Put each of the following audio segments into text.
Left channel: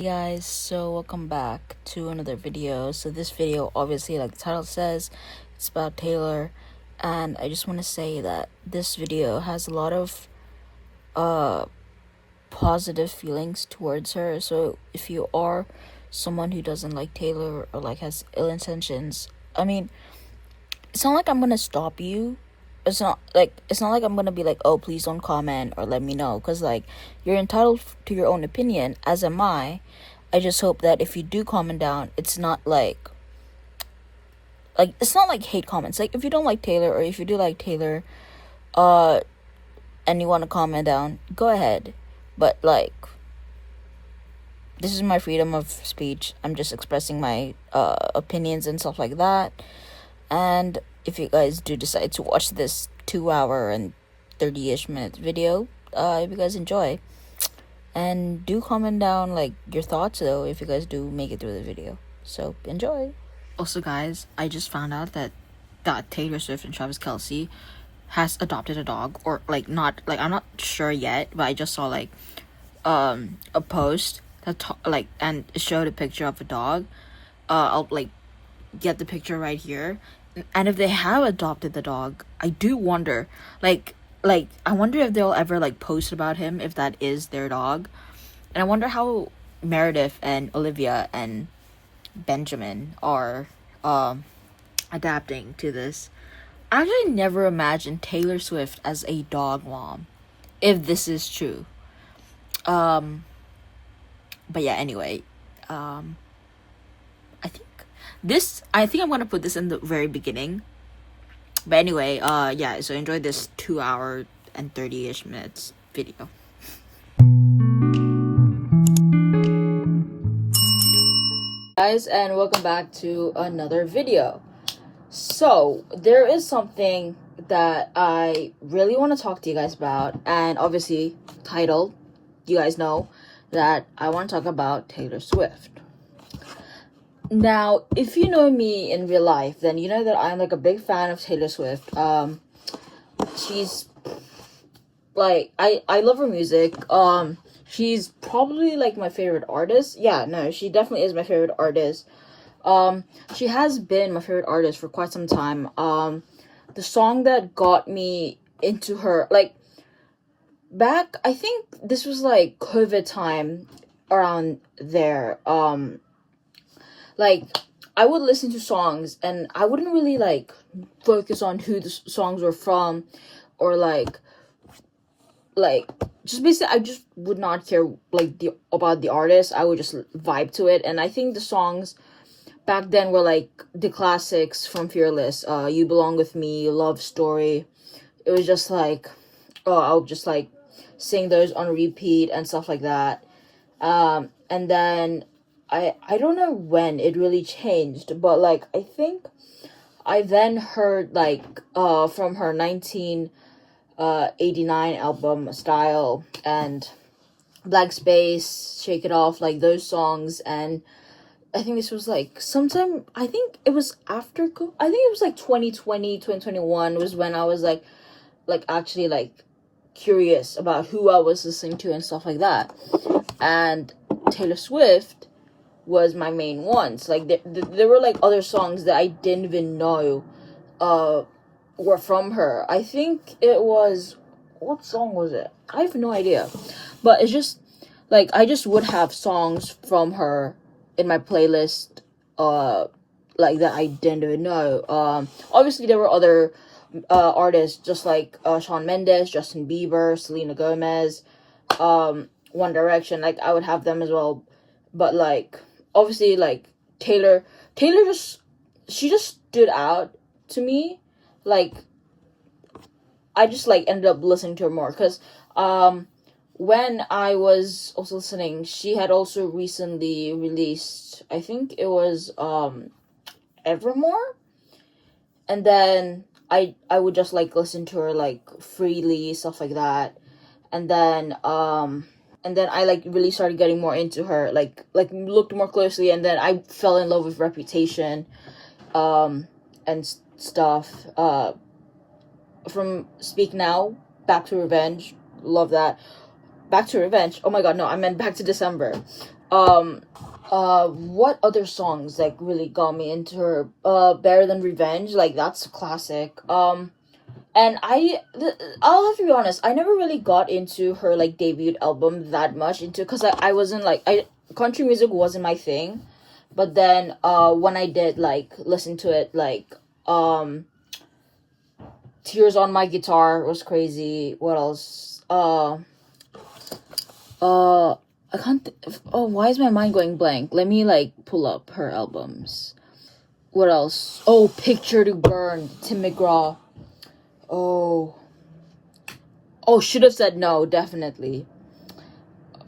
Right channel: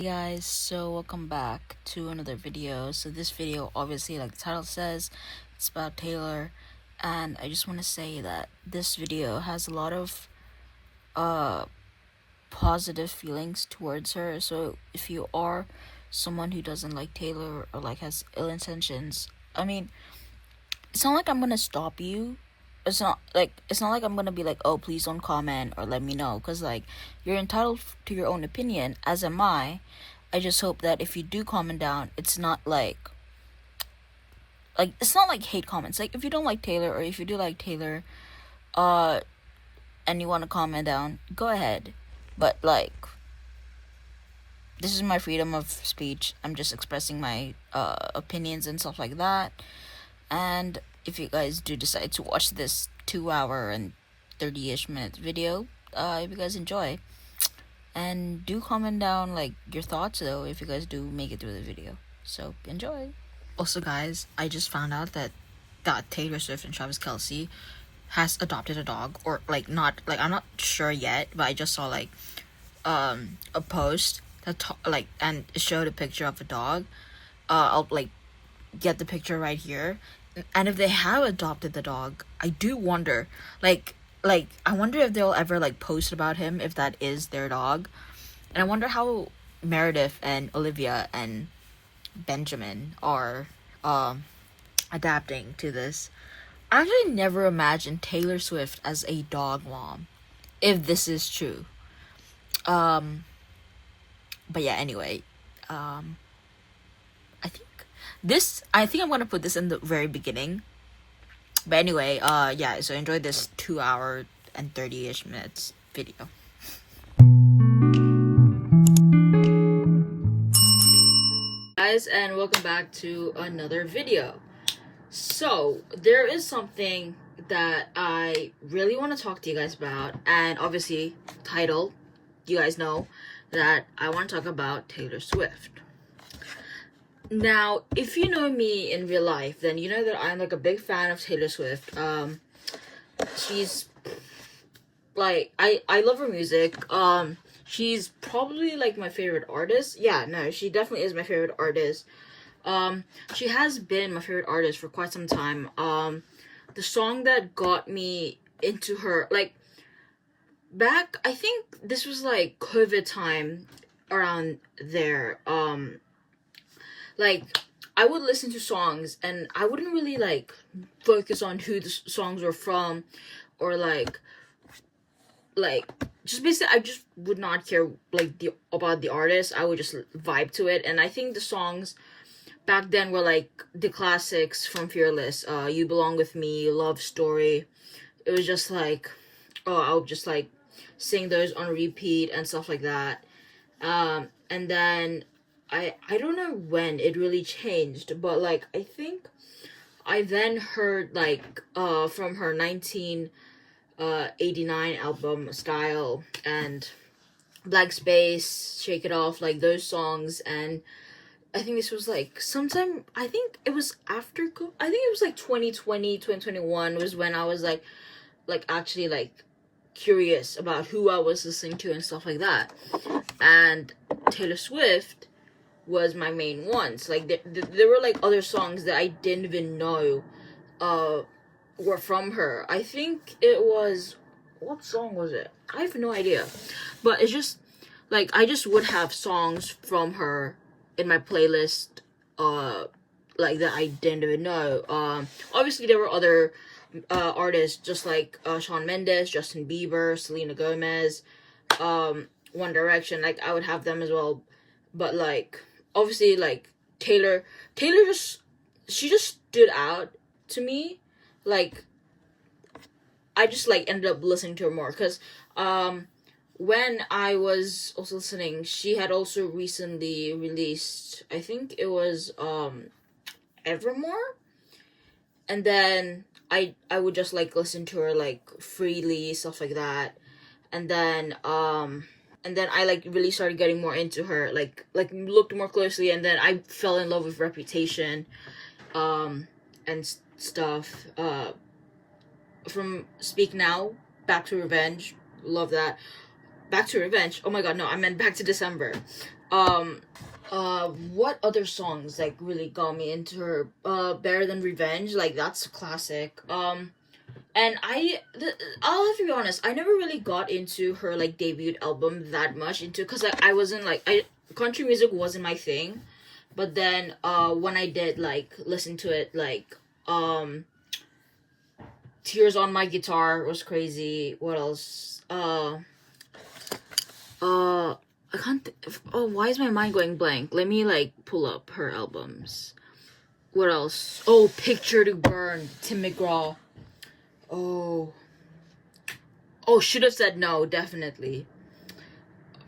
Hey guys, so welcome back to another video. So this video, obviously, like the title says, it's about Taylor, and I just want to say that this video has a lot of positive feelings towards her. So if you are someone who doesn't like Taylor or like has ill intentions, I mean, it's not like I'm gonna stop you. It's not like I'm gonna be like, oh, please don't comment or let me know, because like you're entitled to your own opinion, as am I. I just hope that if you do comment down, it's not like it's not like hate comments. Like if you don't like Taylor, or if you do like Taylor, and you want to comment down, go ahead. But like, this is my freedom of speech. I'm just expressing my opinions and stuff like that. And if you guys do decide to watch this 2-hour and 30-ish minute video, if you guys enjoy. And do comment down like your thoughts though if you guys do make it through the video. So enjoy. Also guys, I just found out that Taylor Swift and Travis Kelce has adopted a dog, or like not, like I'm not sure yet, but I just saw like a post that and it showed a picture of a dog. I'll like get the picture right here. And if they have adopted the dog, I do wonder like I wonder if they'll ever like post about him if that is their dog. And I wonder how Meredith and Olivia and Benjamin are adapting to this. I actually never imagined Taylor Swift as a dog mom, if this is true. But yeah, anyway, I think I'm gonna put this in the very beginning. But anyway, yeah, so enjoy this 2-hour and 30-ish minutes video. Guys, and welcome back to another video. So, there is something that I really want to talk to you guys about, and obviously, title, you guys know that I want to talk about Taylor Swift. Now, if you know me in real life, then you know that I'm like a big fan of Taylor Swift. She's like, I love her music. She's probably like my favorite artist. Yeah, no, she definitely is my favorite artist. She has been my favorite artist for quite some time. The song that got me into her, like back, I think this was like COVID time around there. Like, I would listen to songs and I wouldn't really like focus on who the songs were from, or like just basically I just would not care like about the artist. I would just vibe to it. And I think the songs back then were like the classics from Fearless, You Belong With Me, Love Story. It was just like, I would just like sing those on repeat and stuff like that. And then I don't know when it really changed, but like I think I then heard like from her 1989 album Style and Black Space, Shake It Off, like those songs. And I think this was like sometime, I think it was after, I think it was like 2020, 2021 was when I was like actually like curious about who I was listening to and stuff like that. And Taylor Swift was my main ones. Like there were like other songs that I didn't even know were from her. I think it was, what song was it? I have no idea. But it's just like I just would have songs from her in my playlist like that I didn't even know. Obviously there were other artists just like Shawn Mendes, Justin Bieber, Selena Gomez, One Direction. Like I would have them as well. But like obviously like Taylor just stood out to me. Like I just like ended up listening to her more because when I was also listening, she had also recently released, I think it was Evermore. And then I would just like listen to her like freely, stuff like that. And then I like really started getting more into her, like looked more closely, and then I fell in love with Reputation and stuff. From Speak Now, Back to Revenge, love that. Back to Revenge. Oh my god, no, I meant Back to December. What other songs like really got me into her? Better Than Revenge, like that's a classic. And I'll have to be honest, I never really got into her like debut album that much into, because I wasn't like, I country music wasn't my thing. But then when I did like listen to it, like Tears on My Guitar was crazy. What else? I can't. Oh, why is my mind going blank? Let me like pull up her albums. What else? Oh, Picture to Burn, Tim McGraw. Oh, Should Have Said No, definitely.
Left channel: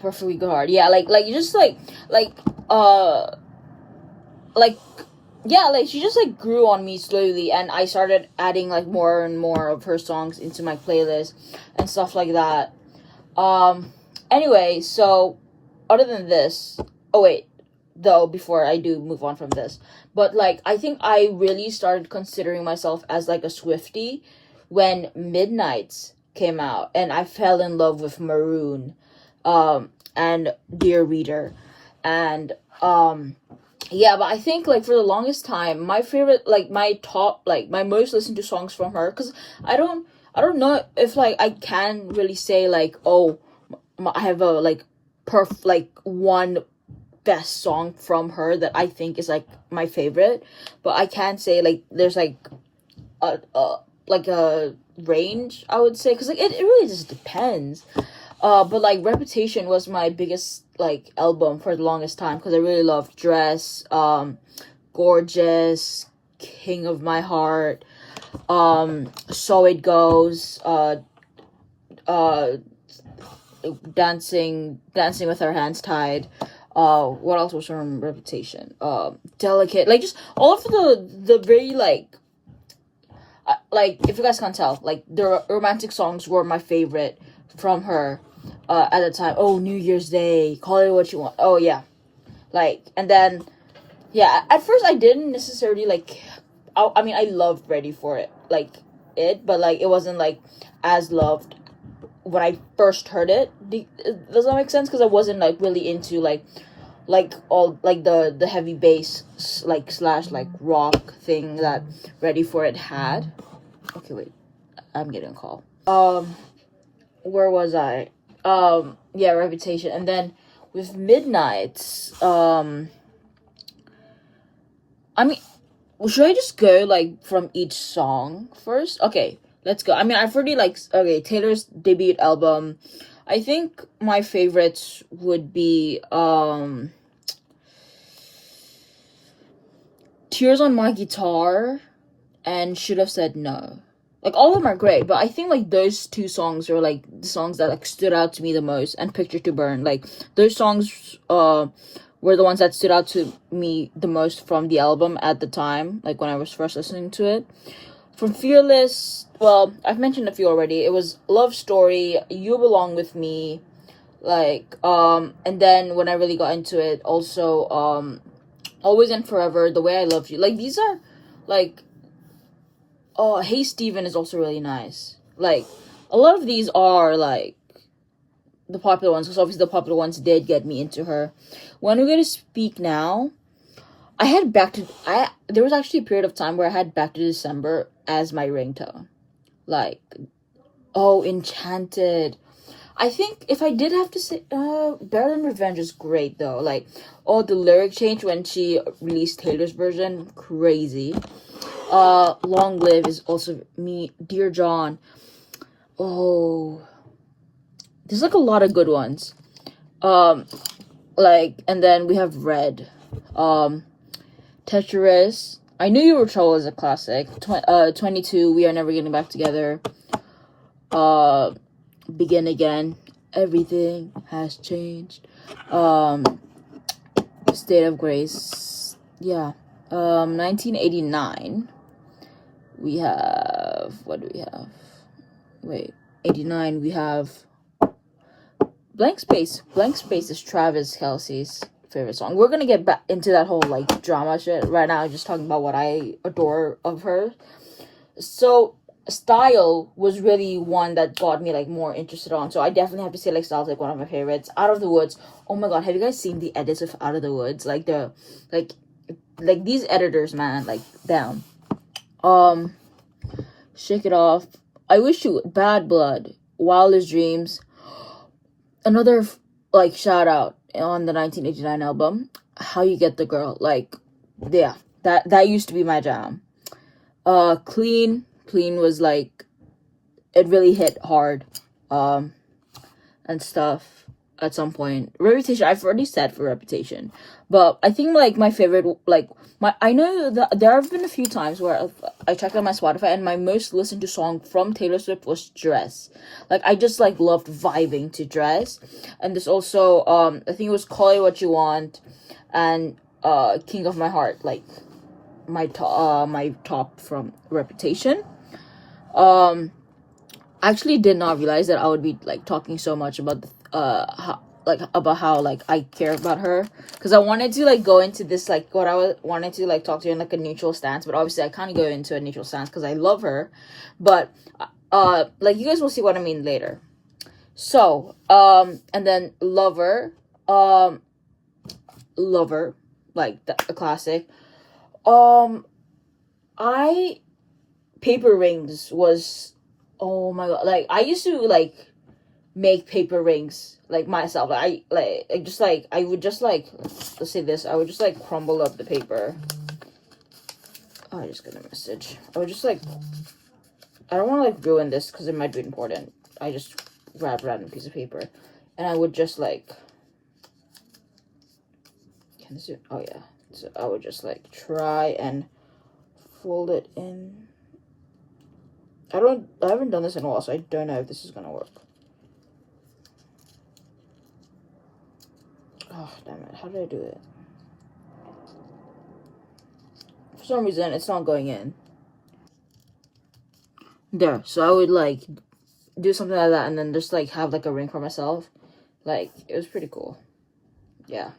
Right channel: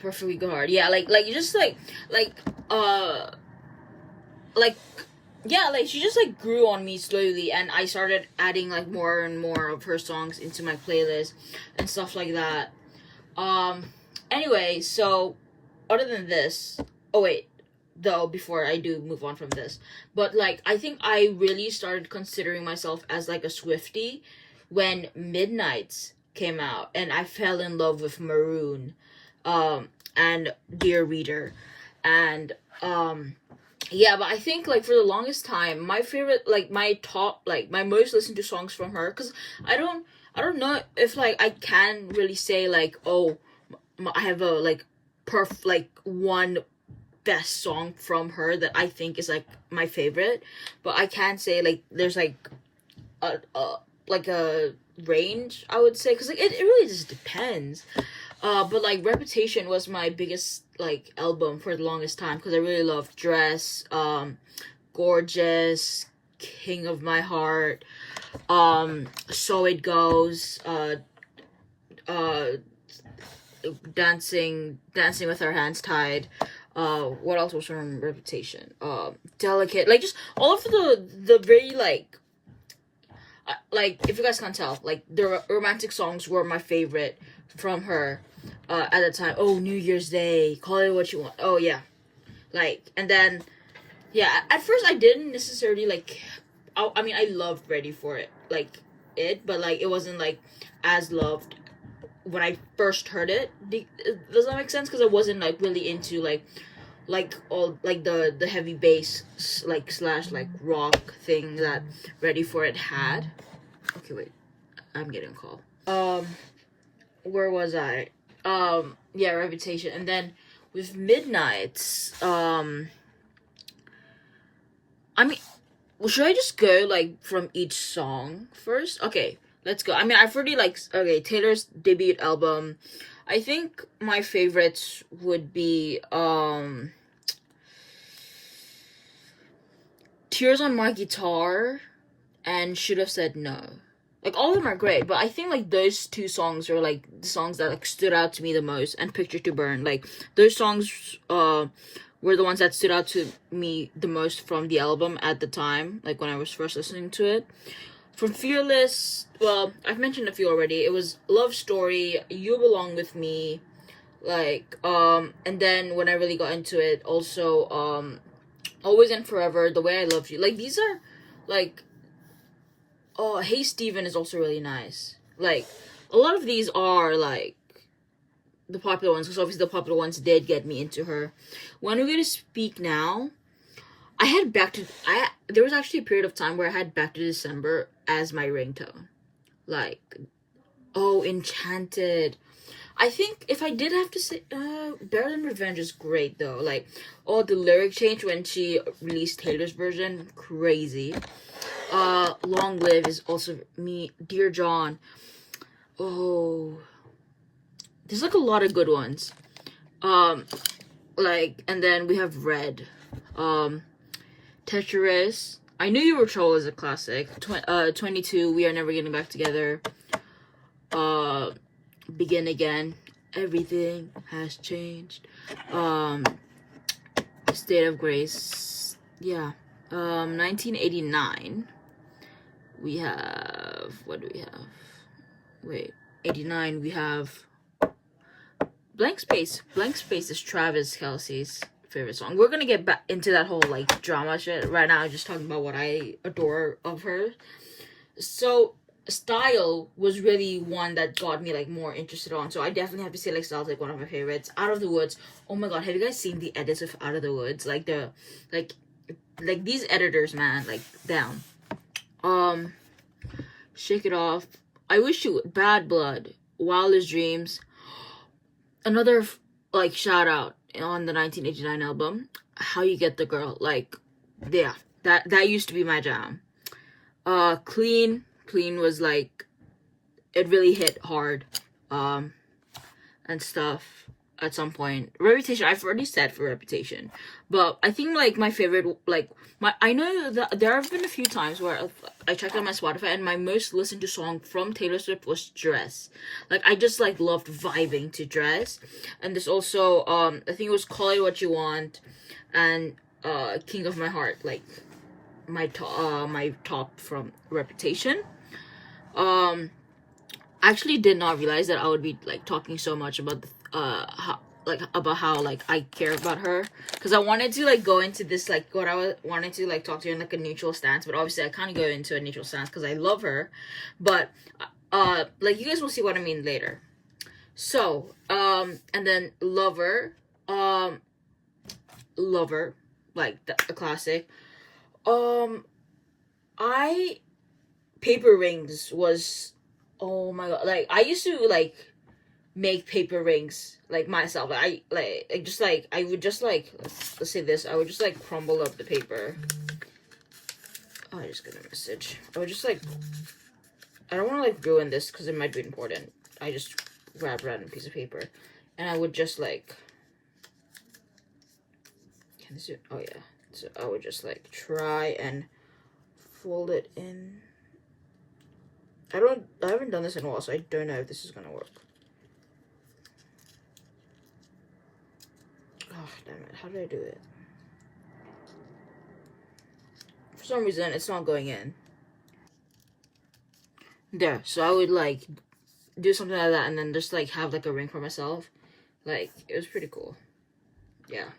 Perfectly Good Heart. Yeah, like you just like like yeah, like she just like grew on me slowly, and I started adding like more and more of her songs into my playlist and stuff like that. Anyway, so other than this, oh wait, though, before I do move on from this, but like I think I really started considering myself as like a Swiftie when Midnights came out, and I fell in love with Maroon, and Dear Reader, and yeah, but I think like for the longest time, my favorite, like my top, like my most listened to songs from her, because I don't know if like I can really say like, oh, I have a like like one best song from her that I think is like my favorite, but I can say like there's like a range, I would say, because like it really just depends. But like Reputation was my biggest like album for the longest time, because I really loved Dress, Gorgeous, King of My Heart, So It Goes, Dancing with Our Hands Tied. What else was from Reputation? Delicate, like just all of the very like if you guys can't tell, like the romantic songs were my favorite from her at the time. Oh, New Year's Day, Call It What You Want. Oh yeah, like, and then yeah, at first I didn't necessarily like. I mean, I loved Ready for It, like it, but like it wasn't like as loved when I first heard it. Does that make sense? Because I wasn't like really into like all like the heavy bass like slash like rock thing that Ready for It had. Okay, wait, I'm getting a call. Where was I? Yeah, Reputation, and then with Midnights. I mean, should I just go like from each song first? Okay, let's go. I mean, I've already like, okay, Taylor's debut album. I think my favorites would be Tears on My Guitar and Should Have Said No. Like all of them are great, but I think like those two songs are like the songs that like stood out to me the most, and Picture to Burn. Like those songs were the ones that stood out to me the most from the album at the time, like when I was first listening to it. From Fearless, well, I've mentioned a few already. It was Love Story, You Belong With Me, like and then when I really got into it, also Always and Forever, The Way I Love You. Like these are like, oh, Hey Steven is also really nice. Like a lot of these are like the popular ones, because obviously the popular ones did get me into her. When We Get to Speak Now, there was actually a period of time where I had Back to December as my ringtone. Like, oh, Enchanted. I think if I did have to say, Better Than Revenge is great though. Like, oh, the lyric change when she released Taylor's version, crazy. Long Live is also me. Dear John. Oh, there's like a lot of good ones. Like, and then we have Red. Tetris. I Knew You Were Trouble is a classic. 22. We Are Never Getting Back Together. Begin Again. Everything Has Changed. State of Grace. Yeah. 1989. We have, what do we have? Wait, 89. We have Blank Space. Blank Space is Travis Kelce's favorite song. We're gonna get back into that whole like drama shit right now. Just talking about what I adore of her. So Style was really one that got me like more interested on. So I definitely have to say like Style's like one of my favorites. Out of the Woods. Oh my god, have you guys seen the edits of Out of the Woods? Like the like like these editors, man, like down. Um Shake It Off. I Wish You Bad Blood. Wildest Dreams. Another like shout out on the 1989 album. How You Get the Girl. Like yeah, that used to be my jam. Clean was like it really hit hard and stuff at some point. Reputation, I've already said for Reputation, but I think like my favorite, like my I know that there have been a few times where I checked out my Spotify and my most listened to song from Taylor Swift was Dress. Like I just like loved vibing to Dress. And there's also I think it was Call It What You Want and King of My Heart, like my top from Reputation. I actually did not realize that I would be like talking so much about about how like I care about her, because I wanted to like go into this like what wanted to like talk to her in like a neutral stance, but obviously I can't go into a neutral stance because I love her. But like you guys will see what I mean later. So and then Lover, like a classic. I Paper Rings was, oh my god, like I used to like make paper rings like myself. I would just like, let's say this, I would just like crumble up the paper. Oh, I just got a message. I would just like, I don't want to like ruin this because it might be important. I just grabbed a random piece of paper and I would just like, can this do, oh yeah, so I would just like try and fold it in. I haven't done this in a while, so I don't know if this is gonna work. Oh, damn it. How did I do it? For some reason, it's not going in. There. So I would, like, do something like that and then just, like, have, like, a ring for myself. Like, it was pretty cool. Yeah.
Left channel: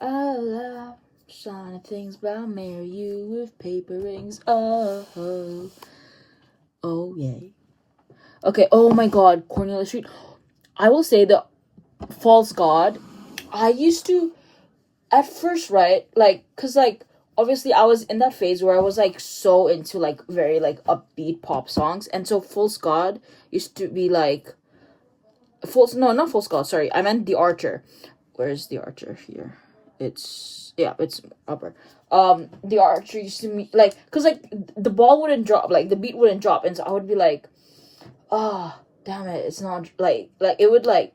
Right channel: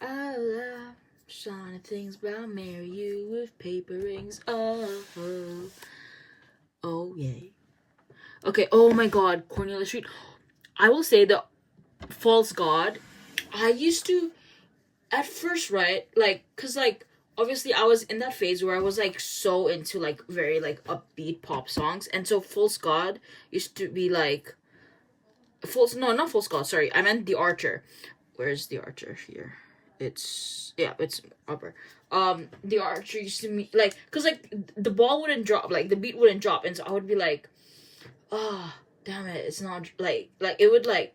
I love shiny things, but I'll marry you with paper rings. Oh, oh. Oh, yay. Okay, oh my god. Cornelia Street. I will say the False God. I used to, at first, right, like, because, like, obviously I was in that phase where I was, like, so into, like, very, like, upbeat pop songs, and so False God used to be, like, not False God, sorry, I meant The Archer. Where's The Archer here? It's upper. The Archer used to be, like, because, like, the ball wouldn't drop, like, the beat wouldn't drop, and so I would be, like, oh, damn it, it's not, like, it would, like,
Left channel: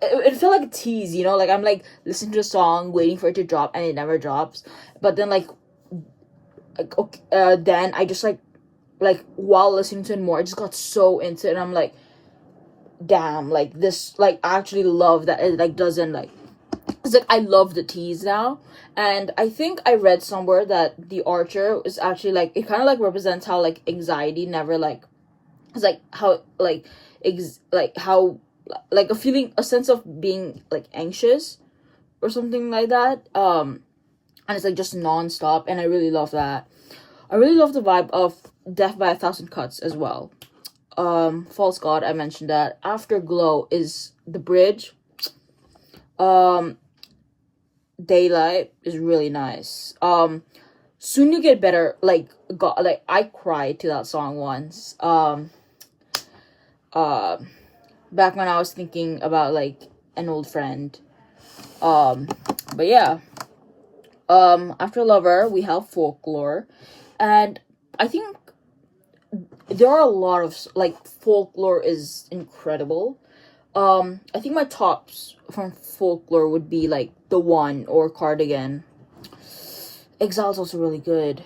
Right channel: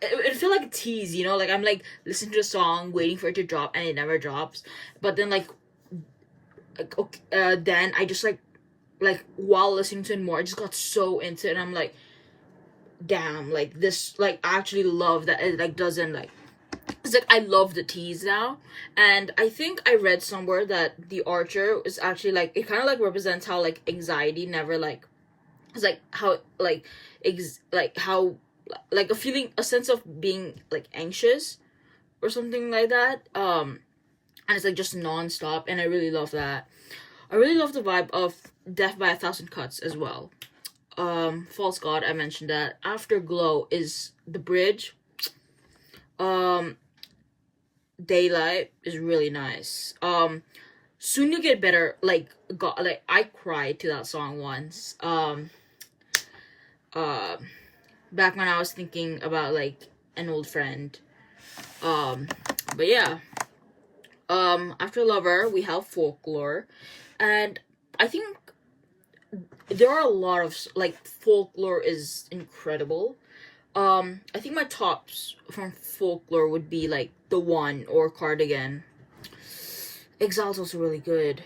it felt like a tease, you know, like I'm like listening to a song waiting for it to drop and it never drops, but then like okay, then I just like while listening to it more I just got so into it and I'm like, damn, like this, like I actually love that it like doesn't like, it's like I love the tease now. And I think I read somewhere that The Archer is actually like, it kind of like represents how like anxiety never like, it's like how like how like a feeling, a sense of being like anxious or something like that, and it's like just non-stop, and I really love that. I really love the vibe of Death by a Thousand Cuts as well. False God, I mentioned that. Afterglow is the bridge. Daylight is really nice. Soon You Get Better, like God, like I cried to that song once. Back when I was thinking about like an old friend. But yeah. After Lover, we have Folklore, and I think there are a lot of like Folklore is incredible. I think my tops from Folklore would be like The One or Cardigan. Exile's also really good.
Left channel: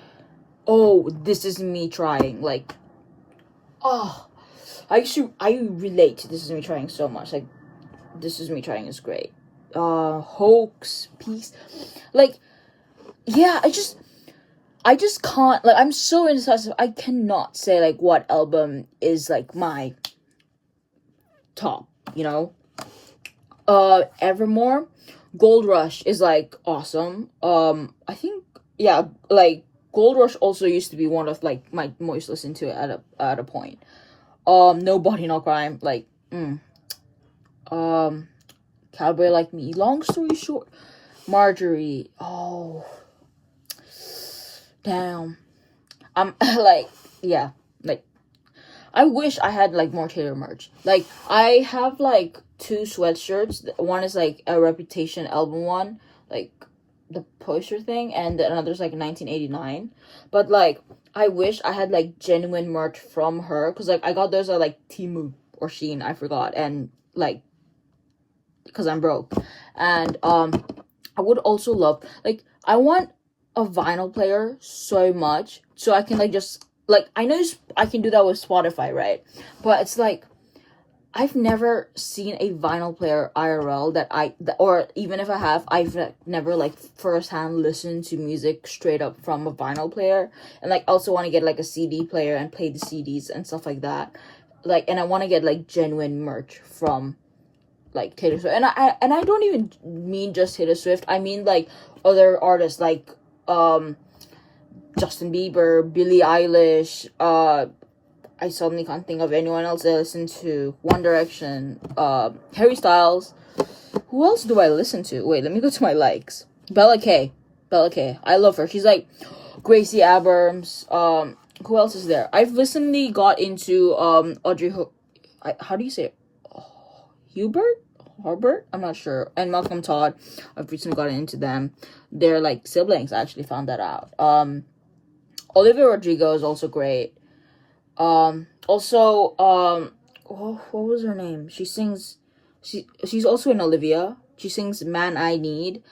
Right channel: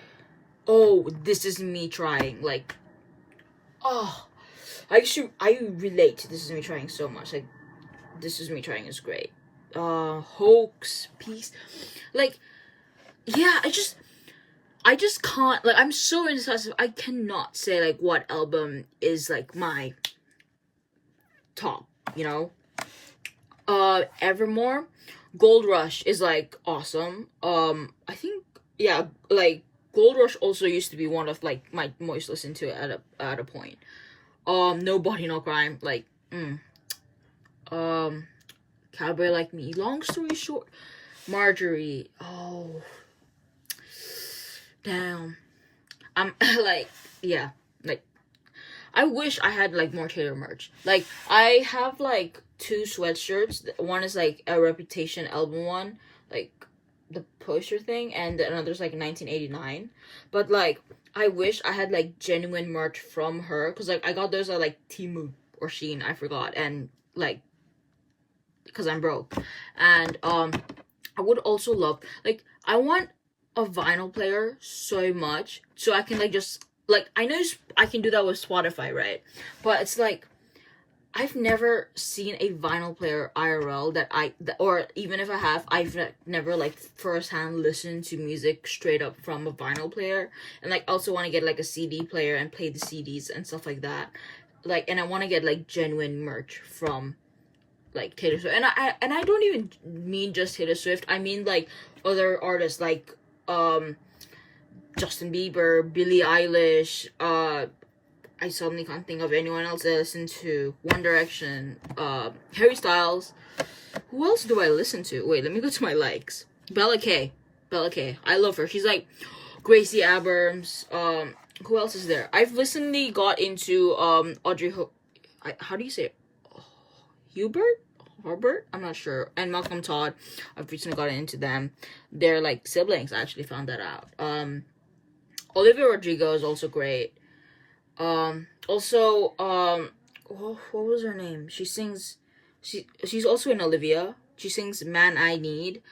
Oh, This Is Me Trying, like, oh, I relate to This Is Me Trying so much. Like, This Is Me Trying is great. Hoax, Peace, like, yeah, I just can't, like, I'm so indecisive. I cannot say like what album is like my top, you know. Evermore, Gold Rush is like awesome. I think, yeah, like Gold Rush also used to be one of like my most listened to at a point. No Body No Crime, like Cowboy Like Me. Long story short, Marjorie. Oh, damn. I'm like, yeah, like I wish I had like more Taylor merch. Like I have like 2 sweatshirts. One is like a Reputation album one, like the poster thing, and another's like 1989. But like I wish I had like genuine merch from her, because like I got those at like Temu or Shein, I forgot, and like because I'm broke. And I would also love, like, I want a vinyl player so much, so I can like just like, I know I can do that with Spotify, right? But it's like I've never seen a vinyl player IRL or even if I have, I've never like firsthand listened to music straight up from a vinyl player. And like also want to get like a CD player and play the CDs and stuff like that. Like, and I want to get like genuine merch from like Taylor Swift. And I don't even mean just Taylor Swift. I mean like other artists like Justin Bieber, Billie Eilish, I suddenly can't think of anyone else I listen to. One Direction, Harry Styles. Who else do I listen to? Wait, let me go to my likes. Bella K. I love her. She's like Gracie Abrams. Who else is there? I've recently got into Audrey how do you say it? Hubert? I'm not sure. And Malcolm Todd. I've recently gotten into them. They're like siblings. I actually found that out. Olivia Rodrigo is also great. Also, what was her name? She's also in Olivia. She sings Man I Need.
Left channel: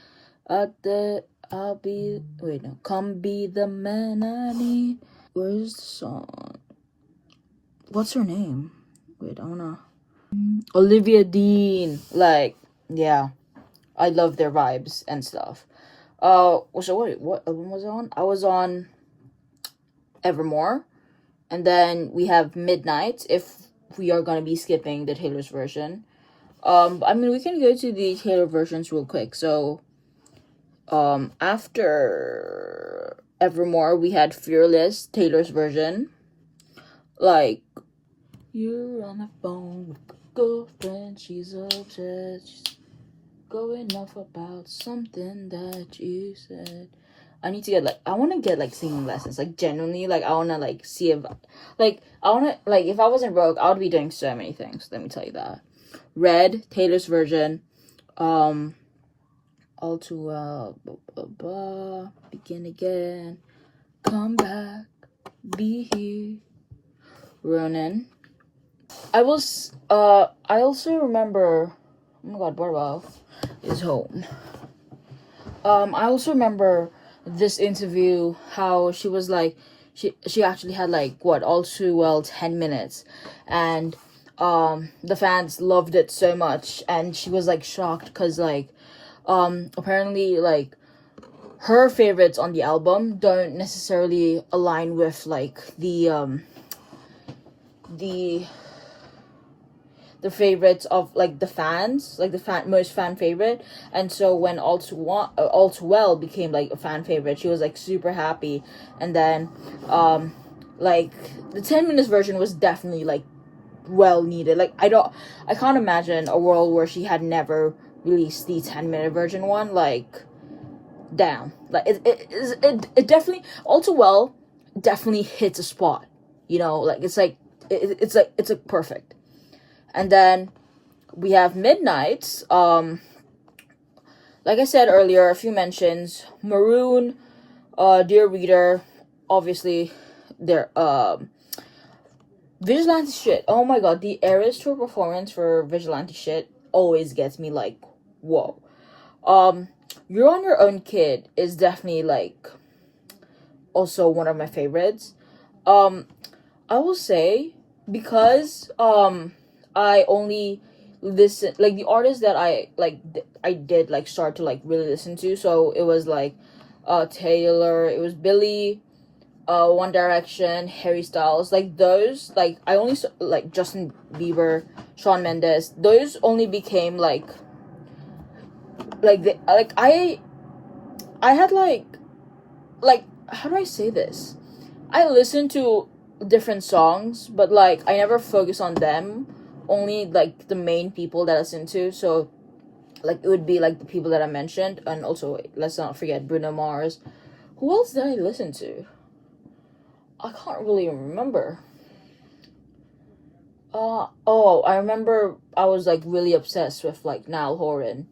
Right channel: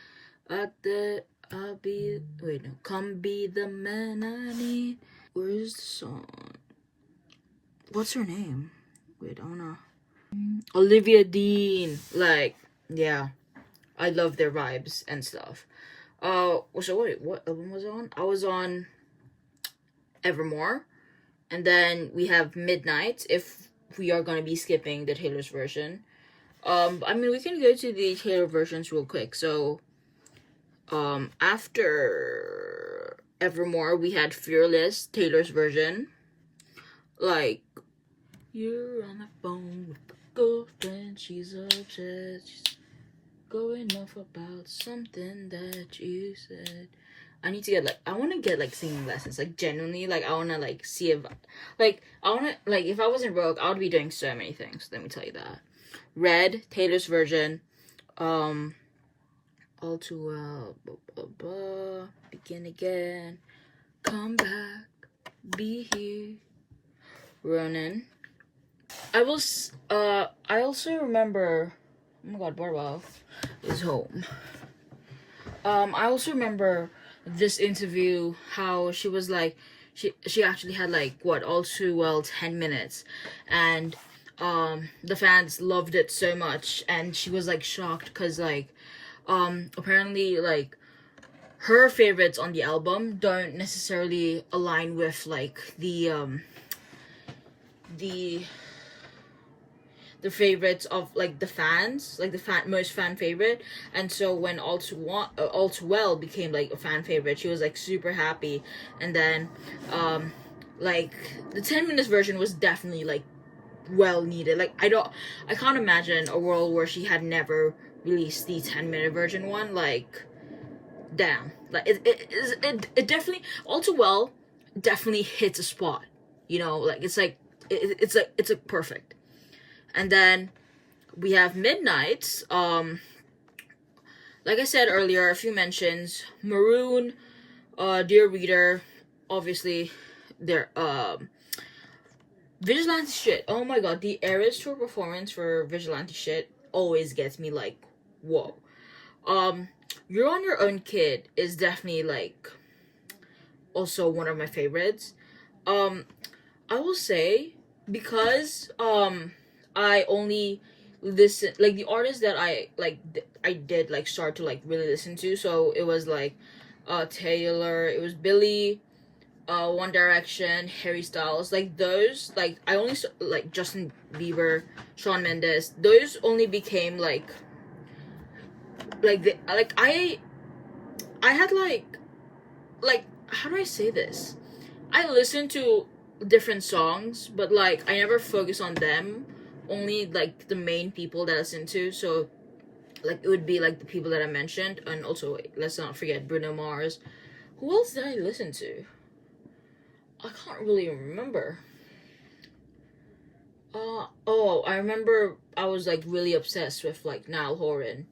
Come be the man I need. Where's the song? What's her name? Wait, I wanna. Olivia Dean. Like, yeah. I love their vibes and stuff. So what album was I on? I was on Evermore. And then we have Midnight, if we are going to be skipping the Taylor's version. I mean, we can go to the Taylor versions real quick. So, after Evermore, we had Fearless, Taylor's version. Like, you're on the phone with a girlfriend, she's upset, she's going off about something that you said. I need to get like, I want to get like singing lessons, like genuinely, like I want to like see if, like I want to, like if I wasn't broke, I would be doing so many things, let me tell you that. Red, Taylor's version, All Too Well, Begin Again, Come Back, Be Here, Ronan. I also remember, oh my god, Barbara is home. I also remember this interview, how she was like, she actually had like all too well 10 minutes, and the fans loved it so much, and she was like shocked because like apparently like her favorites on the album don't necessarily align with like the favorites of like the fans, like the most fan favorite. And so when All Too Well became like a fan favorite, she was like super happy. And then like the 10 minutes version was definitely like well needed. Like I can't imagine a world where she had never released the 10-minute version one. Like damn, like it definitely, All Too Well definitely hits a spot, you know, like it's like it's a perfect. And then we have Midnight. Like I said earlier, a few mentions. Maroon, Dear Reader, obviously, their Vigilante Shit. Oh my god, the Eras Tour performance for Vigilante Shit always gets me like, whoa. You're on Your Own Kid is definitely like also one of my favorites. I will say, because I only listen, like the artists that I like I did like start to like really listen to, so it was like Taylor, it was Billie, One Direction, Harry Styles, like those, like I only like Justin Bieber, Shawn Mendes, those only became like I had like how do I say this? I listen to different songs, but like I never focus on them. Only like the main people that I listen to. So like it would be like the people that I mentioned, and also let's not forget Bruno Mars. Who else did I listen to? I can't really remember. Oh, I remember I was like really obsessed with like Niall Horan.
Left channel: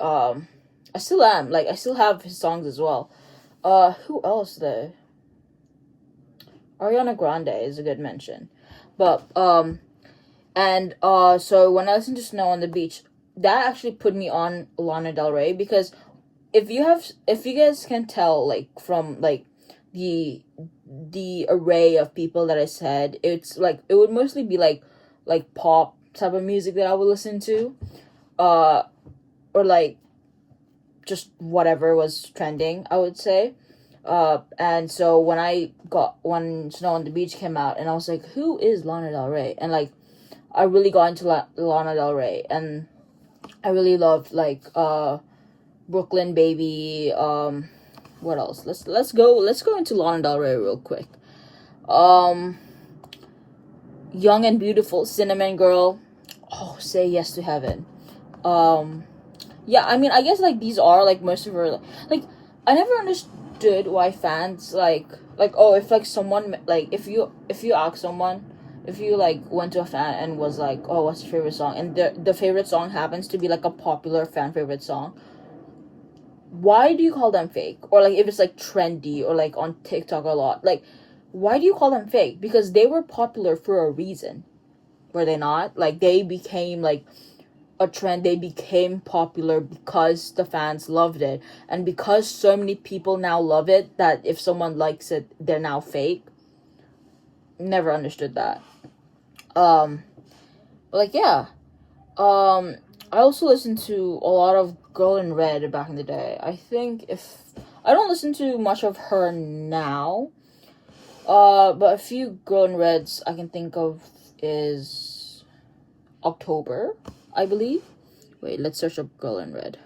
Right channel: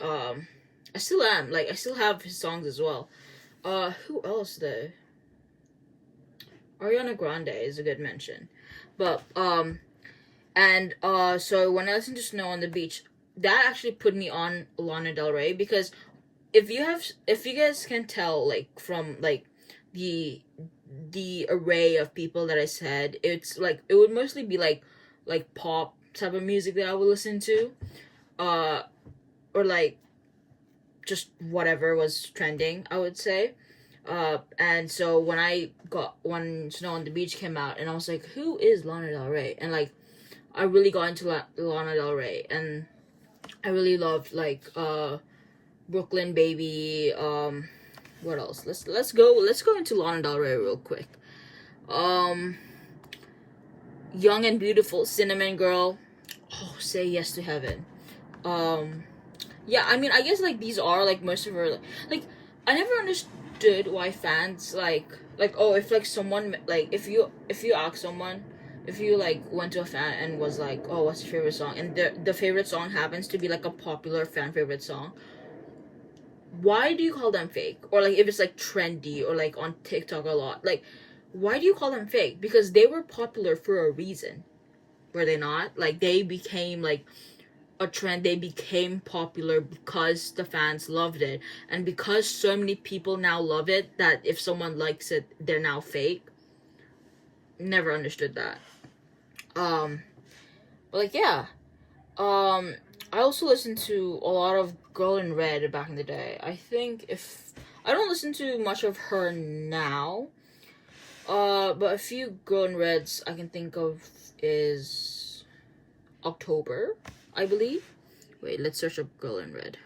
Um, I still am. Like I still have his songs as well. Who else though? Ariana Grande is a good mention, but and so when I listened to Snow on the Beach, that actually put me on Lana Del Ray, because if you guys can tell like from like the array of people that I said, it's like it would mostly be like pop type of music that I would listen to, uh or like just whatever was trending, I would say. And so when Snow on the Beach came out, and I was like, who is Lana Del Rey? And like I really got into Lana Del Rey, and I really loved like Brooklyn Baby. What else? Let's go into Lana Del Rey real quick. Young and Beautiful, Cinnamon Girl. Oh, Say Yes to Heaven. Yeah, I mean, I guess like these are like most of her like I never understood why fans like oh, if like someone like if you ask someone, if you like went to a fan and was like, oh, what's your favorite song, and the favorite song happens to be like a popular fan favorite song, why do you call them fake? Or like if it's like trendy or like on TikTok a lot, like why do you call them fake? Because they were popular for a reason, were they not? Like they became like a trend, they became popular because the fans loved it, and because so many people now love it that if someone likes it they're now fake. Never understood that. um but like yeah, I also listened to a lot of Girl in Red back in the day. I think if I don't listen to much of her now, but a few Girl in Reds I can think of is October, I believe. Wait, let's search up Girl in Red.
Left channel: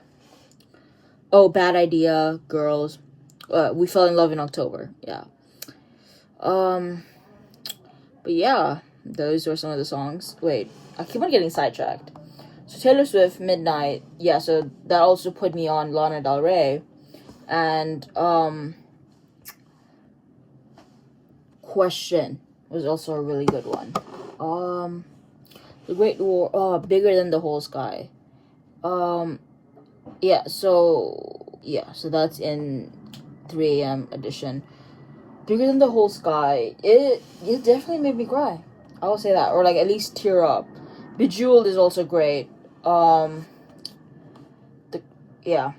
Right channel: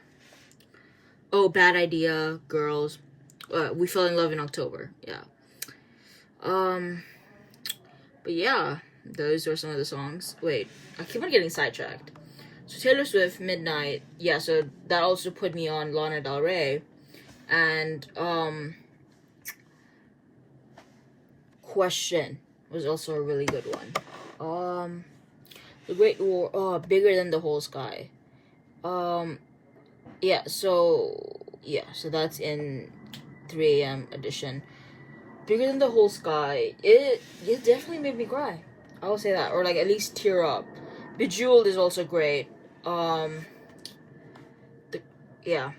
Oh, Bad Idea, Girls. We Fell in Love in October. Yeah. Um, but yeah, those were some of the songs. Wait, I keep on getting sidetracked. So Taylor Swift, Midnight. Yeah, so that also put me on Lana Del Rey. And, Question was also a really good one. The Great War, Bigger Than the Whole Sky. Yeah, so that's in 3 a.m. edition. Bigger Than the Whole Sky. It definitely made me cry. I will say that, or like at least tear up. Bejeweled is also great.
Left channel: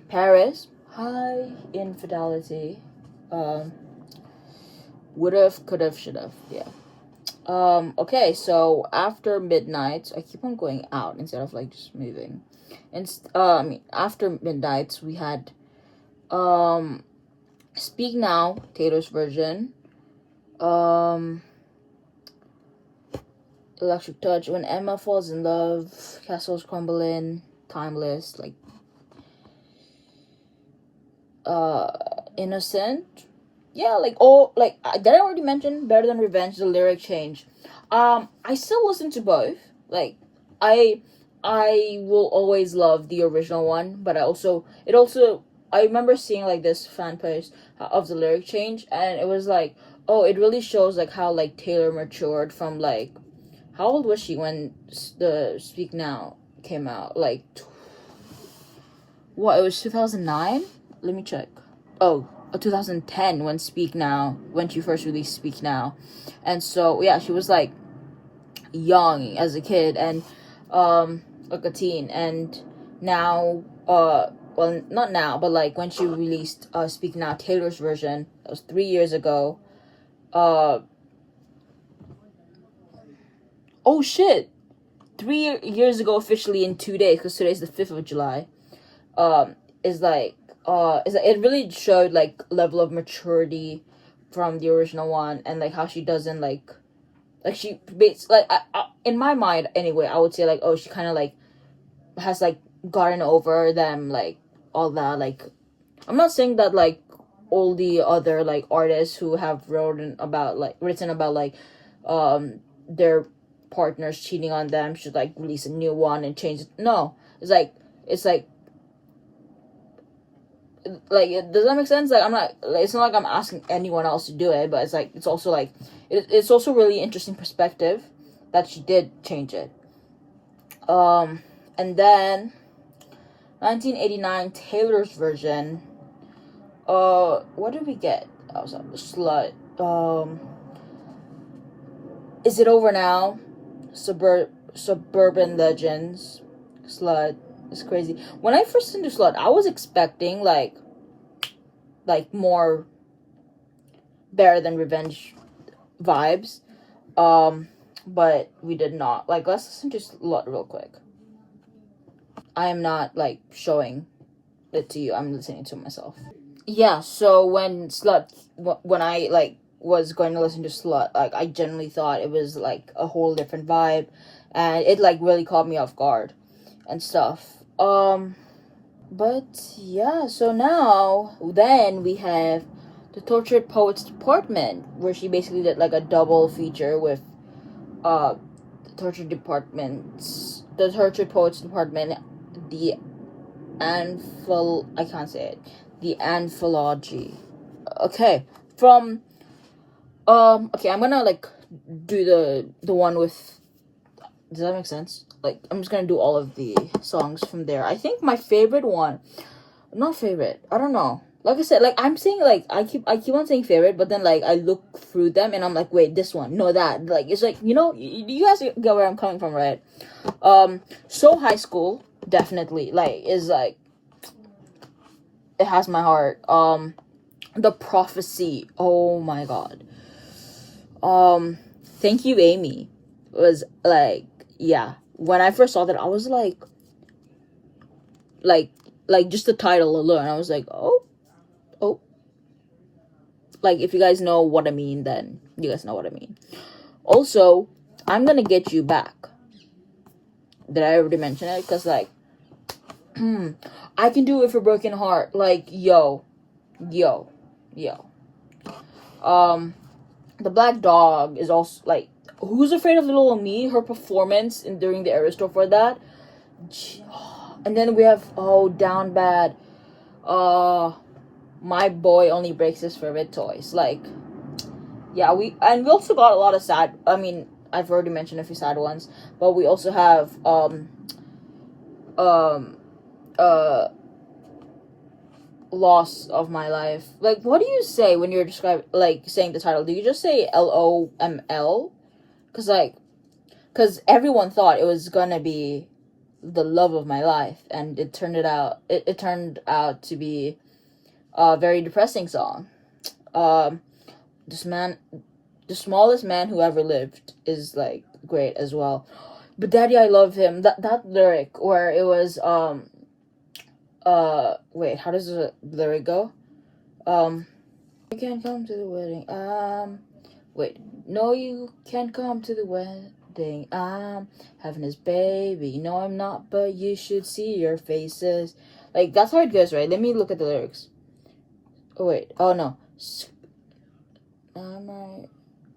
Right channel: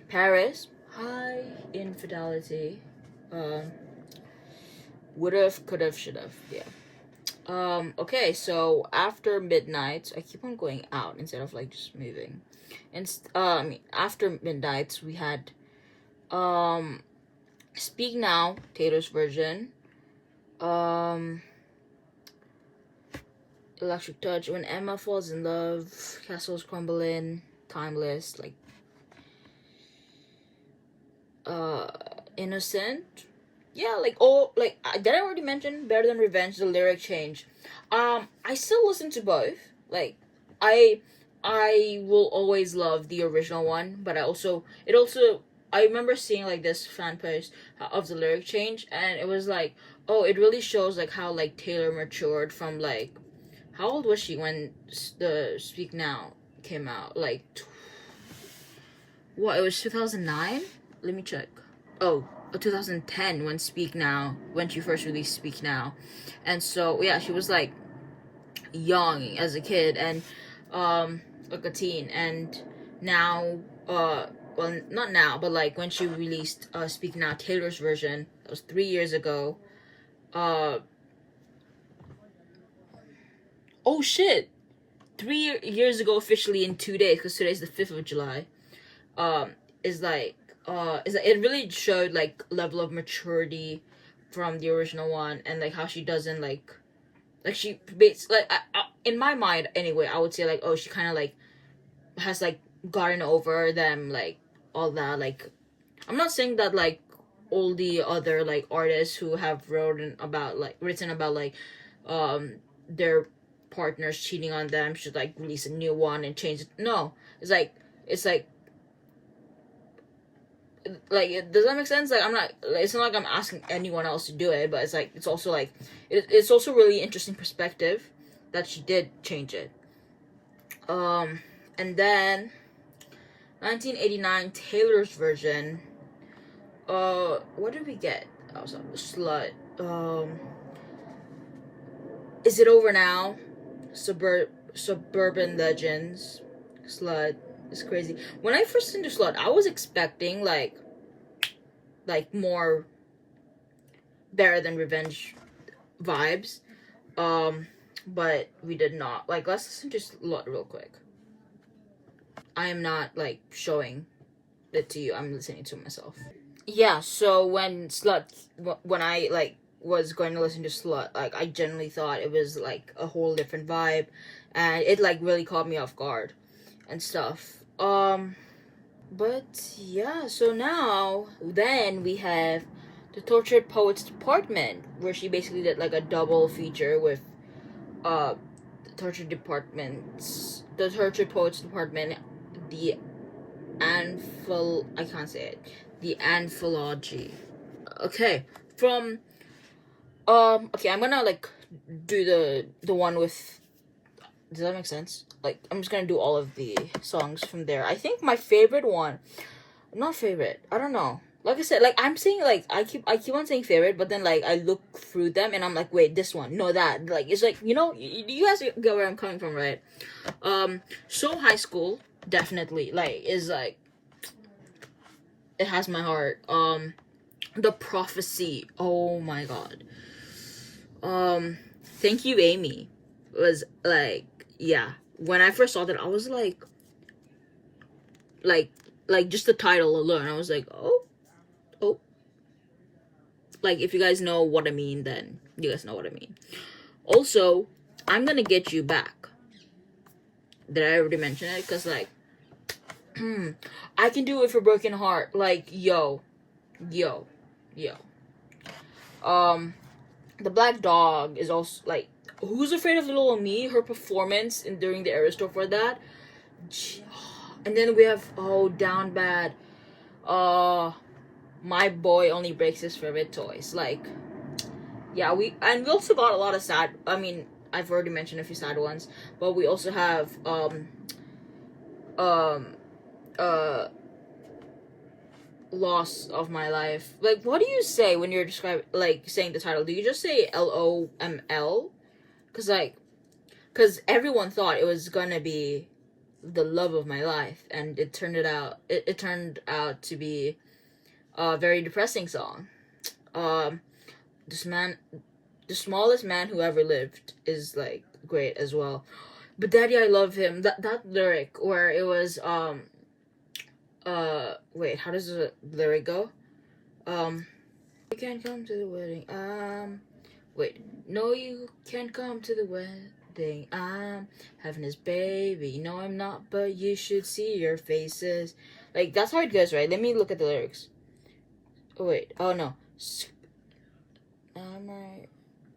Paris. High Infidelity. Would've, could've, should've. Yeah. Okay, so after Midnight, I keep on going out instead of like just moving. And after Midnight, we had Speak Now, Taylor's version. Electric Touch, When Emma Falls in Love, Castles Crumbling, Timeless, like Innocent. Yeah, like did I already mention Better Than Revenge, the lyric change. I still listen to both. Like I will always love the original one, but I remember seeing like this fan post of the lyric change, and it was like, oh, it really shows like how like Taylor matured from like, how old was she when the Speak Now came out? Like, what? It was 2009. Let me check. Oh, 2010 when she first released Speak Now, and so yeah, she was like young as a kid and like a teen, and now well, not now, but like when she released Speak Now, Taylor's version, that was 3 years ago. Oh shit, 3 years ago officially in 2 days, because today's the 5th of July. Is like it really showed like level of maturity from the original one, and like how she doesn't like she in my mind anyway, I would say like, oh, she kind of like has like gotten over them, like all that. Like I'm not saying that like all the other like artists who have written about like their partners cheating on them should like release a new one and change it. No, it's like does that make sense? Like, I'm not, like, it's not like I'm asking anyone else to do it, but it's like, it's also like, it's also really interesting perspective that she did change it. And then 1989 Taylor's version. What did we get? I was on the Slut. Is It Over Now? Suburban Legends. Slut. It's crazy. When I first listened to Slut, I was expecting like more Better Than Revenge vibes. But we did not. Like, let's listen to Slut real quick. I am not like showing it to you. I'm listening to myself. Yeah, so when I like was going to listen to Slut, like I genuinely thought it was like a whole different vibe, and it like really caught me off guard and stuff. But yeah, so now then we have the Tortured Poets Department, where she basically did like a double feature with the Tortured Poets Department, the I can't say it. The Anthology. Okay. From okay, I'm gonna like do the one with, does that make sense? Like, I'm just gonna do all of the songs from there. I think my favorite one, not favorite, I don't know. Like I said, like I'm saying, like I keep on saying favorite, but then like I look through them and I'm like, wait, this one, no, that. Like, it's like, you know, you guys get where I'm coming from, right? So High School definitely like is like, it has my heart. The Prophecy, oh my god. Thank You Amy was like, yeah, when I first saw that, I was like just the title alone, I was like, oh, like, if you guys know what I mean, then you guys know what I mean. Also, I'm Gonna Get You Back. Did I already mention it? Because like, I Can Do It For Broken Heart, like, yo. The Black Dog is also like, Who's Afraid of Little Me, her performance during the Era Tour for that. And then we have Down Bad, My Boy Only Breaks His Favorite Toys. Like, yeah, we also got a lot of sad, I mean, I've already mentioned a few sad ones, but we also have Loss of My Life. Like, what do you say when you're saying the title? Do you just say LOML? Because everyone thought it was gonna be The Love of My Life, and it turned out to be a very depressing song. The Smallest Man Who Ever Lived is like great as well. But Daddy, I Love Him, that lyric where it was wait, how does the lyric go? You can't come to the wedding. Wait, no, you can't come to the wedding. I'm having his baby. No, I'm not, but you should see your faces. Like, that's how it goes, right? Let me look at the lyrics. Oh wait, oh no.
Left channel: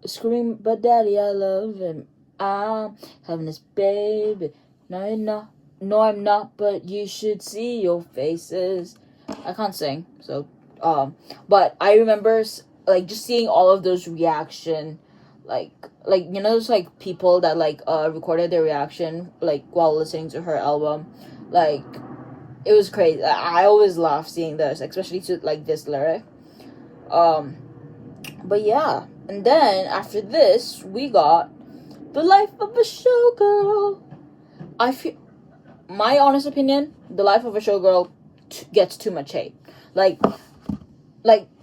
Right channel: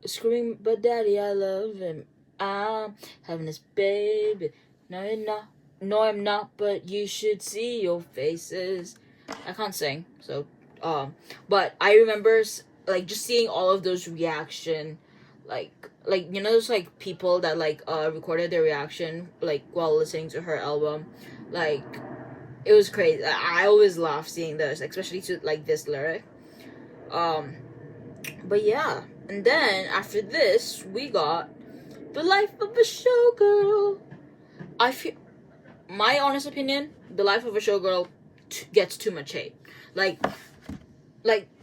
Screaming, but Daddy, I love him. I'm having his baby. No, you're not. No, I'm not, but you should see your faces. I can't sing, so, but I remember, like, just seeing all of those reaction, like, you know, those, like, people that, like, recorded their reaction, like, while listening to her album, like, it was crazy. I always laugh seeing those, especially to, like, this lyric, but yeah, and then, after this, we got The Life of a Showgirl. I feel, my honest opinion, The Life of a Showgirl gets too much hate. Like,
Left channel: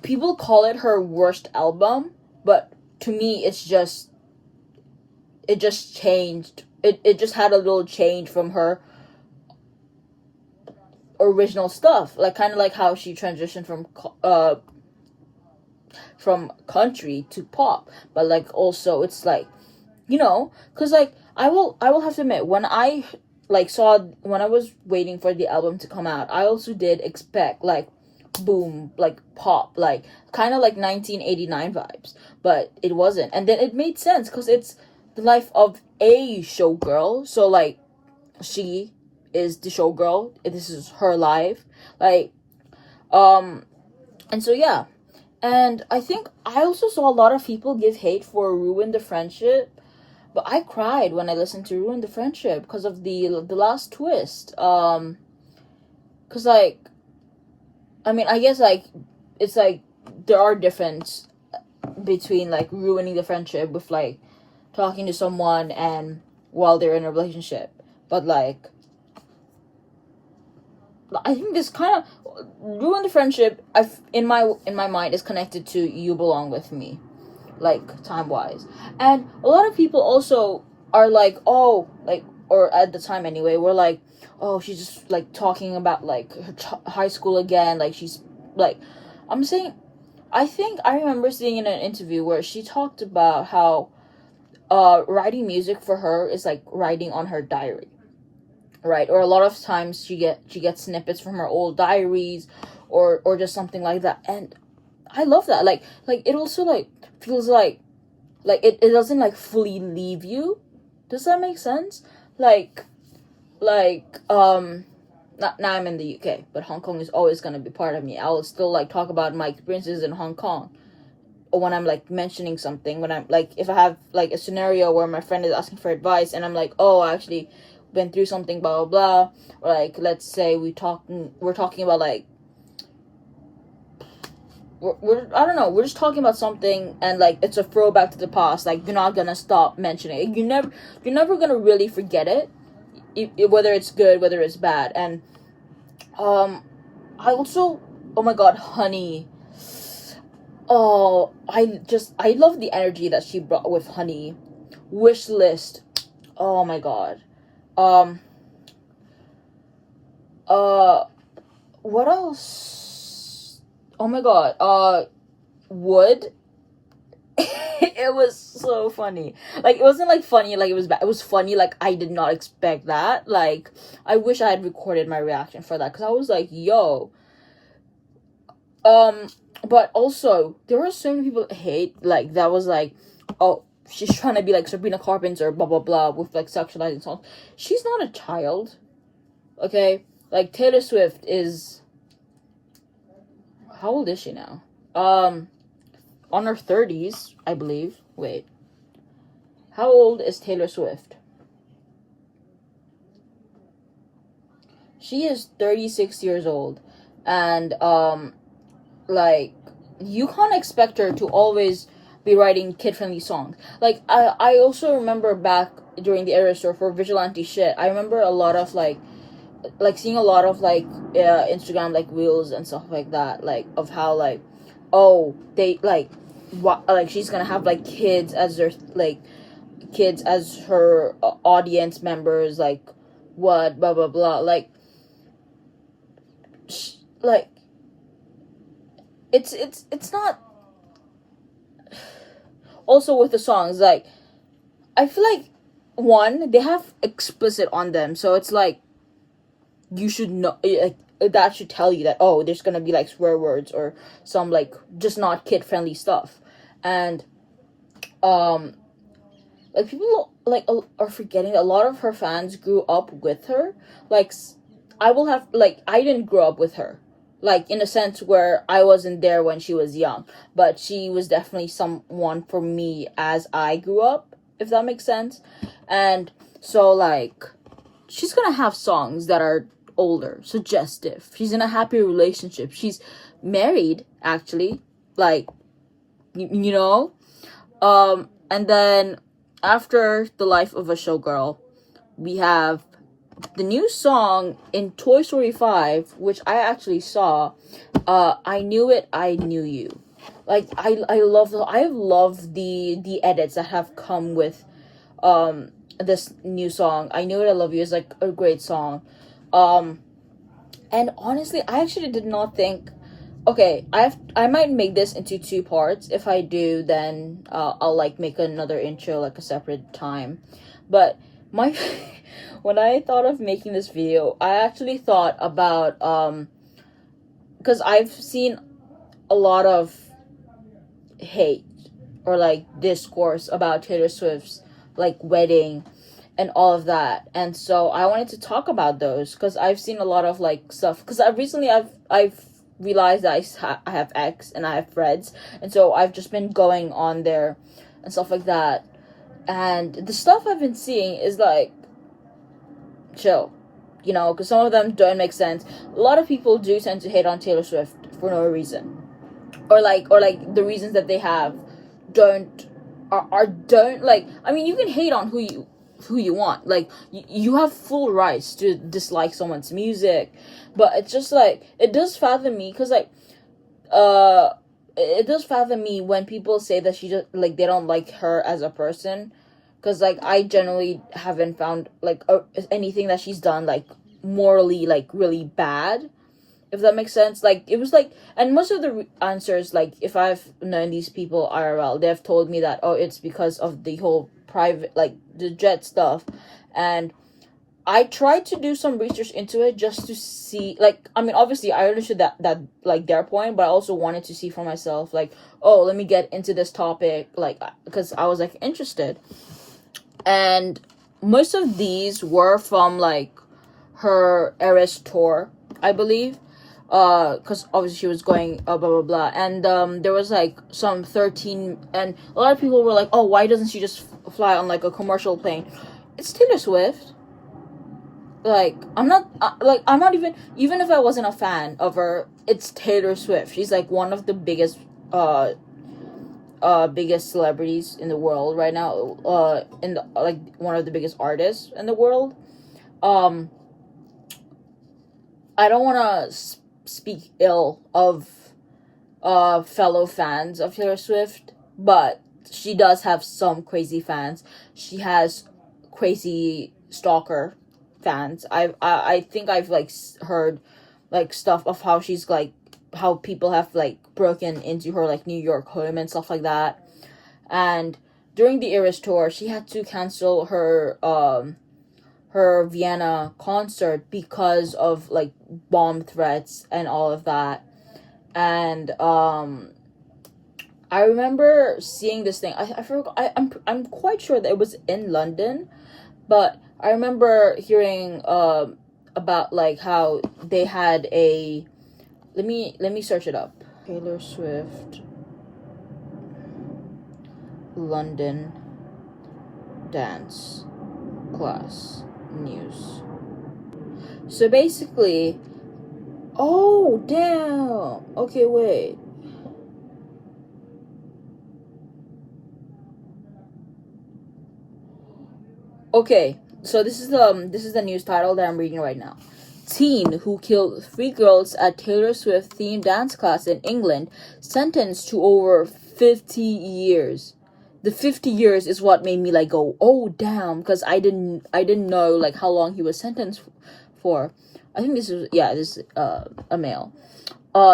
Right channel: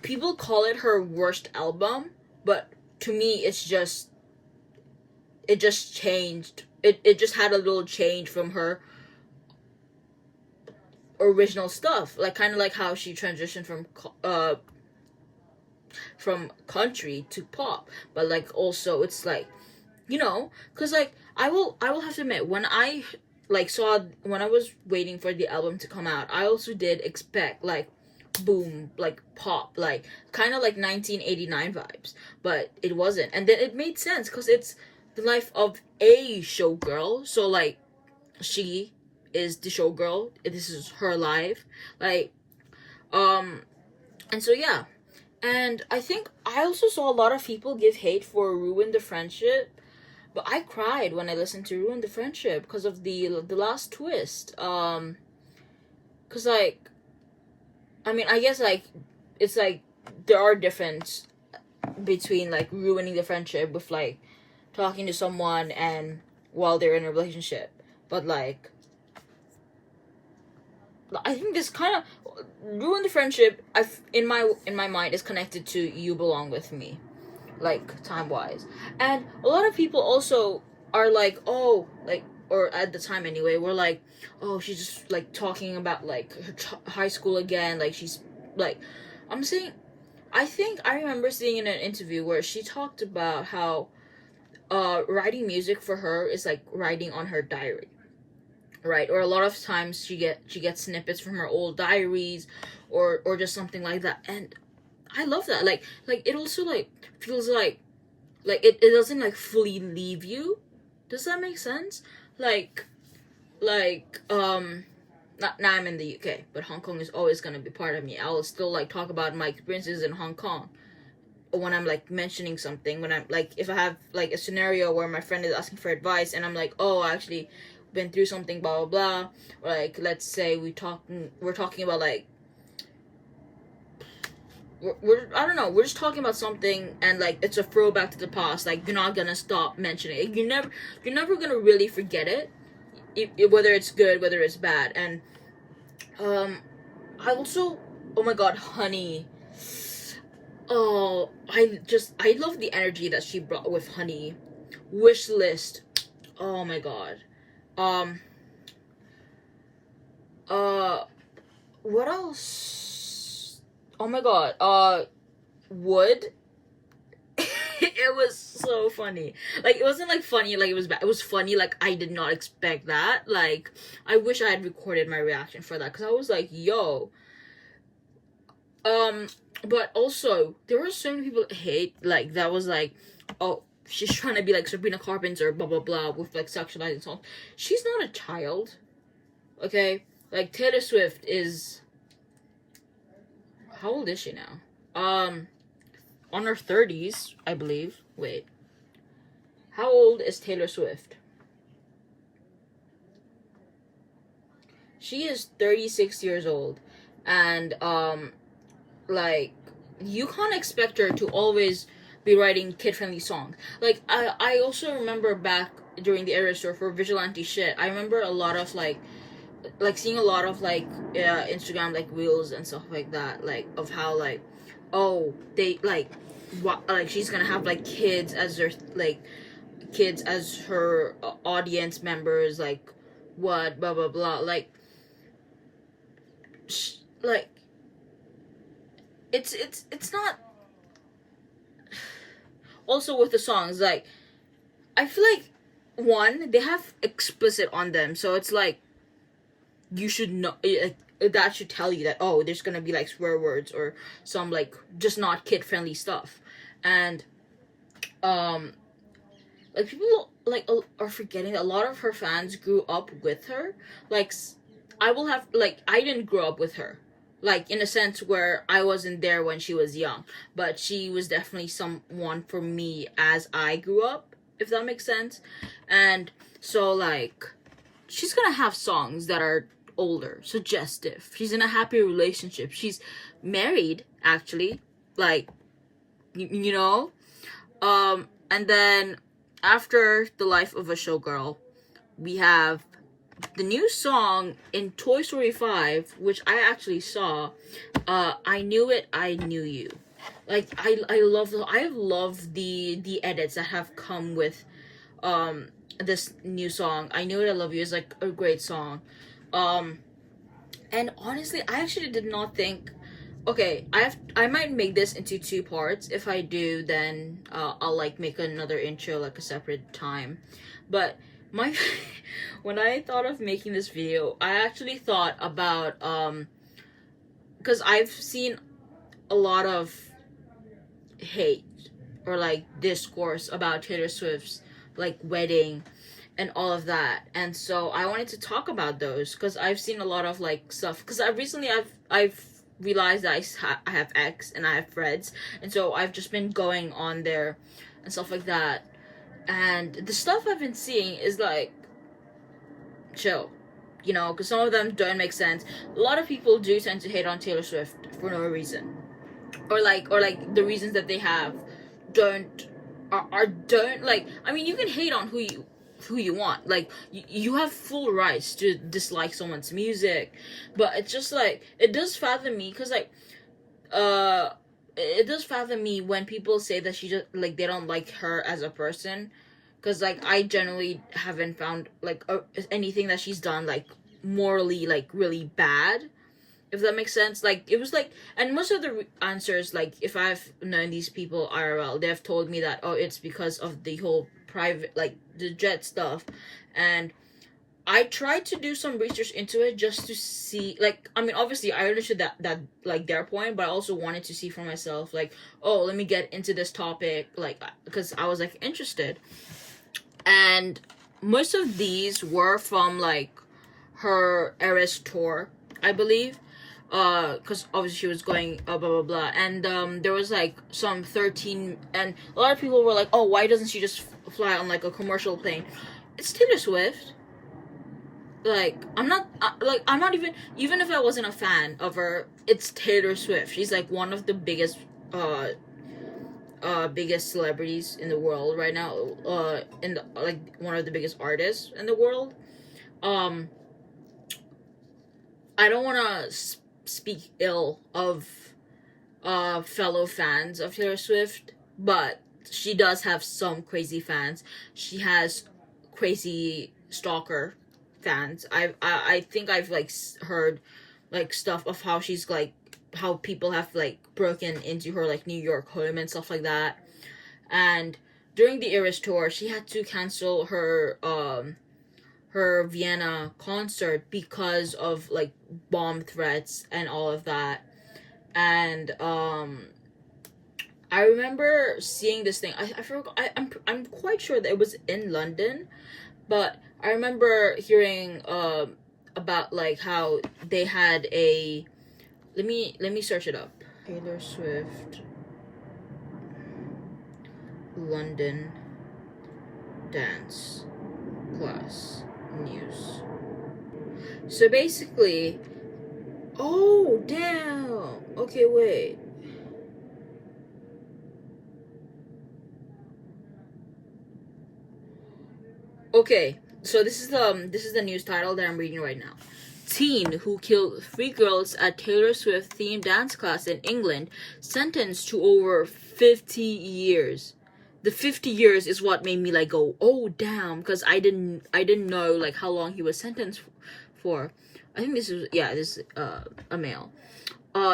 people call it her worst album, but to me, it just changed. It just had a little change from her original stuff. Like, kind of like how she transitioned from country to pop. But, like, also, it's like, you know, because, like, I will have to admit, when I was waiting for the album to come out, I also did expect, like, boom, like pop, like kind of like 1989 vibes, but it wasn't. And then it made sense because it's the life of a showgirl. So like she is the showgirl. This is her life, like and so yeah. And I think I also saw a lot of people give hate for Ruin the Friendship, but I cried when I listened to Ruin the Friendship because of the last twist. Cause like, I mean, I guess like it's like there are difference between like ruining the friendship with like talking to someone and while they're in a relationship, but like I think this kind of ruin the friendship. In my mind is connected to You Belong With Me, like time wise, and a lot of people also are like, oh, like, or at the time anyway, we're like, oh, she's just like talking about like her high school again, like she's like, I'm saying, I think I remember seeing in an interview where she talked about how writing music for her is like writing on her diary, right? Or a lot of times she gets snippets from her old diaries or just something like that. And I love that. Like it also like feels like it doesn't like fully leave you. Does that make sense? Like now I'm in the UK, but Hong Kong is always gonna be part of me. I will still like talk about my experiences in Hong Kong. Or when I'm like mentioning something, when I'm like, if I have like a scenario where my friend is asking for advice and I'm like, oh, I actually been through something, blah blah blah, or like let's say we're talking about like we're I don't know, we're just talking about something and like it's a throwback to the past, like you're not gonna stop mentioning it. You're never gonna really forget it, whether it's good, whether it's bad. And I also, oh my god, Honey, oh, I love the energy that she brought with Honey. Wish List, oh my god. What else? Oh my god. Wood. It was so funny. Like, it wasn't like funny like it was bad. It was funny like I did not expect that. Like, I wish I had recorded my reaction for that because I was like, yo. But also there were so many people that hate like that was like, oh, she's trying to be like Sabrina Carpenter, blah blah blah, with like sexualizing songs. She's not a child, okay? Like Taylor Swift is, how old is she now? On her 30s, I believe. Wait, how old is Taylor Swift? She is 36 years old, and like you can't expect her to always be writing kid-friendly songs. Like I also remember back during the era store for vigilante shit, I remember a lot of like seeing a lot of like Instagram like reels and stuff like that, like of how like, oh, they like what, like she's gonna have like kids as their like kids as her audience members, like what, blah blah blah, like like it's not. Also with the songs, like I feel like one, they have explicit on them, so it's like you should know, that should tell you that, oh, there's gonna be like swear words or some like just not kid friendly stuff. And like people like are forgetting that a lot of her fans grew up with her. Like I didn't grow up with her, like in a sense where I wasn't there when she was young, but she was definitely someone for me as I grew up, if that makes sense. And so like she's gonna have songs that are older, suggestive. She's in a happy relationship. She's married, actually. Like, you know? And then after The Life of a Showgirl, we have the new song in Toy Story 5, which I actually saw, I Knew It, I Knew You. Like, I love the edits that have come with this new song. I Knew It, I Love You is like a great song. And honestly, I actually did not think, okay, I might make this into 2 parts. If I do, then I'll like make another intro like a separate time. But my when I thought of making this video, I actually thought about because I've seen a lot of hate or like discourse about Taylor Swift's like wedding and all of that, and so I wanted to talk about those because I've seen a lot of like stuff, because I've realized that I have X and I have Threads, and so I've just been going on there and stuff like that, and the stuff I've been seeing is like, chill, because some of them don't make sense. A lot of people do tend to hate on Taylor Swift for no reason, or like the reasons that they have don't don't, like, I mean, you can hate on who you want, like you have full rights to dislike someone's music, but it's just like, it does fathom me, because like it does fathom me when people say that she just, like, they don't like her as a person, because like I generally haven't found like anything that she's done like morally like really bad, if that makes sense. Like, it was like, and most of the answers, like, if I've known these people IRL, they've told me that, oh, it's because of the whole private, like, the jet stuff. And I tried to do some research into it just to see, like, I mean, obviously I understood that like their point, but I also wanted to see for myself, like, oh, let me get into this topic, like, because I was like interested. And most of these were from like her Eras tour, I believe, because obviously she was going blah blah blah, and there was like some 13, and a lot of people were like, oh, why doesn't she just fly on like a commercial plane? It's Taylor Swift. Like, I'm not even if I wasn't a fan of her, it's Taylor Swift. She's like one of the biggest biggest celebrities in the world right now, in the, like, one of the biggest artists in the world. I don't want to speak ill of fellow fans of Taylor Swift, but she does have some crazy fans. She has crazy stalker fans. I think I've like heard like stuff of how she's like, how people have like broken into her like New York home and stuff like that. And during the Eras tour, she had to cancel her Vienna concert because of like bomb threats and all of that. And I remember seeing this thing. I forgot. I'm quite sure that it was in London, but I remember hearing about like how they had a, let me search it up. Taylor Swift London dance class news. So basically, oh damn. Okay, wait. Okay, so this is the news title that I'm reading right now. Teen who killed 3 girls at Taylor Swift themed dance class in England sentenced to over 50 years. The 50 years is what made me like go, oh damn, because I didn't know like how long he was sentenced for. I think this is a male.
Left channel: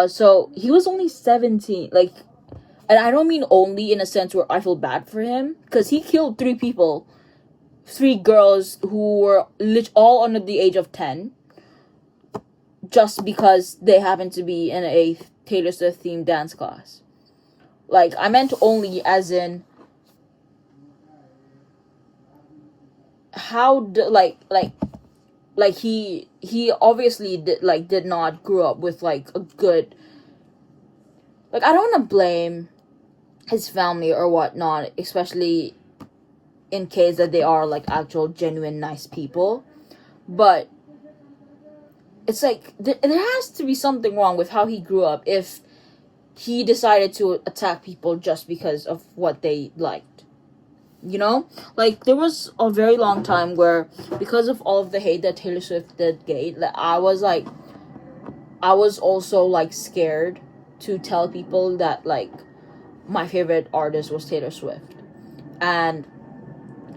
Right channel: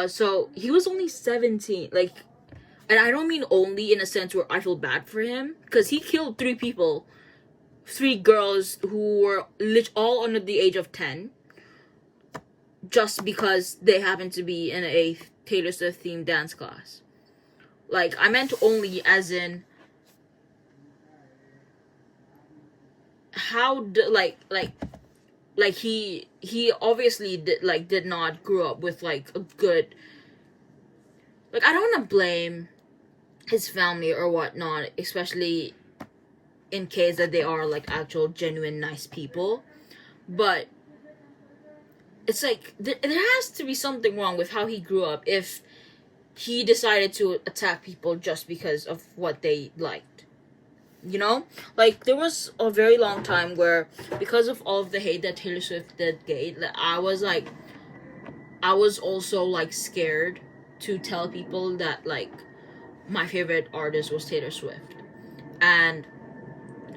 So he was only 17, like, and I don't mean only in a sense where I feel bad for him, because he killed 3 people, 3 girls who were all under the age of 10, just because they happened to be in a Taylor Swift themed dance class. Like, I meant only as in how he obviously did not grow up with like a good, like, I don't want to blame his family or whatnot, especially in case that they are like actual genuine nice people, but it's like there has to be something wrong with how he grew up if he decided to attack people just because of what they liked. Like, there was a very long time where, because of all of the hate that Taylor Swift did get, like, I was also like scared to tell people that like my favorite artist was Taylor Swift. And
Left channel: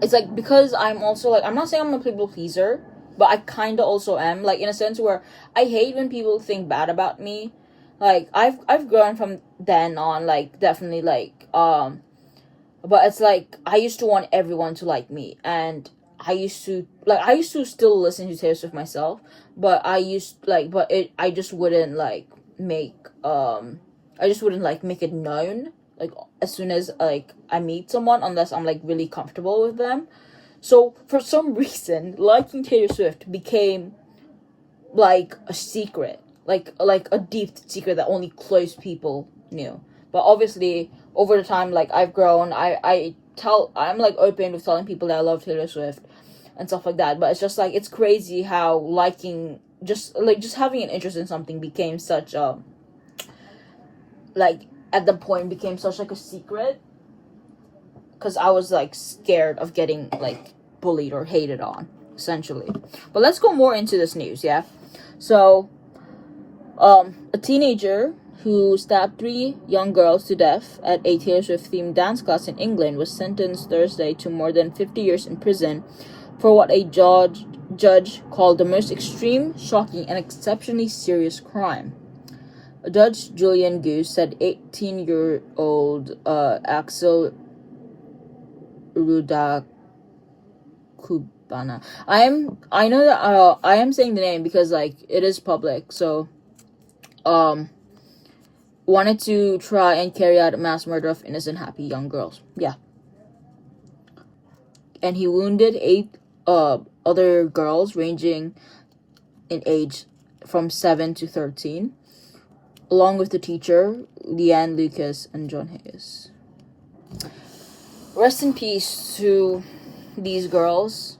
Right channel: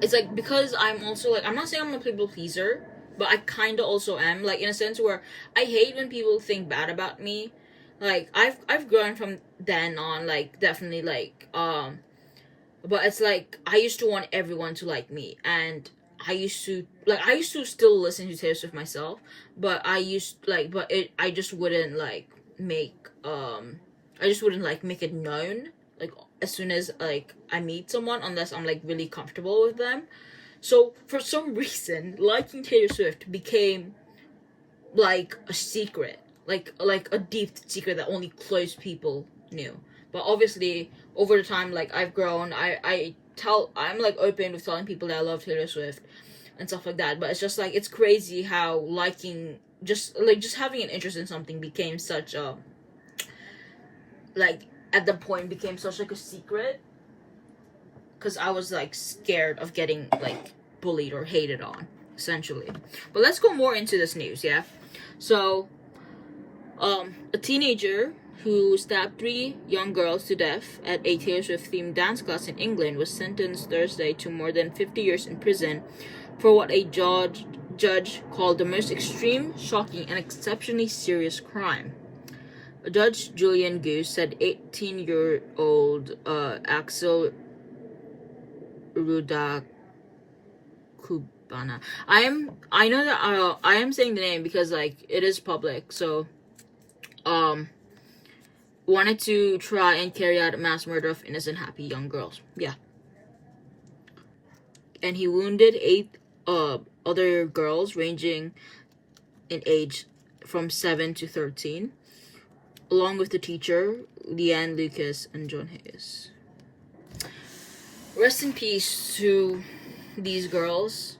it's like, because I'm also like, I'm not saying I'm a people pleaser, but I kind of also am, like, in a sense where I hate when people think bad about me. Like, I've grown from then on, like, definitely, like, but it's like, I used to want everyone to like me, and I used to still listen to Taylor Swift myself, but I just wouldn't, like, make I just wouldn't like make it known like as soon as like I meet someone, unless I'm like really comfortable with them. So for some reason, liking Taylor Swift became like a secret, like a deep secret that only close people knew. But obviously, over the time, like I've grown, I'm like open with telling people that I love Taylor Swift and stuff like that. But it's just like it's crazy how liking just having an interest in something became such a like at the point became such like a secret, because I was like scared of getting like bullied or hated on, essentially. But let's go more into this news, yeah? So, a teenager who stabbed 3 young girls to death at a Taylor Swift themed dance class in England was sentenced Thursday to more than 50 years in prison for what a judge called the most extreme, shocking, and exceptionally serious crime. Judge Julian Goose said 18-year-old Axel Rudakubana. I know that I am saying the name because like it is public, so wanted to try and carry out a mass murder of innocent, happy young girls. Yeah. And he wounded 8 other girls ranging in age from 7 to 13, along with the teacher, Leanne Lucas and John Hayes. Rest in peace to these girls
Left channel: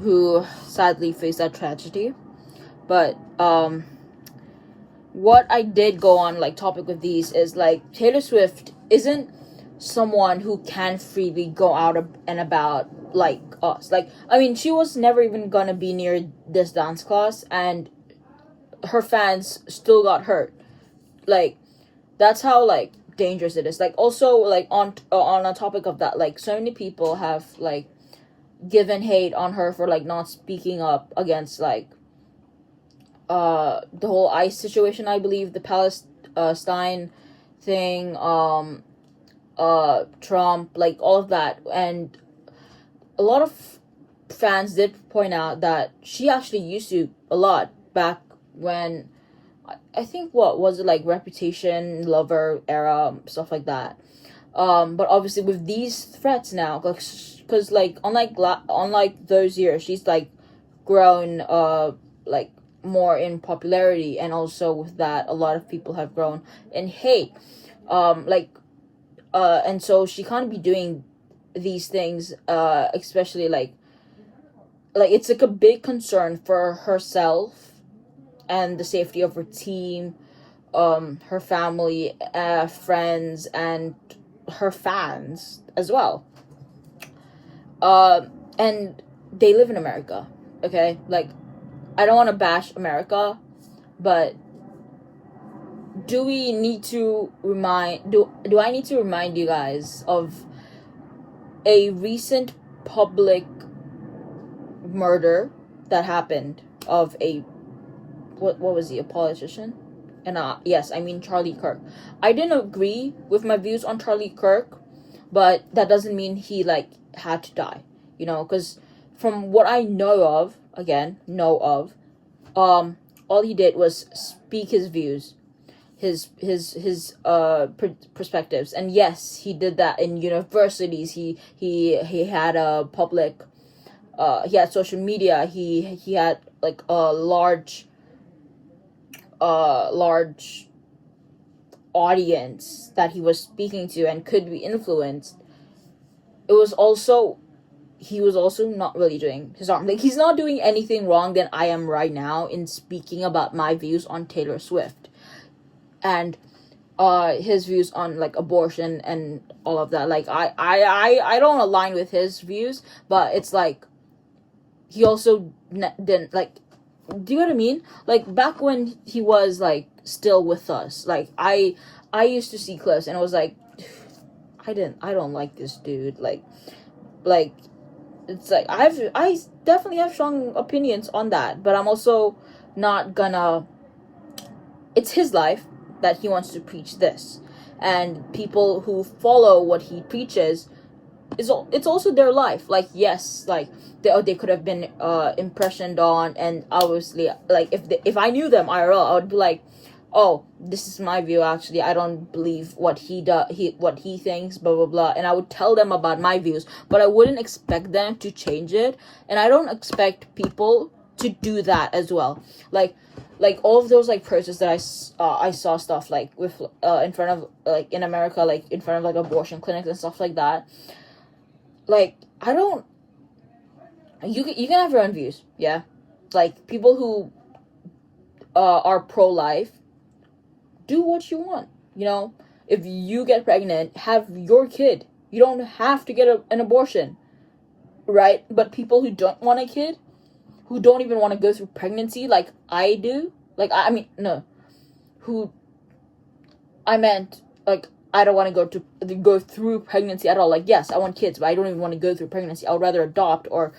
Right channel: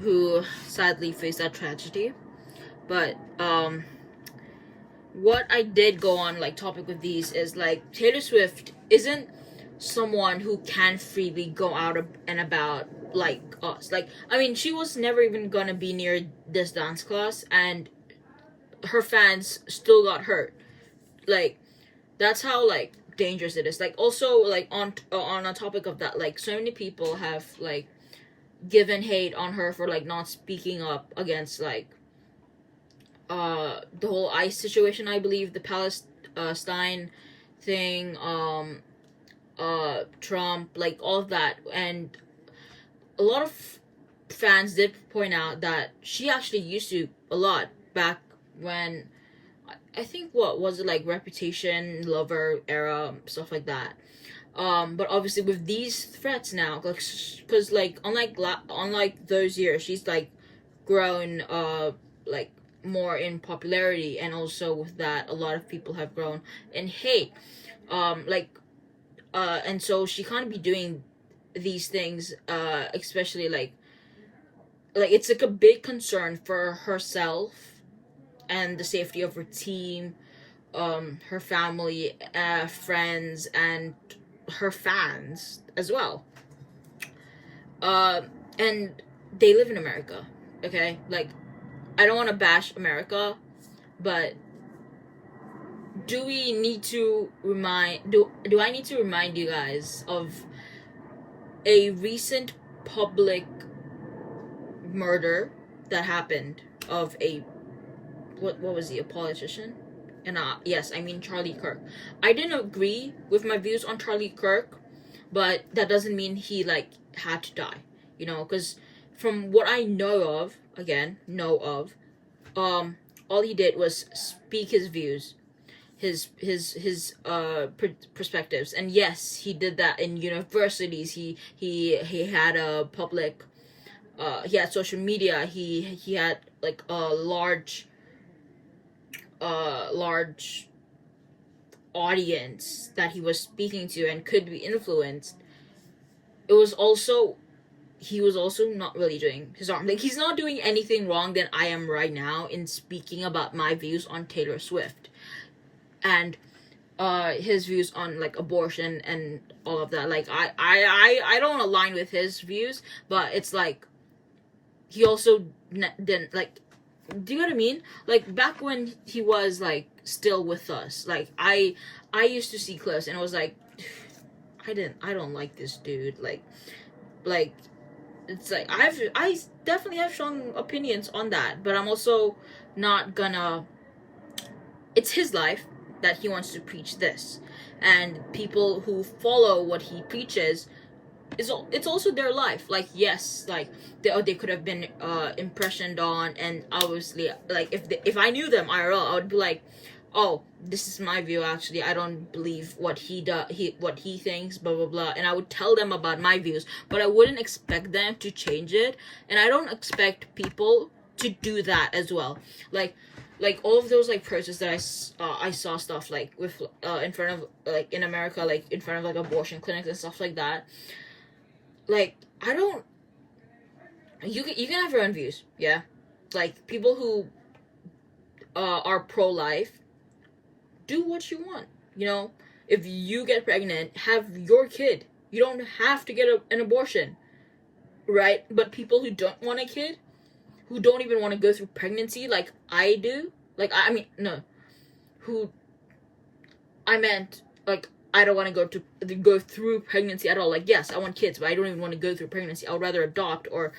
who sadly faced that tragedy. But what I did go on like topic with these is like Taylor Swift isn't someone who can freely go out and about like us. Like, I mean, she was never even gonna be near this dance class, and her fans still got hurt. Like, that's how like dangerous it is. Like, also like on a topic of that, like so many people have like given hate on her for like not speaking up against like the whole ICE situation, I believe, the Palestine thing, Trump, like all of that. And a lot of fans did point out that she actually used to a lot back when I think what was it, like Reputation, Lover era, stuff like that. But obviously with these threats now, because like unlike those years, she's like grown like more in popularity, and also with that a lot of people have grown in hate, and so she can't be doing these things, especially like it's like a big concern for herself and the safety of her team, her family, friends, and her fans as well. And they live in America, okay? Like, I don't want to bash America, but do I need to remind you guys of a recent public murder that happened of a what was he, a politician? And yes, I mean Charlie Kirk. I didn't agree with my views on Charlie Kirk, but that doesn't mean he like had to die, you know, because from what I know of, all he did was speak his views, his perspectives. And yes, he did that in universities. He had a public, he had social media. He had like a large audience that he was speaking to and could be influenced. He was also not really doing his wrong. Like, he's not doing anything wrong than I am right now in speaking about my views on Taylor Swift and his views on like abortion and all of that. Like, I don't align with his views, but it's like he also didn't like. Do you know what I mean? Like, back when he was like still with us, like I used to see clips and I was like, I don't like this dude. Like it's like I definitely have strong opinions on that, but I'm also not gonna. It's his life that he wants to preach this, and people who follow what he preaches it's also their life. Like, yes, like they could have been impressioned on, and obviously like if I knew them IRL, I would be like, oh, this is my view, actually, I don't believe what what he thinks, blah blah blah, and I would tell them about my views, but I wouldn't expect them to change it, and I don't expect people to do that as well. Like all of those like protests that I saw stuff like with in front of, like, in America, like in front of like abortion clinics and stuff like that. Like, I don't, you can have your own views, yeah, like people who are pro-life, do what you want, you know. If you get pregnant, have your kid. You don't have to get an abortion, right? But people who don't want a kid, who don't even want to go through pregnancy like I do, like, I mean, no, who, I meant, like, I don't want to go through pregnancy at all. Like, yes, I want kids, but I don't even want to go through pregnancy. I would rather adopt or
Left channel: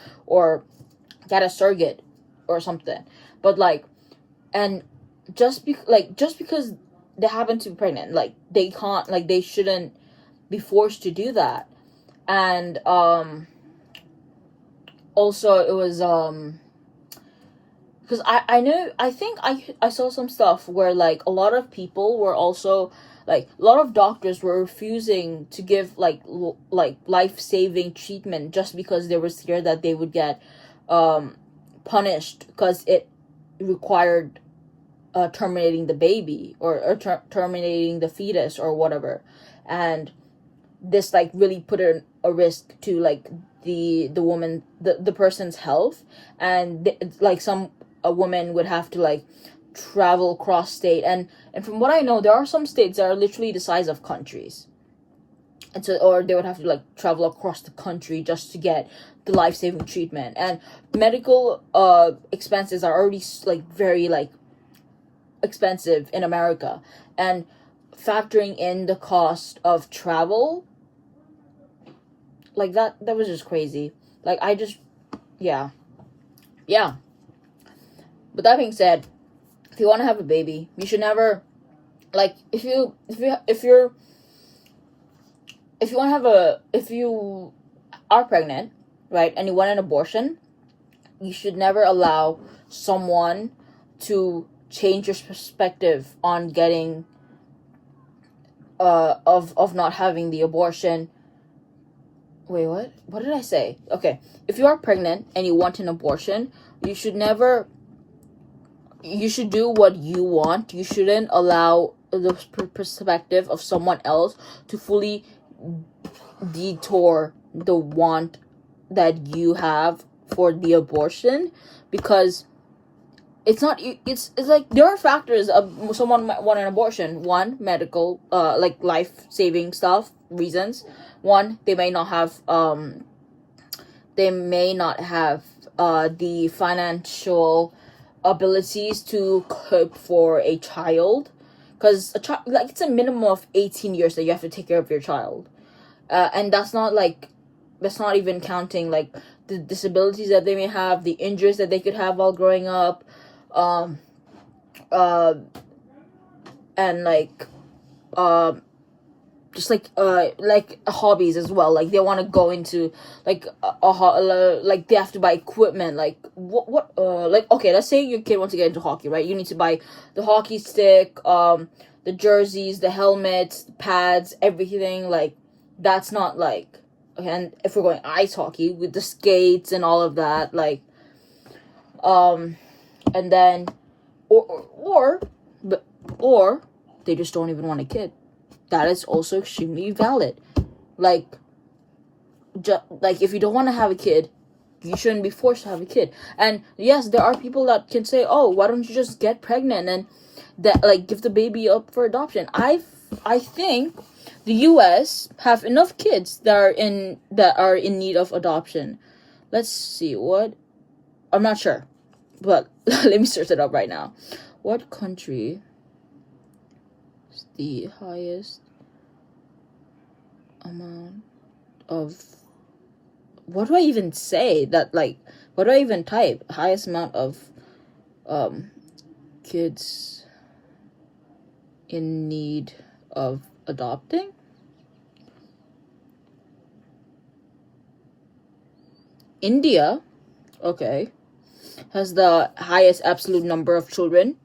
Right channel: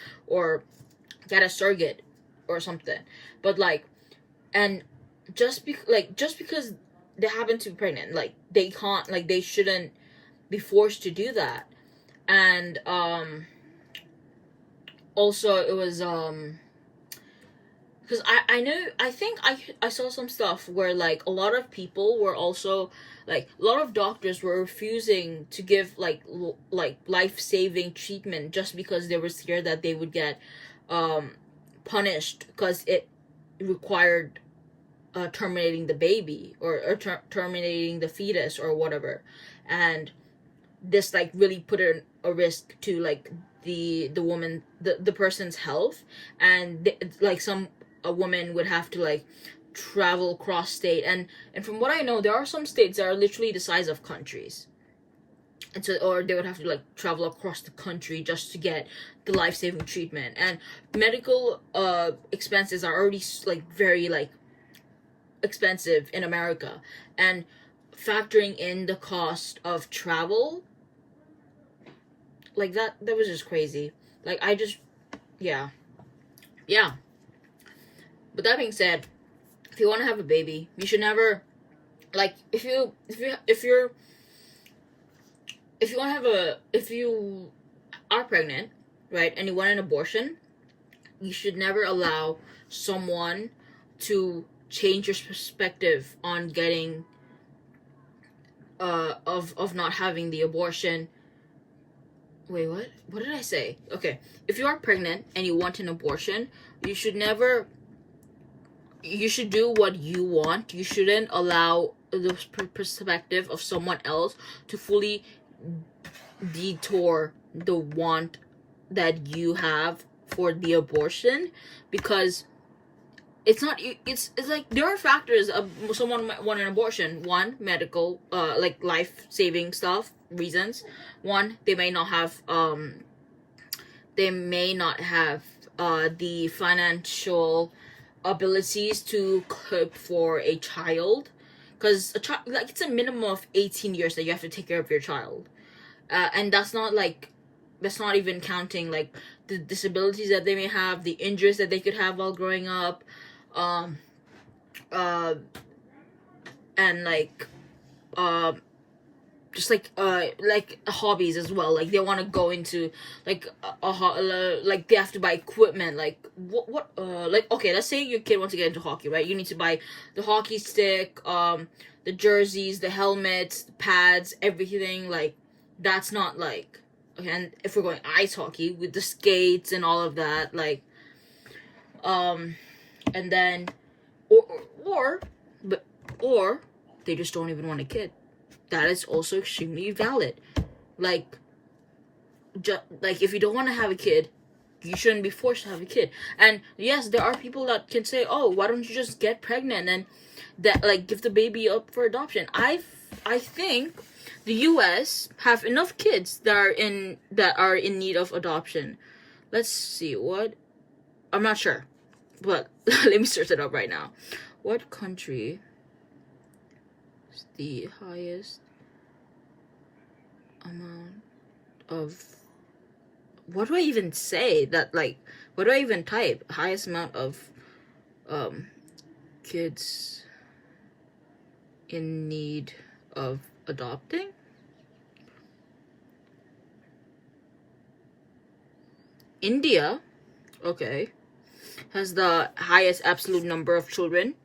get a surrogate or something. But like, and just because they happen to be pregnant, like, they can't, like, they shouldn't be forced to do that. And also it was because I think I saw some stuff where, like, a lot of people were also, like, a lot of doctors were refusing to give like life-saving treatment just because they were scared that they would get punished because it required terminating the baby or terminating the fetus or whatever. And this, like, really put a risk to, like, the woman, the person's health. And like, a woman would have to, like, travel across state, and from what I know, there are some states that are literally the size of countries, and so, or they would have to, like, travel across the country just to get the life-saving treatment. And medical expenses are already, like, very, like, expensive in America, and factoring in the cost of travel, like, that was just crazy. Like, I just, yeah. But that being said, if you want to have a baby, you should never, like, if you want to have if you are pregnant, right, and you want an abortion, you should never allow someone to change your perspective on getting of not having the abortion. Wait, what did I say? Okay, if you are pregnant and you want an abortion, you should do what you want. You shouldn't allow the perspective of someone else to fully detour the want that you have for the abortion, because it's like, there are factors of someone might want an abortion. One, medical, like, life-saving stuff, reasons. One, they may not have the financial abilities to cope for a child, because a child, like, it's a minimum of 18 years that you have to take care of your child, and that's not even counting, like, the disabilities that they may have, the injuries that they could have while growing up, and like just like hobbies as well. Like, they want to go into, like, like, they have to buy equipment, like, what like, okay, let's say your kid wants to get into hockey, right? You need to buy the hockey stick, the jerseys, the helmets, the pads, everything. Like, that's not, like, okay. And if we're going ice hockey, with the skates and all of that, like, and then or they just don't even want a kid. That is also extremely valid. Like, like, if you don't want to have a kid, you shouldn't be forced to have a kid. And yes, there are people that can say, oh, why don't you just get pregnant and that, like, give the baby up for adoption. I think the US have enough kids that are in need of adoption. Let's see, what, I'm not sure, but let me search it up right now. What country is the highest amount of, what do I even say? That, like, what do I even type? Highest amount of kids in need of adopting? India, okay, has the highest absolute number of children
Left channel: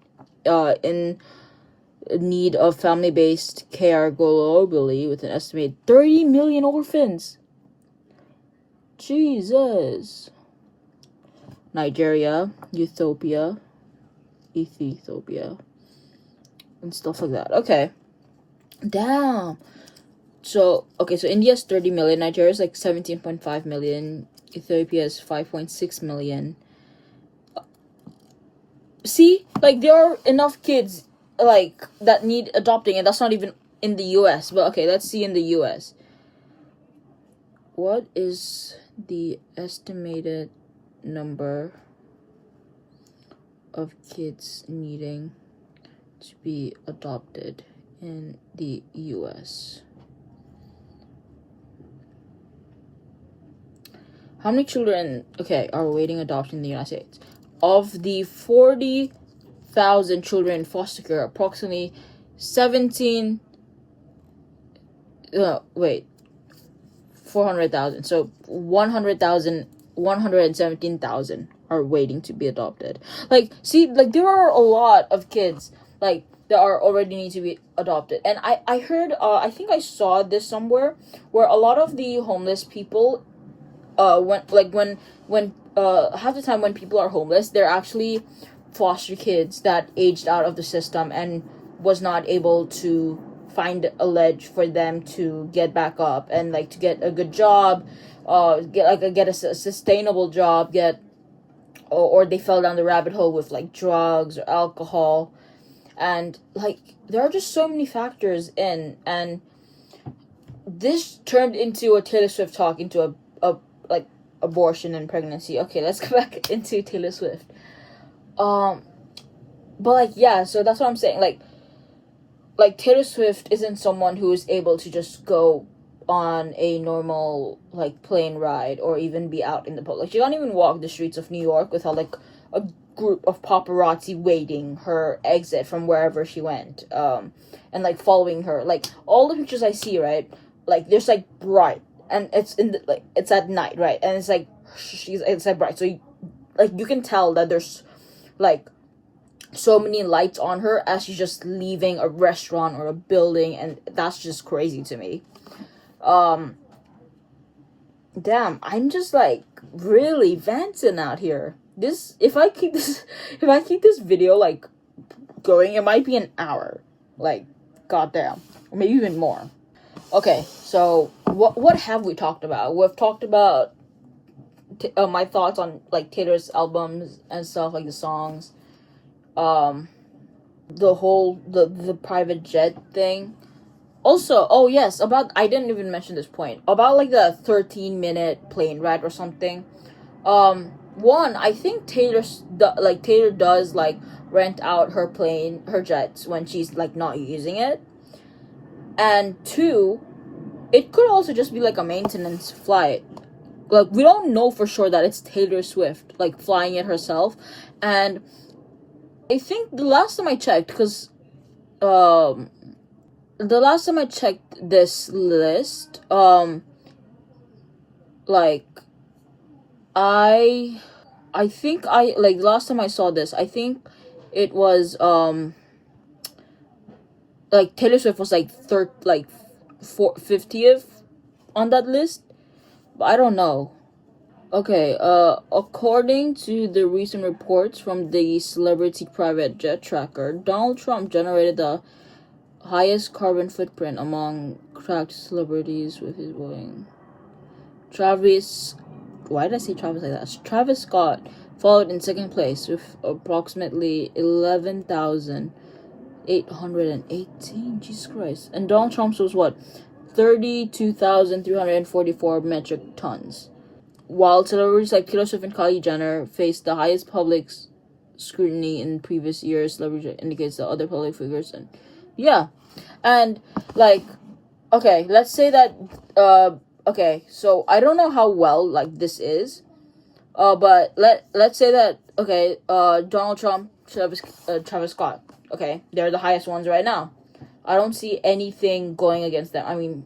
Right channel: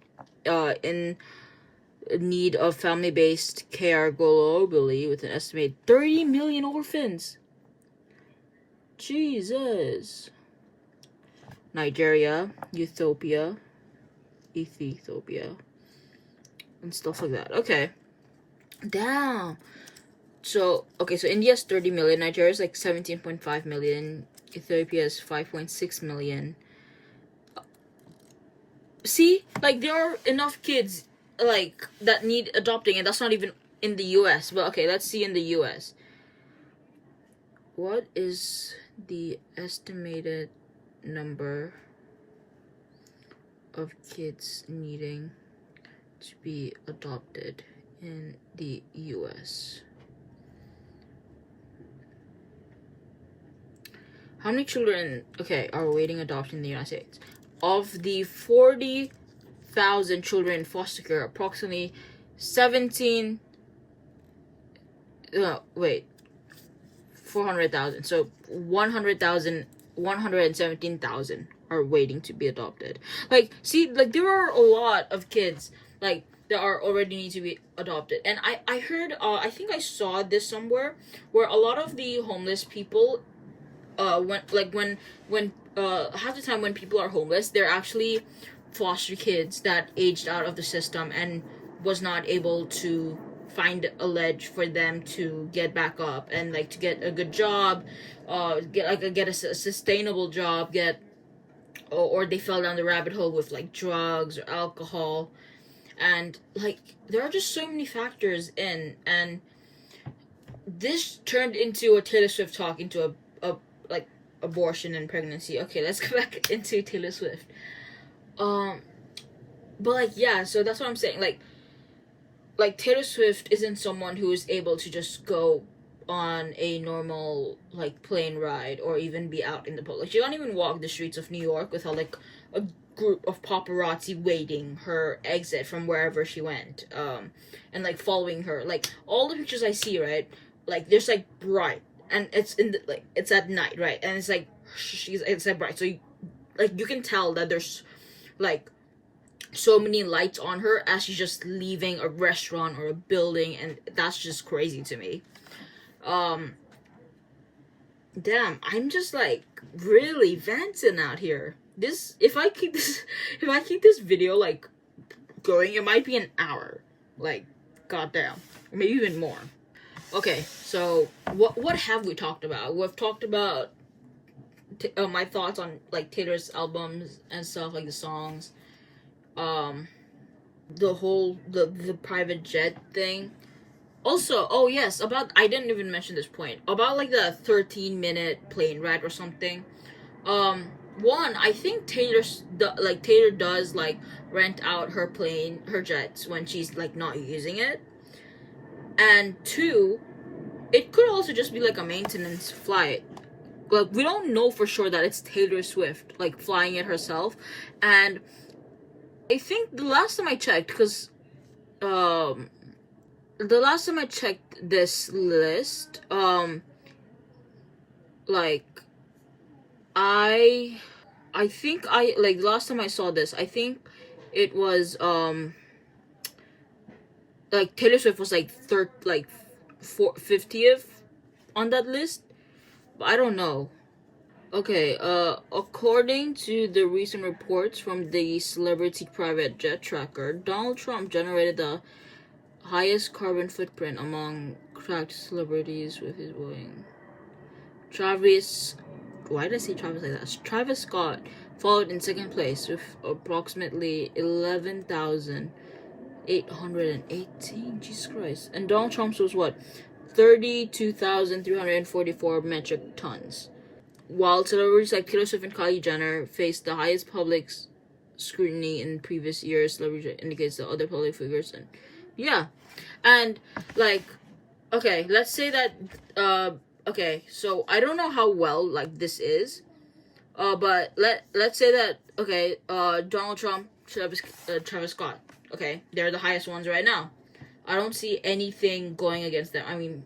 in need of family-based care globally, with an estimated 30 million orphans. Jesus. Nigeria, Ethiopia, and stuff like that. Okay. Damn. So India's 30 million, Nigeria's like 17.5 million, Ethiopia is 5.6 million. See, like, there are enough kids, like, that need adopting, and that's not even in the US. But okay, let's see in the US. What is the estimated number of kids needing to be adopted in the US? How many children, are awaiting adoption in the United States? Of the 40,000 children in foster care, approximately 400,000. So 117,000 are waiting to be adopted. Like, see, like, there are a lot of kids, like, that are already need to be adopted. And I heard, I think I saw this somewhere, where a lot of the homeless people, when half the time when people are homeless, they're actually foster kids that aged out of the system and was not able to find a ledge for them to get back up and, like, to get a good job, get a sustainable job, or they fell down the rabbit hole with, like, drugs or alcohol. And, like, there are just so many factors in, and this turned into a Taylor Swift talk, into a abortion and pregnancy. Okay, let's go back into Taylor Swift. But, like, yeah, so that's what I'm saying. Like Taylor Swift isn't someone who is able to just go on a normal, like, plane ride or even be out in the public. Like, she can't even walk the streets of New York without, like, a group of paparazzi waiting her exit from wherever she went, and, like, following her. Like, all the pictures I see, right, like, there's, like, bright, and it's in the, like, it's at night, right, and it's like it's at bright, so you can tell that there's, like, so many lights on her as she's just leaving a restaurant or a building, and that's just crazy to me. Damn, I'm just, like, really venting out here. If I keep this video, like, going, it might be an hour. Like, goddamn, or maybe even more. Okay, so what have we talked about? We've talked about my thoughts on, like, Taylor's albums and stuff, like the songs, the whole the private jet thing. Also, oh yes, I didn't even mention this point about, like, the 13-minute plane ride or something. One, I think Taylor does, like, rent out her jets when she's, like, not using it. And two, it could also just be, like, a maintenance flight. Like, we don't know for sure that it's Taylor Swift, like, flying it herself. And I think the last time I checked, because this list, like, I think the last time I saw this, I think it was, like, Taylor Swift was, like, 50th on that list, but I don't know. Okay, according to the recent reports from the Celebrity Private Jet Tracker, Donald Trump generated the highest carbon footprint among cracked celebrities with his Boeing. Why did I say Travis like that? Travis Scott followed in second place with approximately 11,818. Jesus Christ. And Donald Trump's was what? 32,344 metric tons. While celebrities like Taylor Swift and Kylie Jenner faced the highest public scrutiny in previous years, celebrity indicates that other public figures and yeah. And, like, okay, let's say that okay, so I don't know how well, like, this is, but let's say that, okay, Donald Trump, Travis Scott, okay, they're the highest ones right now. I don't see anything going against them. I mean,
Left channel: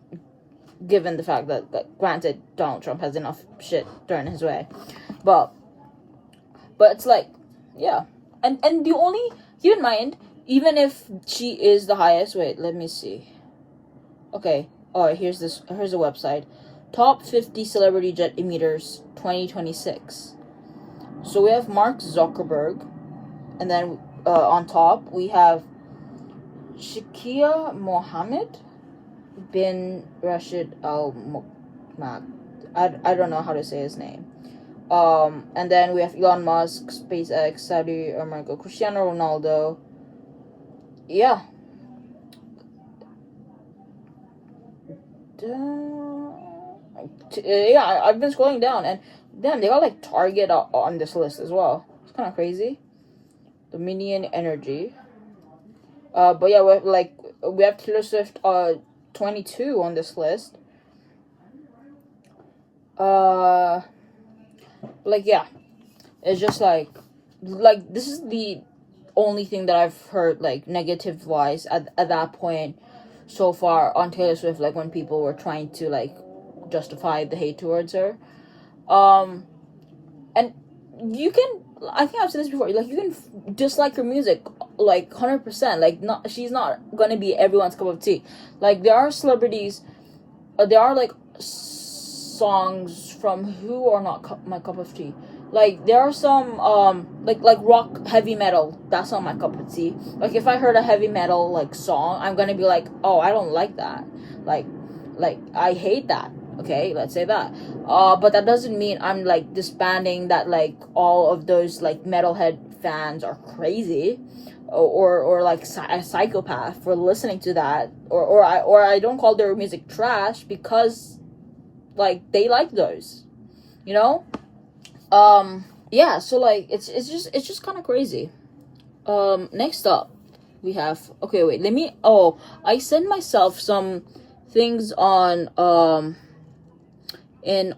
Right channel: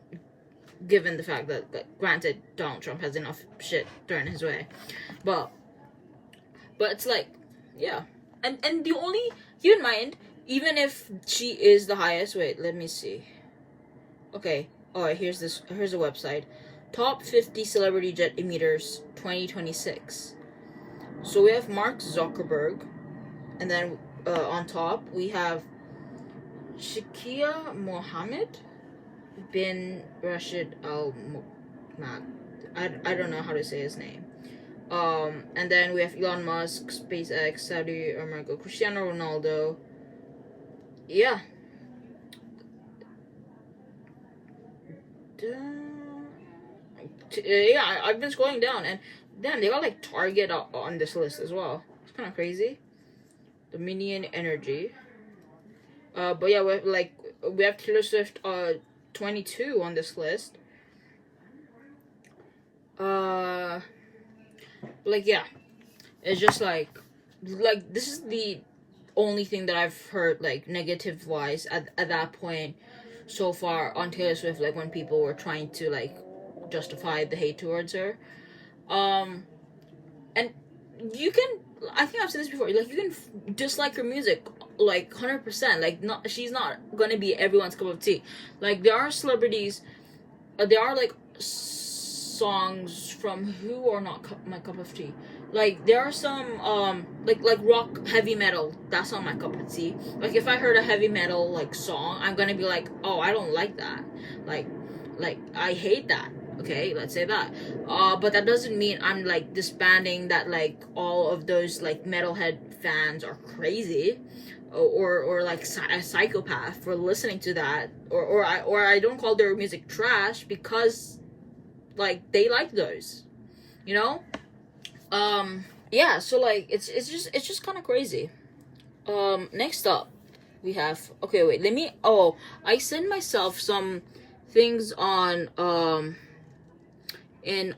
given the fact that, granted, Donald Trump has enough shit thrown his way, but it's like, yeah, and the only, keep in mind, even if she is the highest, wait, let me see. Okay, alright, here's a website. Top 50 celebrity jet emitters 2026. So we have Mark Zuckerberg, and then on top we have Shakia Mohammed bin Rashid Al Maktoum. I don't know how to say his name. And then we have Elon Musk, SpaceX, Saudi America, Cristiano Ronaldo. Yeah. Yeah, I've been scrolling down, and damn, they got like Target on this list as well. It's kind of crazy. Dominion Energy. But yeah, we have Taylor Swift 22 on this list. Like, yeah, it's just like this is the only thing that I've heard like negative wise at that point so far on Taylor Swift, like when people were trying to like justify the hate towards her. And you can, I think I've said this before, like you can dislike her music like 100%, like she's not gonna be everyone's cup of tea. Like there are celebrities, there are like songs from who are not my cup of tea. Like there are some like rock, heavy metal, that's not my cup of tea. Like if I heard a heavy metal like song, I'm gonna be like, oh, I don't like that, like I hate that. Okay, let's say that. But that doesn't mean I'm like disbanding that like all of those like metalhead fans are crazy or like a psychopath for listening to that, or I don't call their music trash because like they like those, you know. Yeah, so like it's just kind of crazy. Next up we have, okay, wait, I sent myself some things on in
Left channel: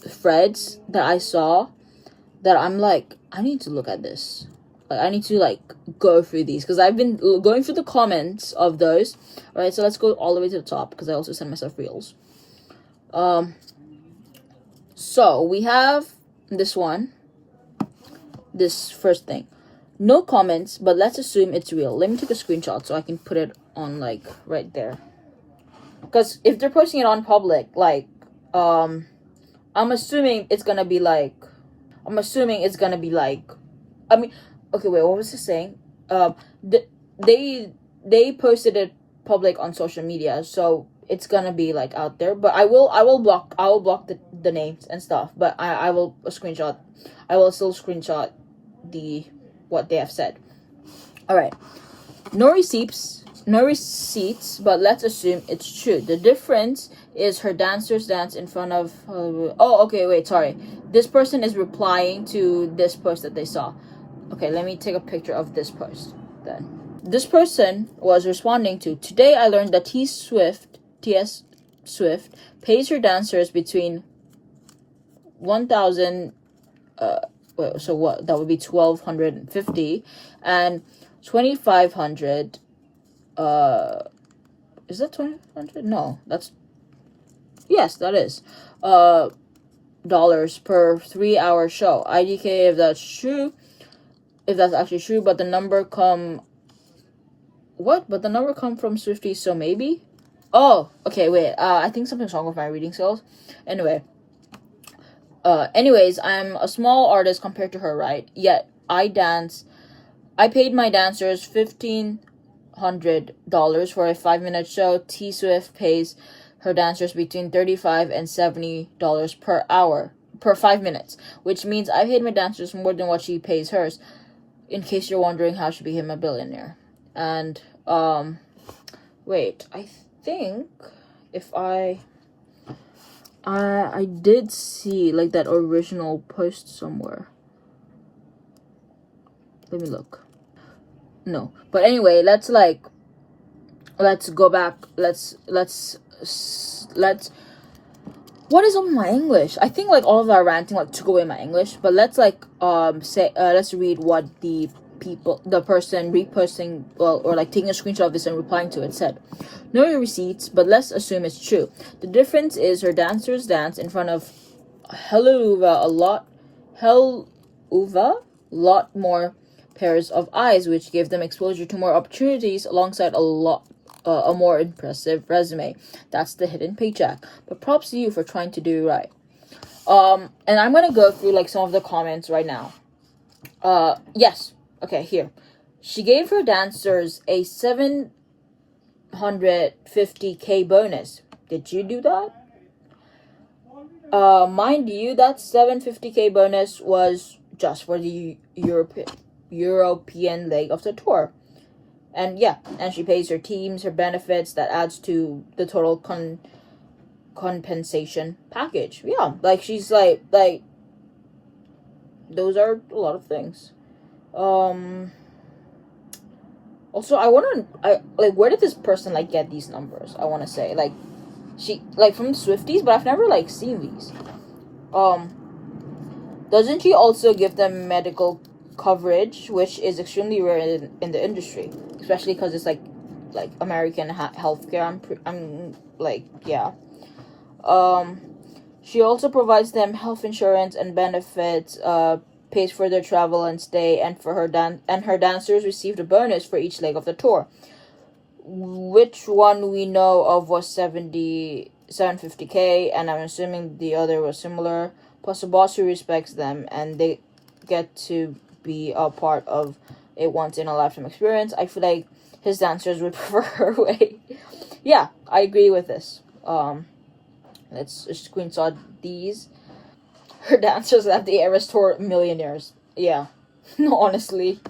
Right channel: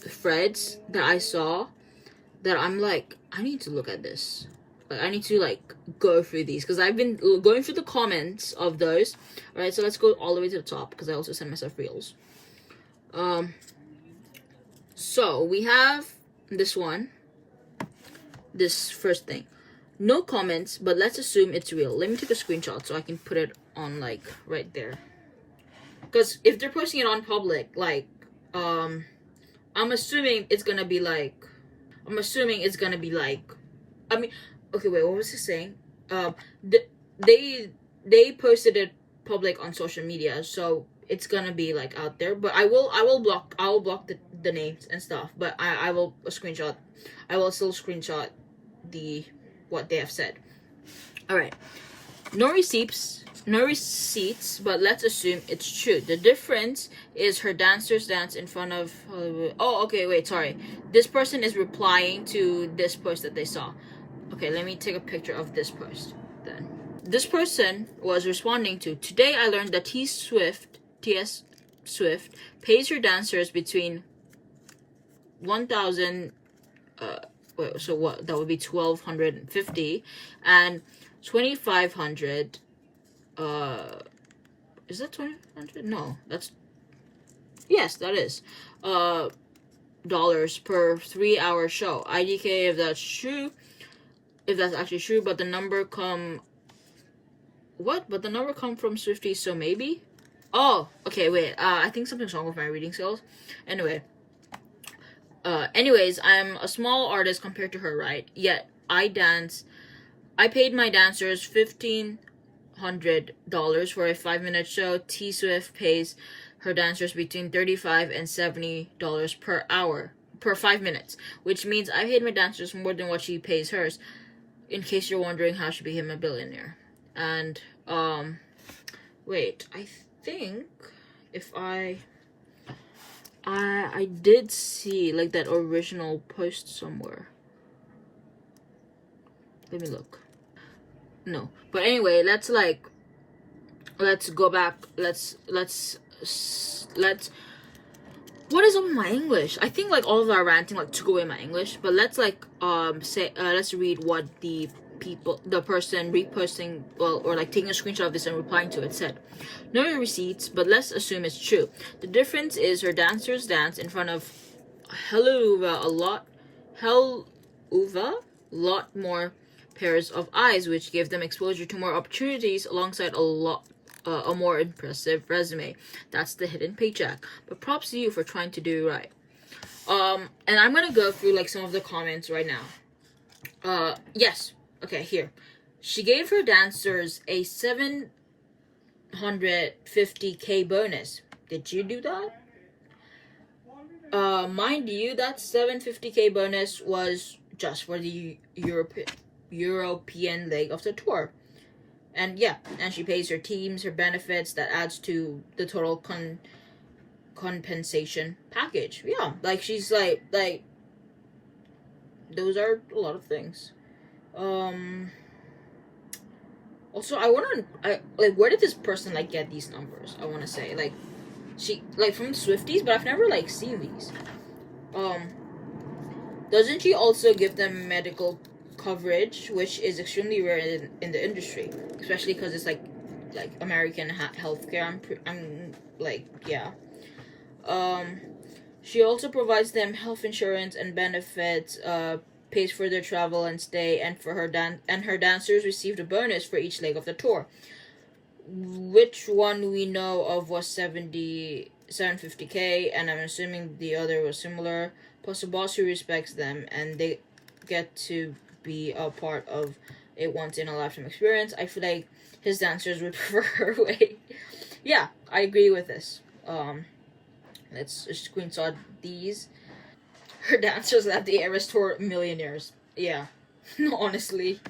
threads that I saw that I'm like, I need to look at this. Like I need to like go through these because I've been going through the comments of those. All right, so let's go all the way to the top because I also sent myself reels. So we have this one, this first thing. No comments, but let's assume it's real. Let me take a screenshot so I can put it on like right there. Because if they're posting it on public, like, I'm assuming it's gonna be like, I mean, okay, wait, what was he saying? They posted it public on social media, so it's gonna be like out there. But I will block the names and stuff. But I will still screenshot what they have said. All right, no receipts, but let's assume it's true. The difference is her dancers dance in front of this person is replying to this post that they saw. Okay, let me take a picture of this post then. This person was responding to, today I learned that TS Swift pays her dancers between 1,000 so what, that would be 1,250 and 2,500. Is that 2,500? No, yes, that is dollars per 3-hour show. IDK if that's true, if that's actually true. But the number come from Swiftie, so maybe. Oh, okay, wait, I think something's wrong with my reading skills. Anyways, I'm a small artist compared to her, right? Yet I paid my dancers $1,500 for a 5-minute show. T Swift pays her dancers between $35 and $70 per hour per 5 minutes, which means I paid my dancers more than what she pays hers. In case you're wondering how she became a billionaire. And wait, I think if I did see like that original post somewhere. Let me look. No, but anyway, let's go back. Let's what is up with my English? I think like all of our ranting like took away my English, but let's like let's read what the person reposting, or like taking a screenshot of this and replying to it said. No receipts, but let's assume it's true. The difference is her dancers dance in front of a lot more pairs of eyes, which gave them exposure to more opportunities alongside a more impressive resume. That's the hidden paycheck. But props to you for trying to do right. And I'm gonna go through like some of the comments right now. Yes. Okay, here. She gave her dancers a 750K bonus. Did you do that? Mind you, that 750K bonus was just for the European leg of the tour. And yeah, and she pays her teams, her benefits, that adds to the total compensation package. Yeah, like she's like those are a lot of things. Also, I where did this person like get these numbers? I want to say like she like from Swifties, but I've never like seen these. Doesn't she also give them medical coverage, which is extremely rare in the industry, especially because it's like American healthcare. I'm like, yeah. She also provides them health insurance and benefits, pays for their travel and stay, and for her her dancers received a bonus for each leg of the tour. Which one we know of was 750K, and I'm assuming the other was similar. Plus a boss who respects them, and they get to be a part of a once-in-a-lifetime experience. I feel like his dancers would prefer her way. Yeah, I agree with this. Let's screenshot these. Her dancers left the Eras Tour millionaires. Yeah, no, honestly.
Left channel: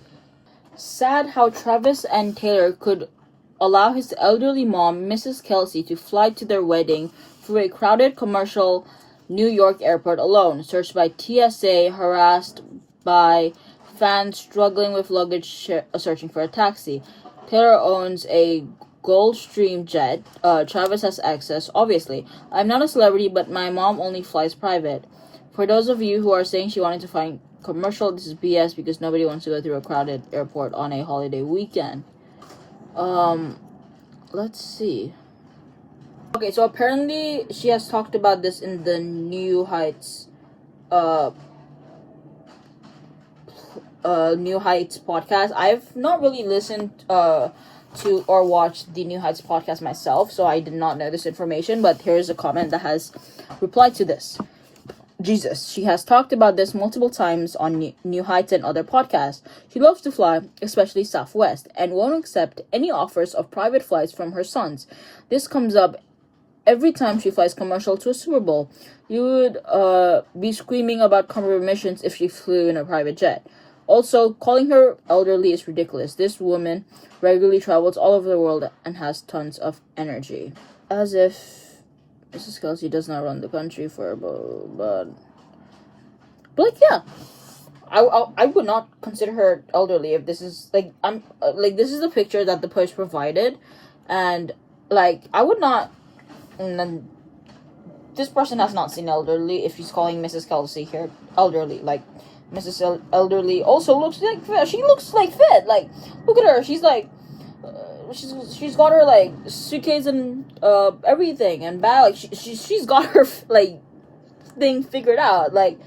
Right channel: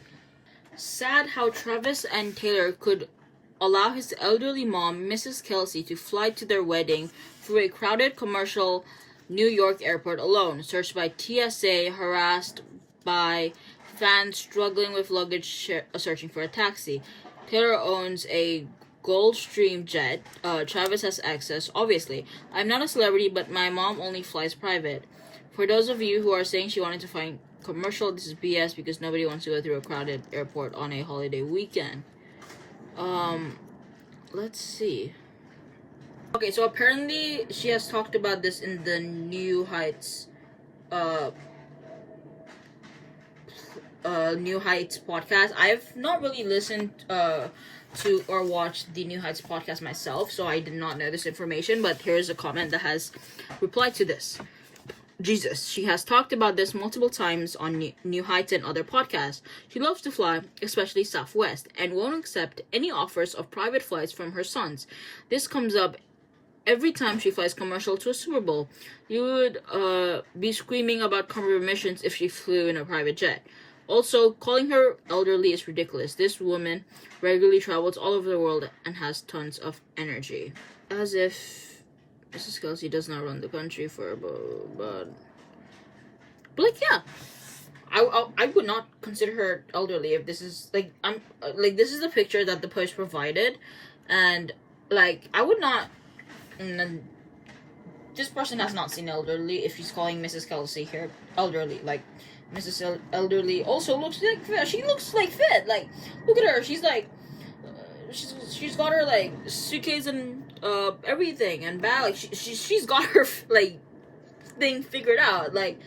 Sad how Travis and Taylor could allow his elderly mom, Mrs. Kelce, to fly to their wedding through a crowded commercial New York airport alone, searched by TSA, harassed by fans struggling with luggage, searching for a taxi. Taylor owns a Gulfstream jet. Travis has access, obviously. I'm not a celebrity, but my mom only flies private. For those of you who are saying she wanted to find commercial, this is BS because nobody wants to go through a crowded airport on a holiday weekend. Let's see. Okay, so apparently she has talked about this in the New Heights podcast. I've not really listened to or watched the New Heights podcast myself, so I did not know this information, but here's a comment that has replied to this. Jesus, she has talked about this multiple times on New Heights and other podcasts. She loves to fly, especially Southwest, and won't accept any offers of private flights from her sons. This comes up every time she flies commercial to a Super Bowl. You would be screaming about commissions if she flew in a private jet. Also, calling her elderly is ridiculous. This woman regularly travels all over the world and has tons of energy. As if Mrs. Kelce does not run the country for but like, yeah. I would not consider her elderly if this is like this is the picture that the Post provided, and like I would not. This person has not seen elderly if she's calling Mrs. Kelce here elderly. Like Mrs. Elderly also looks like fit. She looks like fit. Like look at her. She's like she's got her like suitcase and everything and bag. Like she's got her like thing figured out. Like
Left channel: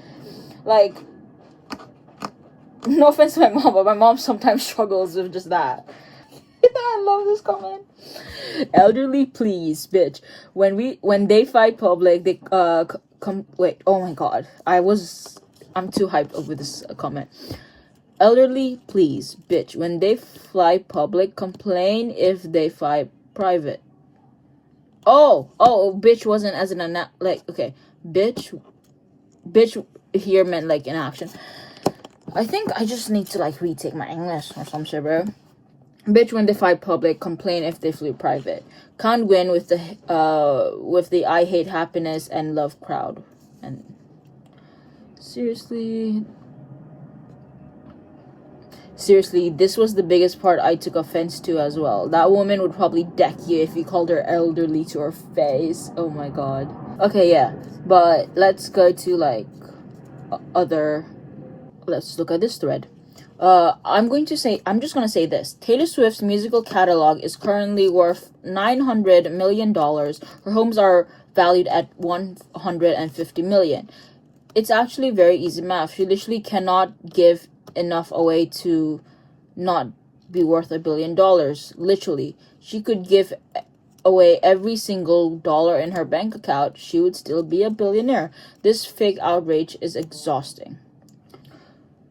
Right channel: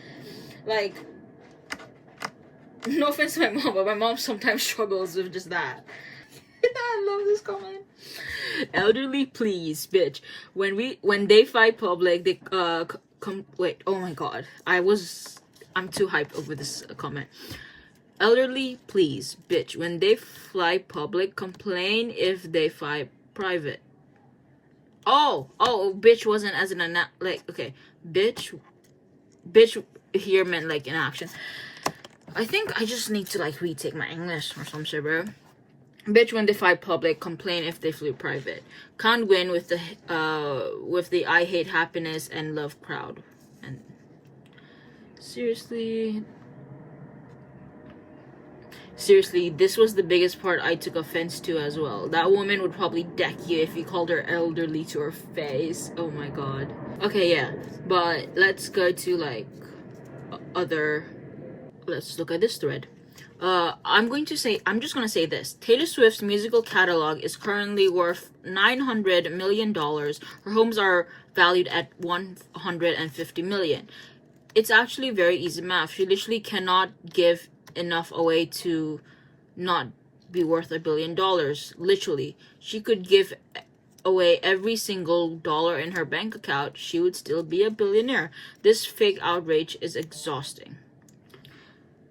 no offense to my mom, but my mom sometimes struggles with just that. I love this comment. Elderly, please, bitch. When they fight public, they wait. Oh my god, I'm too hyped over this comment. Elderly, please, bitch. When they fly public, complain if they fly private. Oh, bitch wasn't as an like okay, bitch here meant like in action. I think I just need to like retake my English or some shit, bro. Bitch when they fly public, complain if they flew private. Can't win with the I hate happiness and love crowd. And seriously, this was the biggest part I took offense to as well. That woman would probably deck you if you called her elderly to her face. Oh my god. Okay, yeah. But let's go to like let's look at this thread. I'm just gonna say this. Taylor Swift's musical catalog is currently worth $900 million. Her homes are valued at $150 million. It's actually very easy math. She literally cannot give enough away to not be worth $1 billion. Literally, she could give away every single dollar in her bank account, she would still be a billionaire. This fake outrage is exhausting.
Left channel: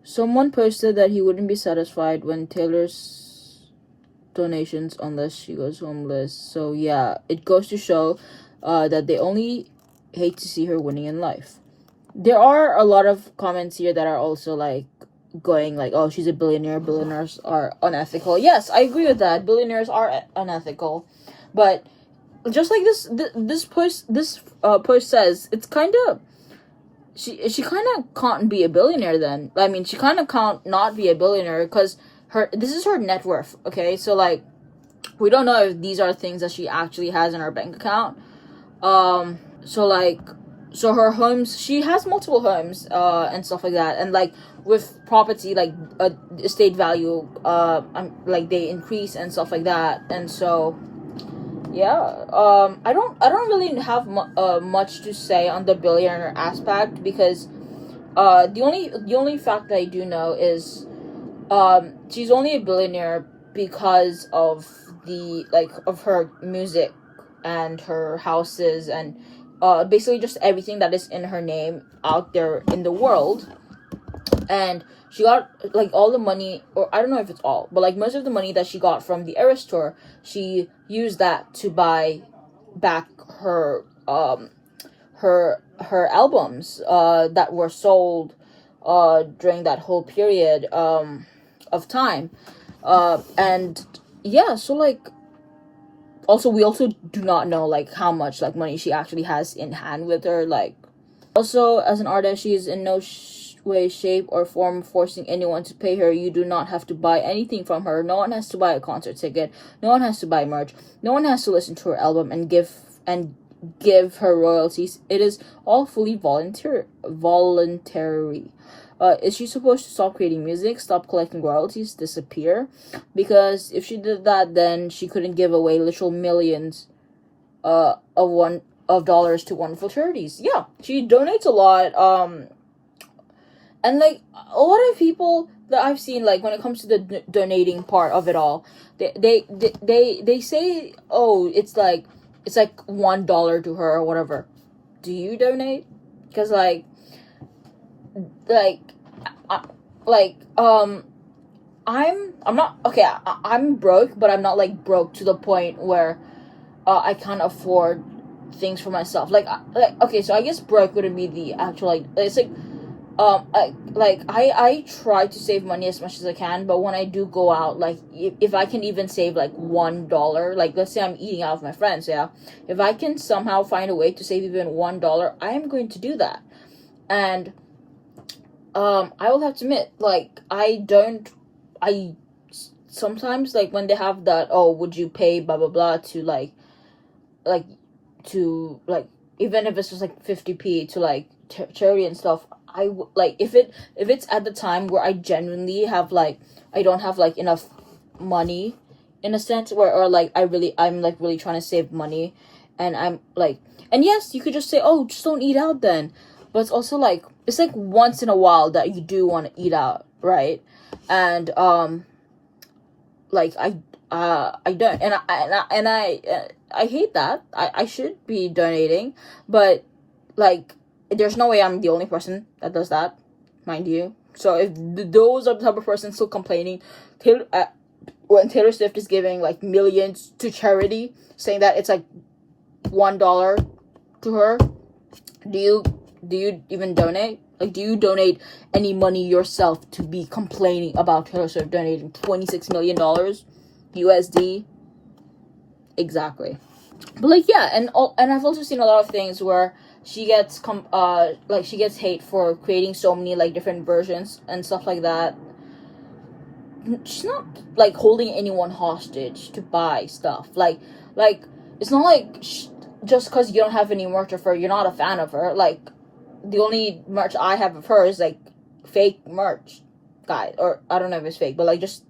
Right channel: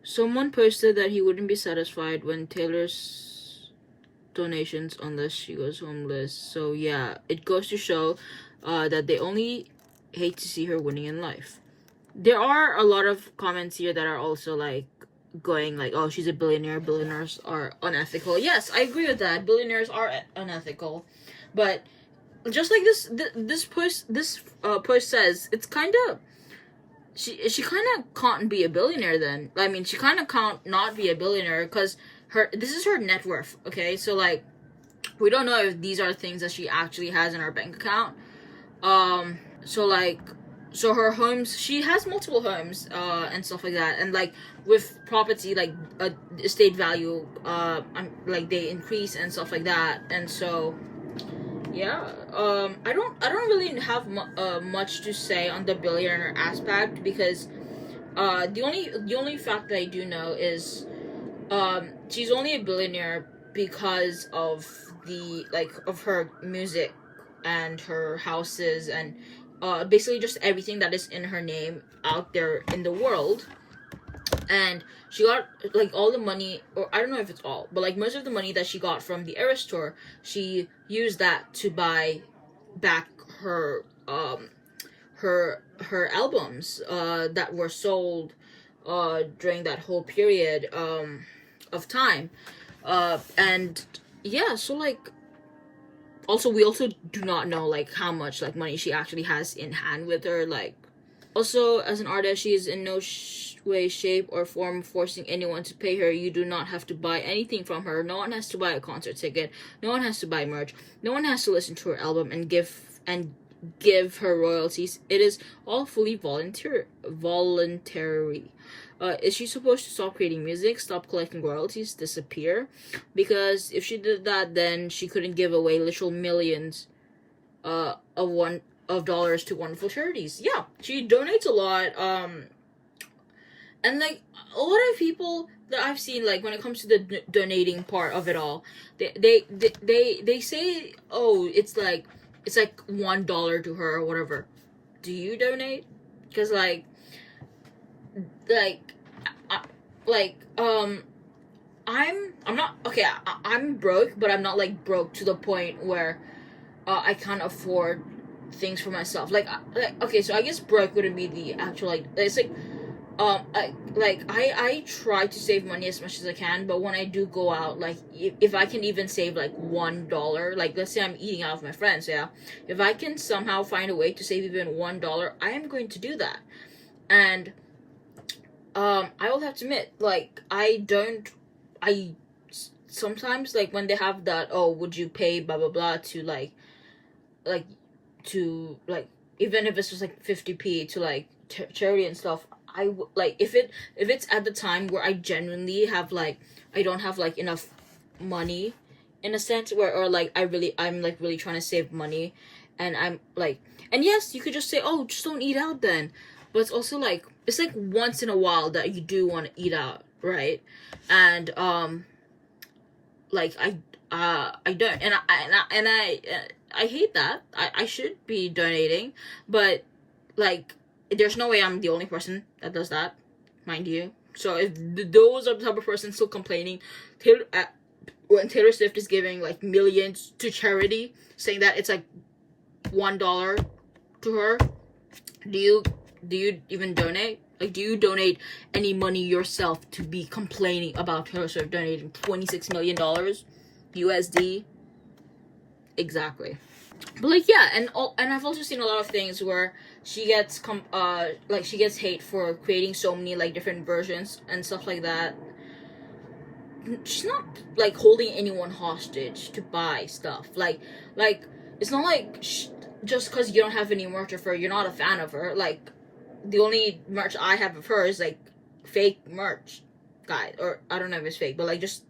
Someone posted that he wouldn't be satisfied when Taylor's donations unless she goes homeless. So yeah, it goes to show that they only hate to see her winning in life. There are a lot of comments here that are also like going like, oh, she's a billionaire, billionaires are unethical. Yes, I agree with that. Billionaires are unethical. But just like this post says, it's kind of she kind of can't be a billionaire then. I mean, she kind of can't not be a billionaire because this is her net worth. Okay, so like we don't know if these are things that she actually has in her bank account. So her homes, she has multiple homes and stuff like that, and like with property like estate value like they increase and stuff like that. And so yeah, I don't really have much to say on the billionaire aspect because the only fact that I do know is she's only a billionaire because of of her music and her houses and basically just everything that is in her name out there in the world. And she got like all the money, or I don't know if it's all, but like most of the money that she got from the Eras tour, she used that to buy back her her albums that were sold during that whole period of time. And yeah, so like also we also do not know like how much like money she actually has in hand with her. Like also as an artist, she is in no way, shape, or form forcing anyone to pay her. You do not have to buy anything from her. No one has to buy a concert ticket. No one has to buy merch. No one has to listen to her album and give her royalties. It is all fully voluntary. Is she supposed to stop creating music, stop collecting royalties, disappear? Because if she did that, then she couldn't give away literal millions of dollars to wonderful charities. Yeah, she donates a lot. And like a lot of people that I've seen, like when it comes to the donating part of it all, they say, oh, it's like $1 to her or whatever. Do you donate? Because I'm not okay. I'm broke, but I'm not like broke to the point where I can't afford things for myself. Okay, so I guess broke wouldn't be the actual like. It's like I try to save money as much as I can, but when I do go out, like if I can even save like $1, like let's say I'm eating out with my friends, yeah, if I can somehow find a way to save even $1, I am going to do that. And I will have to admit, like I sometimes like when they have that, oh, would you pay blah blah blah to like even if it's just like 50p to like charity and stuff, like if it's at the time where I genuinely have like I don't have like enough money in a sense where or like I'm like really trying to save money, and I'm like, and yes, you could just say, oh, just don't eat out then, but it's also like it's like once in a while that you do want to eat out, right? And like I don't, and I hate that. I should be donating, but like there's no way I'm the only person that does that, mind you. So if those are the type of person still complaining when Taylor Swift is giving like millions to charity, saying that it's like $1 to her, do you even donate? Like, do you donate any money yourself to be complaining about Taylor Swift donating $26 million USD? Exactly. But like yeah, and I've also seen a lot of things where she gets she gets hate for creating so many like different versions and stuff like that. She's not like holding anyone hostage to buy stuff. Like it's not like just because you don't have any merch of her, you're not a fan of her. Like the only merch I have of her is like fake merch, guys. Or I don't know if it's fake, but like just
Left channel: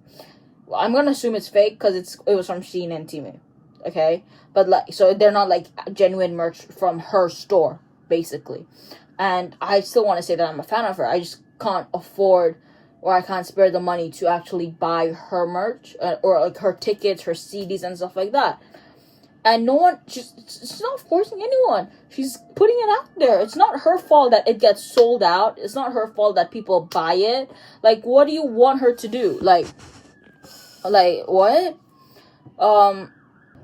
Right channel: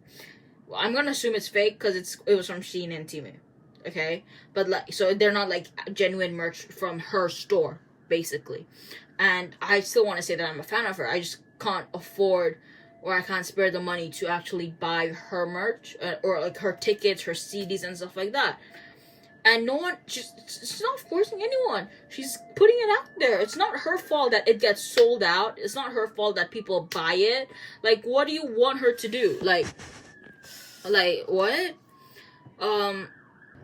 I'm gonna assume it's fake because it was from Shein and Temu. Okay, but like so they're not like genuine merch from her store basically, and I still want to say that I'm a fan of her. I just can't afford or I can't spare the money to actually buy her merch, or like her tickets, her CDs and stuff like that. And no one, she's not forcing anyone. She's putting it out there. It's not her fault that it gets sold out. It's not her fault that people buy it. Like, what do you want her to do? Like what?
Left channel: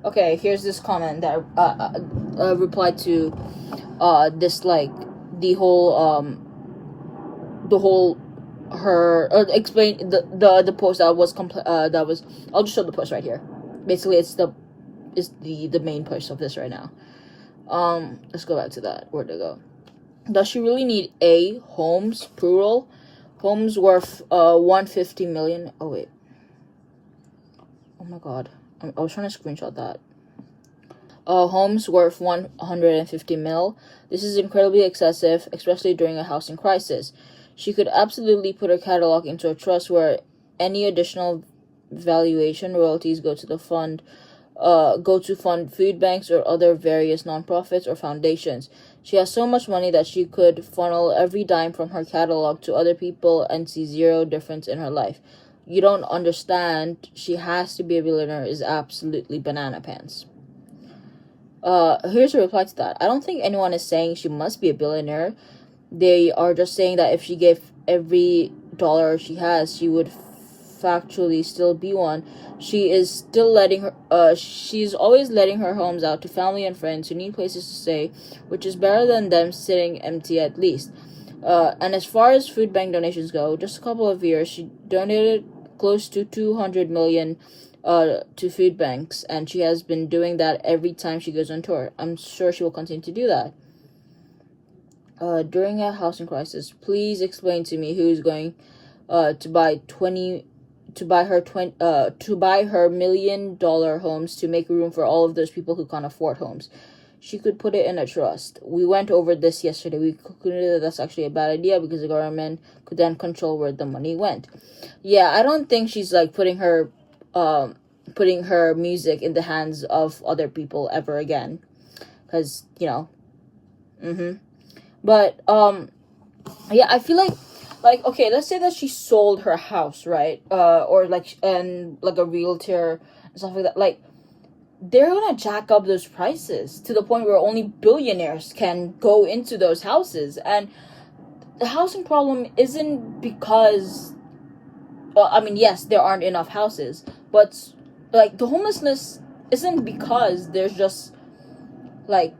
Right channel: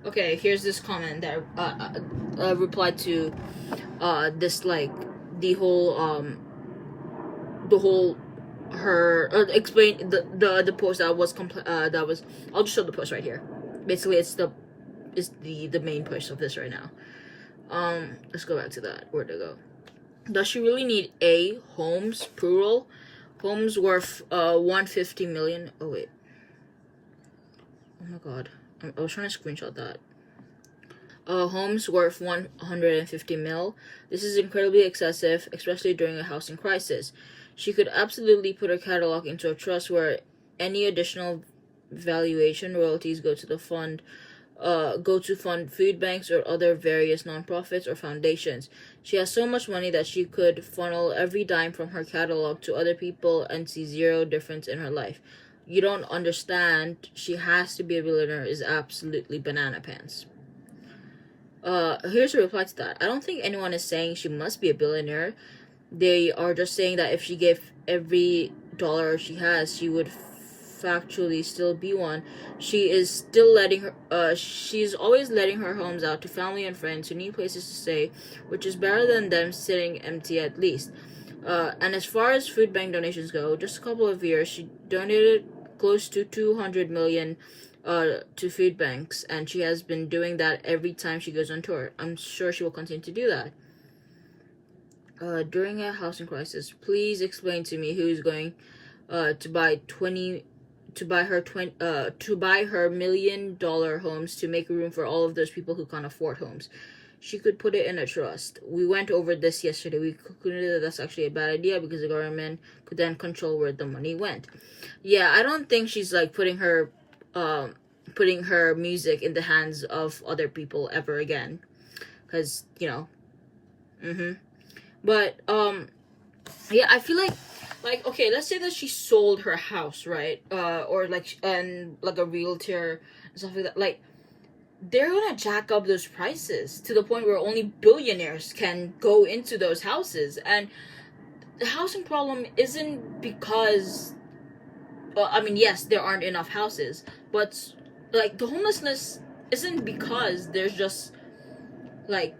Okay, here's this comment that replied to this, like, the whole her explain the post that was I'll just show the post right here. Basically, it's the main post of this right now. Let's go back to that. Where'd it go? Does she really need homes, plural, homes worth 150 million? Oh wait, oh my god, I was trying to screenshot that. Homes worth 150 mil. This is incredibly excessive, especially during a housing crisis. She could absolutely put her catalog into a trust where any additional valuation royalties go to fund food banks or other various nonprofits or foundations. She has so much money that she could funnel every dime from her catalog to other people and see zero difference in her life. You don't understand. She has to be a billionaire is absolutely banana pants. Here's a reply to that. I don't think anyone is saying she must be a billionaire. They are just saying that if she gave every dollar she has, she would factually still be one. She is still she's always letting her homes out to family and friends who need places to stay, which is better than them sitting empty at least. And as far as food bank donations go, just a couple of years, she donated close to 200 million to food banks, and she has been doing that every time she goes on tour. I'm sure she will continue to do that. During a housing crisis, please explain to me who's going to buy her $1 million homes to make room for all of those people who can't afford homes. She could put it in a trust. We went over this yesterday. We concluded that that's actually a bad idea because the government could then control where the money went. Yeah, I don't think she's like putting her music in the hands of other people ever again, because but yeah, I feel like okay, let's say that she sold her house, right? Or like, and like a realtor and stuff like that. Like, they're gonna jack up those prices to the point where only billionaires can go into those houses. And the housing problem isn't because, I mean, yes, there aren't enough houses, but like the homelessness isn't because there's just like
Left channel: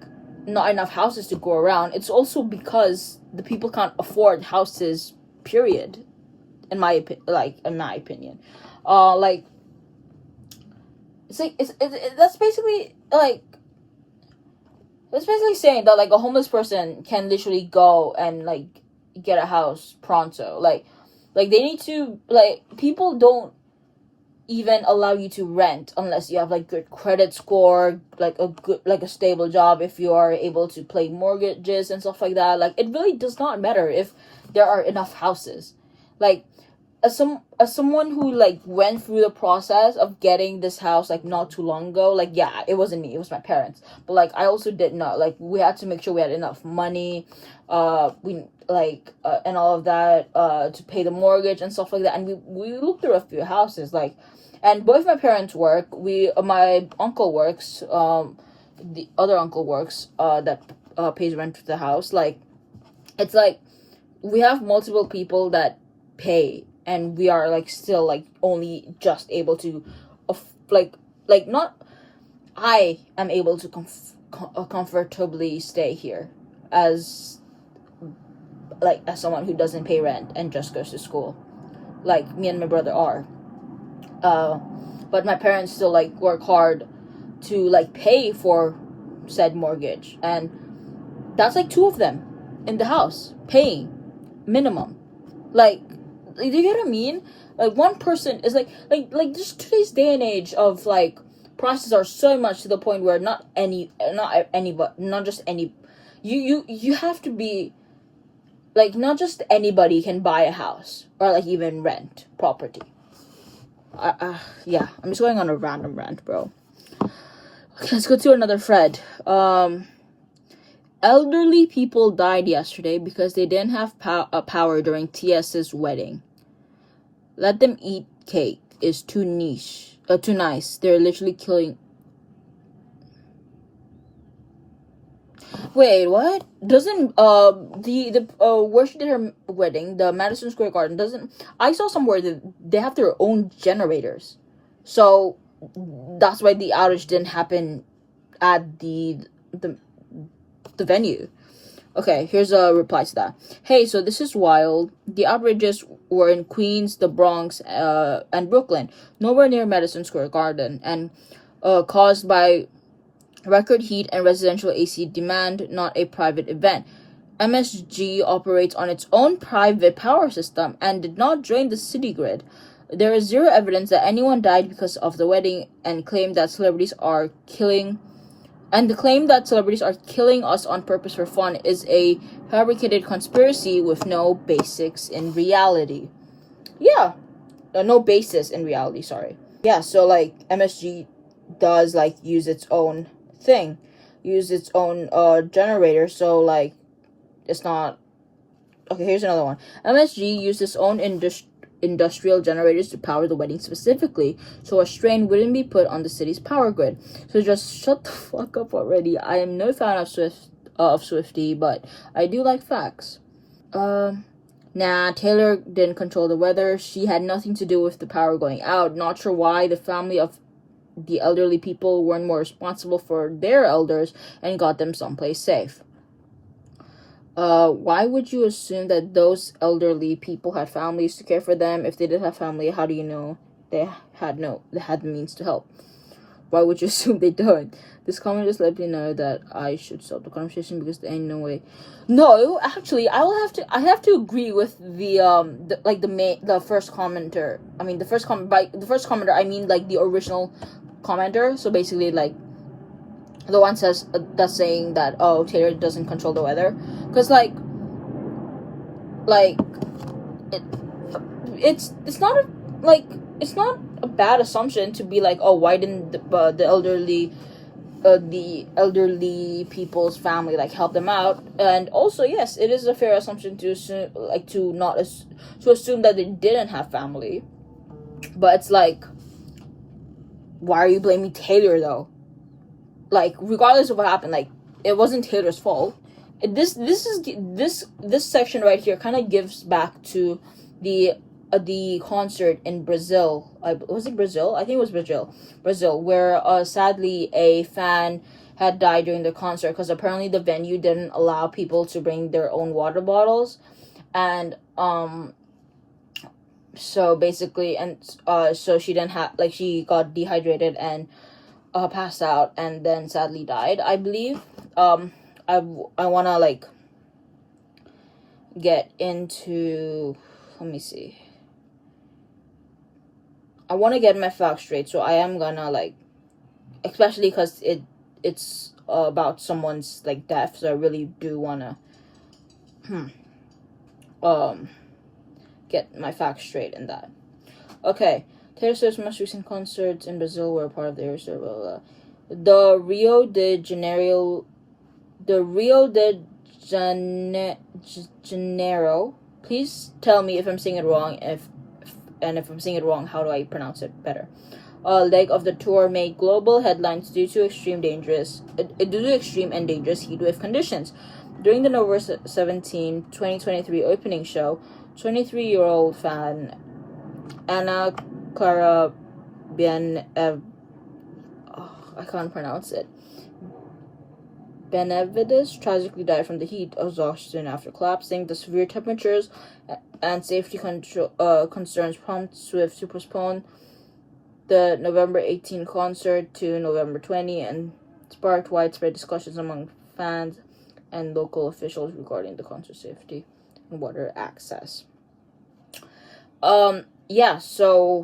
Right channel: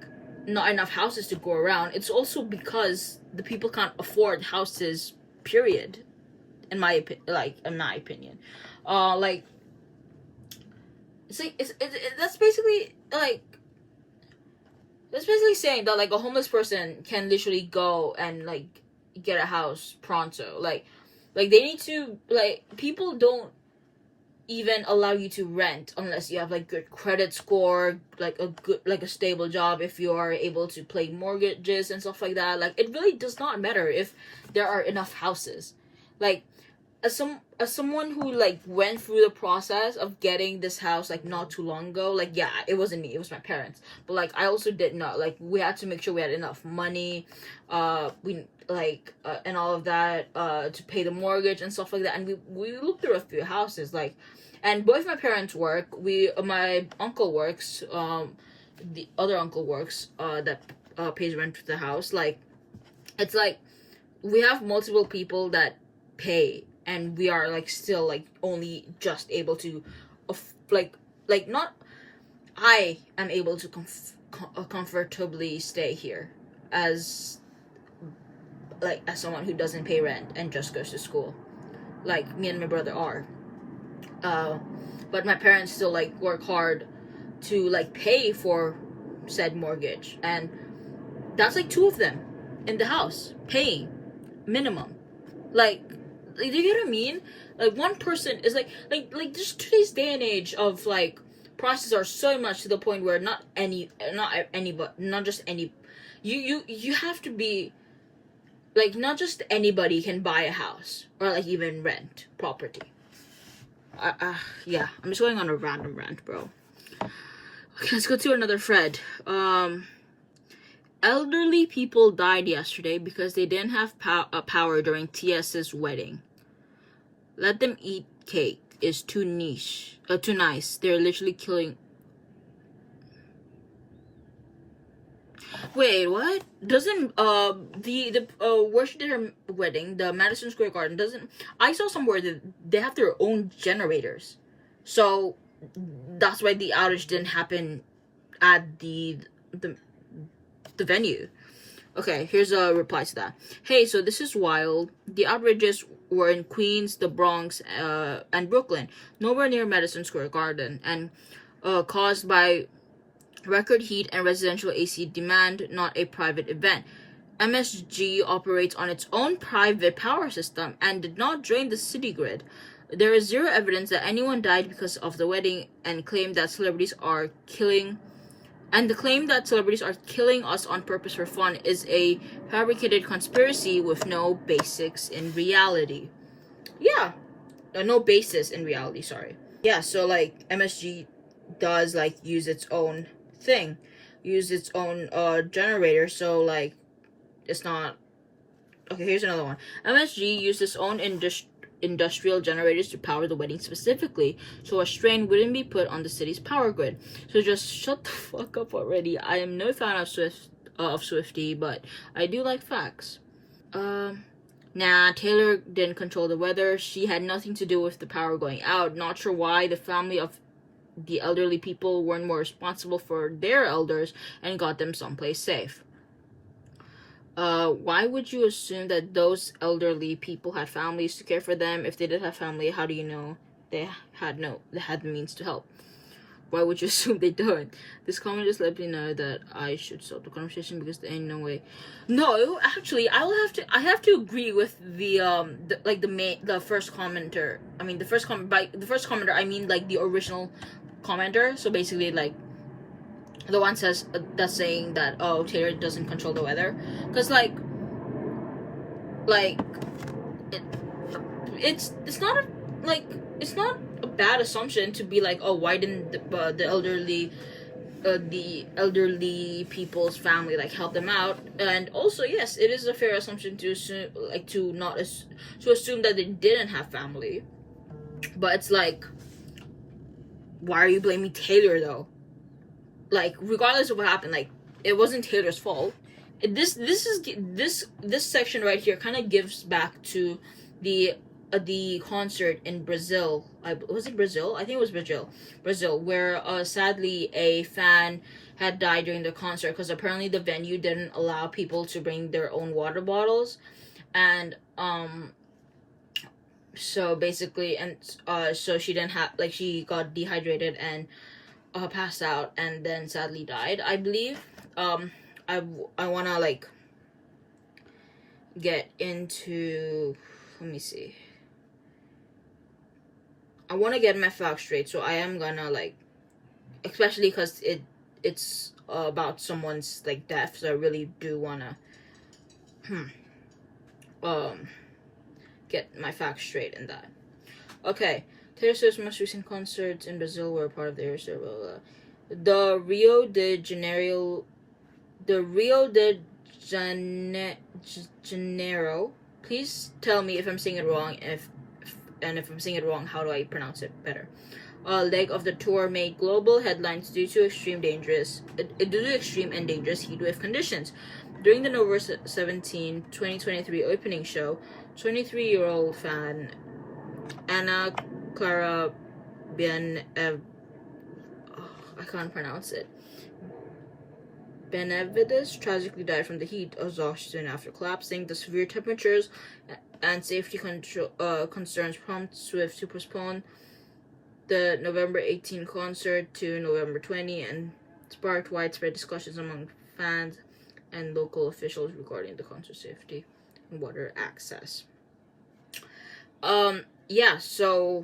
not enough houses to go around. It's also because the people can't afford houses, period. In my opinion, like it's like that's basically saying that like a homeless person can literally go and like get a house pronto. Like they need to, like, people don't even allow you to rent unless you have like good credit score, like a stable job, if you are able to pay mortgages and stuff like that. Like, it really does not matter if there are enough houses. Like, as someone who like went through the process of getting this house like not too long ago, like, yeah, it wasn't me, it was my parents, but like I also did not, like, we had to make sure we had enough money, and all of that, to pay the mortgage and stuff like that. And we looked through a few houses, like, and both my parents work. My uncle works, the other uncle works, that pays rent for the house. Like, it's like we have multiple people that pay, and we are like still like only just able to not I am able to comfortably stay here as someone who doesn't pay rent and just goes to school, like me and my brother are. But my parents still like work hard to like pay for said mortgage, and that's like two of them in the house paying minimum. Like, do you get what I mean? Like, one person is like just today's day and age of like prices are so much to the point where you have to be like, not just anybody can buy a house or like even rent property. Yeah, I'm just going on a random rant, bro. Okay, let's go to another thread. Elderly people died yesterday because they didn't have power during TS's wedding. Let them eat cake is too too nice. They're literally killing. Wait, what? Doesn't where she did her wedding, the Madison Square Garden, doesn't, I saw somewhere that they have their own generators, so that's why the outage didn't happen at the venue. Okay, here's a reply to that. Hey, so this is wild. The outrages were in Queens, the Bronx, and Brooklyn, nowhere near Madison Square Garden, and caused by record heat and residential AC demand, not a private event. MSG operates on its own private power system and did not drain the city grid. There is zero evidence that anyone died because of the wedding, and claim that celebrities are killing and the claim that celebrities are killing us on purpose for fun is a fabricated conspiracy with no basics in reality. Yeah, no basis in reality, sorry. Yeah, so like MSG does like use its own generator, so like it's not. Okay, here's another one. MSG used its own industrial generators to power the wedding specifically, so a strain wouldn't be put on the city's power grid. So just shut the fuck up already. I am no fan of Swiftie, but I do like facts. Nah, Taylor didn't control the weather. She had nothing to do with the power going out. Not sure why the family of the elderly people weren't more responsible for their elders and got them someplace safe. Why would you assume that those elderly people had families to care for them? If they did have family, how do you know they had the means to help? Why would you assume they don't? This comment just let me know that I should stop the conversation because there ain't no way. No, actually, I have to agree with the first commenter. I mean, the first commenter, I mean like the original commenter. So basically, like, the one that's saying that, oh, Taylor doesn't control the weather, because it's not a bad assumption to be like, oh, why didn't the elderly people's family like help them out? And also, yes, it is a fair assumption to assume, like, to assume that they didn't have family. But it's like, why are you blaming Taylor though? Like, regardless of what happened, like, it wasn't Taylor's fault. This section right here kind of gives back to the concert in Brazil. Was it Brazil? I think it was Brazil, where sadly a fan had died during the concert because apparently the venue didn't allow people to bring their own water bottles, and so basically, and so she didn't have, like, she got dehydrated and passed out and then sadly died, I believe. I want to like get into, let me see, I want to get my facts straight, so I am gonna like, especially because it's about someone's like death, so I really do want to get my facts straight in that. Okay, Taylor Swift's most recent concerts in Brazil were a part of the Air blah, blah. The Rio de Janeiro. Please tell me if I'm saying it wrong. If I'm saying it wrong, how do I pronounce it better? Leg of the tour made global headlines due to extreme and dangerous heatwave conditions. During the November 17, 2023 opening show, 23-year-old fan Ana Clara I can't pronounce it. Benavides tragically died from the heat exhaustion after collapsing. The severe temperatures and safety concerns prompted Swift to postpone the November 18 concert to November 20 and sparked widespread discussions among fans and local officials regarding the concert safety and water access. So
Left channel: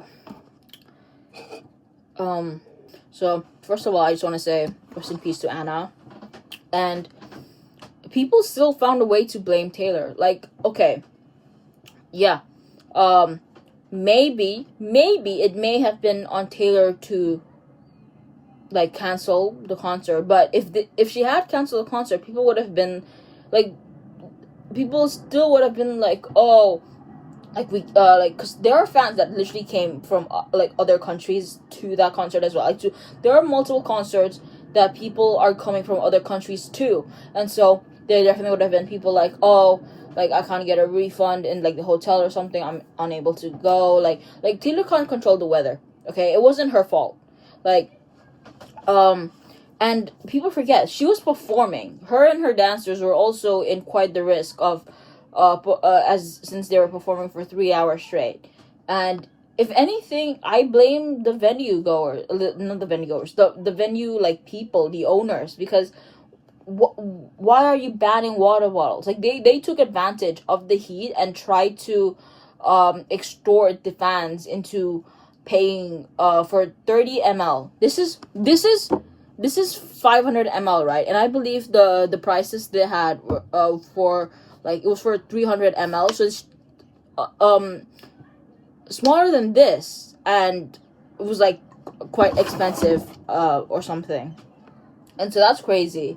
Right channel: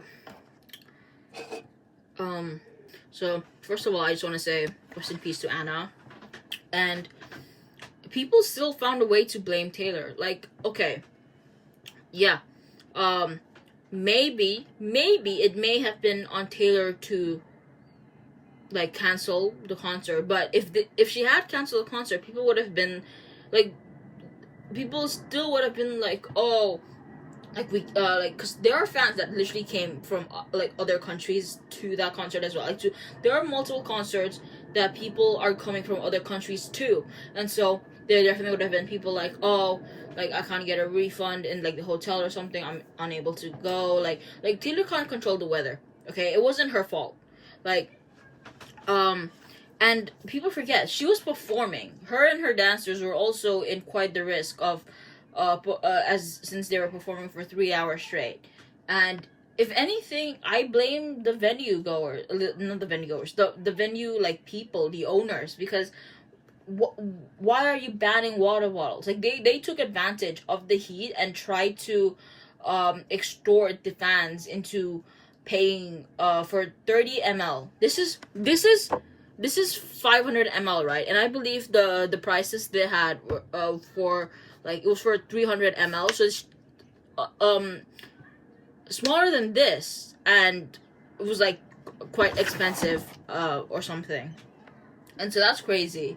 first of all, I just want to say rest in peace to Anna. And people still found a way to blame Taylor. Like, okay, yeah, maybe it may have been on Taylor to like cancel the concert, but if she had canceled the concert, people still would have been like, oh, like we like, because there are fans that literally came from like other countries to that concert as well. Like, there are multiple concerts that people are coming from other countries too, and so there definitely would have been people like, oh, like, I can't get a refund in like the hotel or something, I'm unable to go. Like Taylor can't control the weather, okay? It wasn't her fault. Like, and people forget she was performing. Her and her dancers were also in quite the risk of as since they were performing for 3 hours straight. And if anything, I blame the venue goers, not the venue goers, the venue, like, people, the owners, because why are you banning water bottles? Like, they took advantage of the heat and tried to extort the fans into paying for 30 ml. This is 500 ml, right? And I believe the prices they had were for, like, it was for 300 ml, so it's smaller than this, and it was like quite expensive or something. And so that's crazy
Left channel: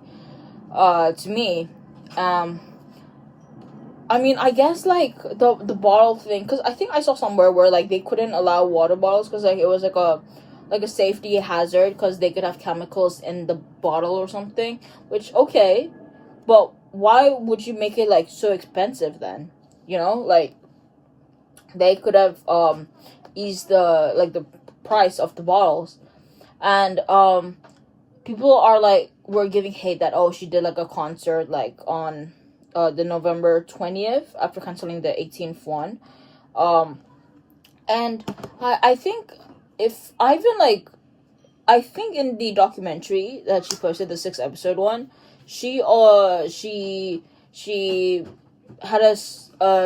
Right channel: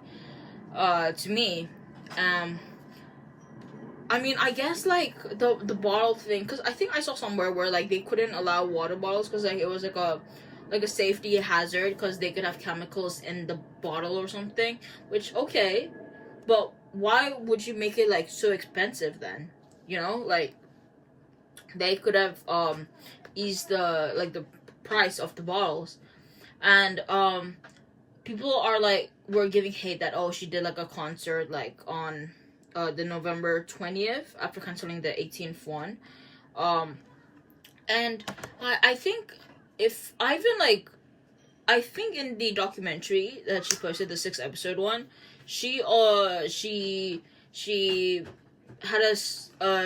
to me. I mean, I guess, like, the bottle thing, because I think I saw somewhere where, like, they couldn't allow water bottles because, like, it was like a safety hazard because they could have chemicals in the bottle or something. Which, okay, but why would you make it, like, so expensive then? You know, like, they could have eased the price of the bottles. And people are like, were giving hate that, oh, she did like a concert like on the November 20th after canceling the 18th one. And I think if I even like, I think in the documentary that she posted, the 6 episode one, she had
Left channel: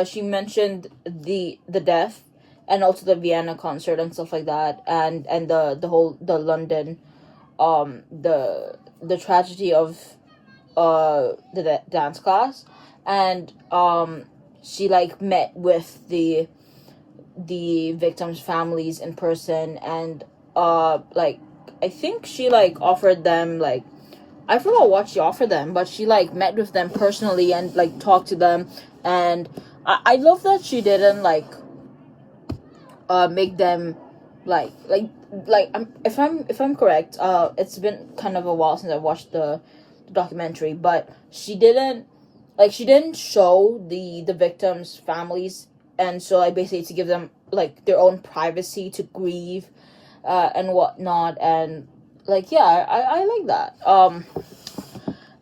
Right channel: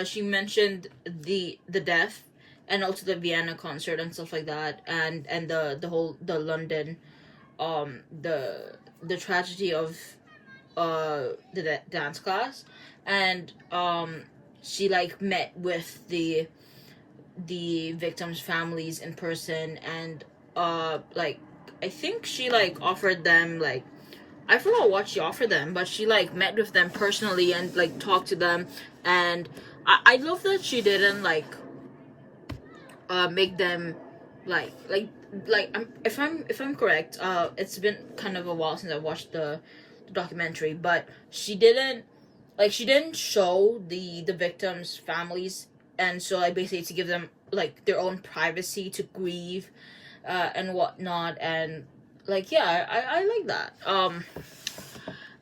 she mentioned the death and also the Vienna concert and stuff like that, and the London the tragedy of the dance class. And she like met with the victims' families in person, and like, I think she like offered them, like, I forgot what she offered them, but she like met with them personally and like talked to them. And I love that she didn't like make them like if I'm correct, it's been kind of a while since I watched the documentary, but she didn't show the victims' families, and so like basically to give them like their own privacy to grieve and whatnot. And like, yeah, I like that.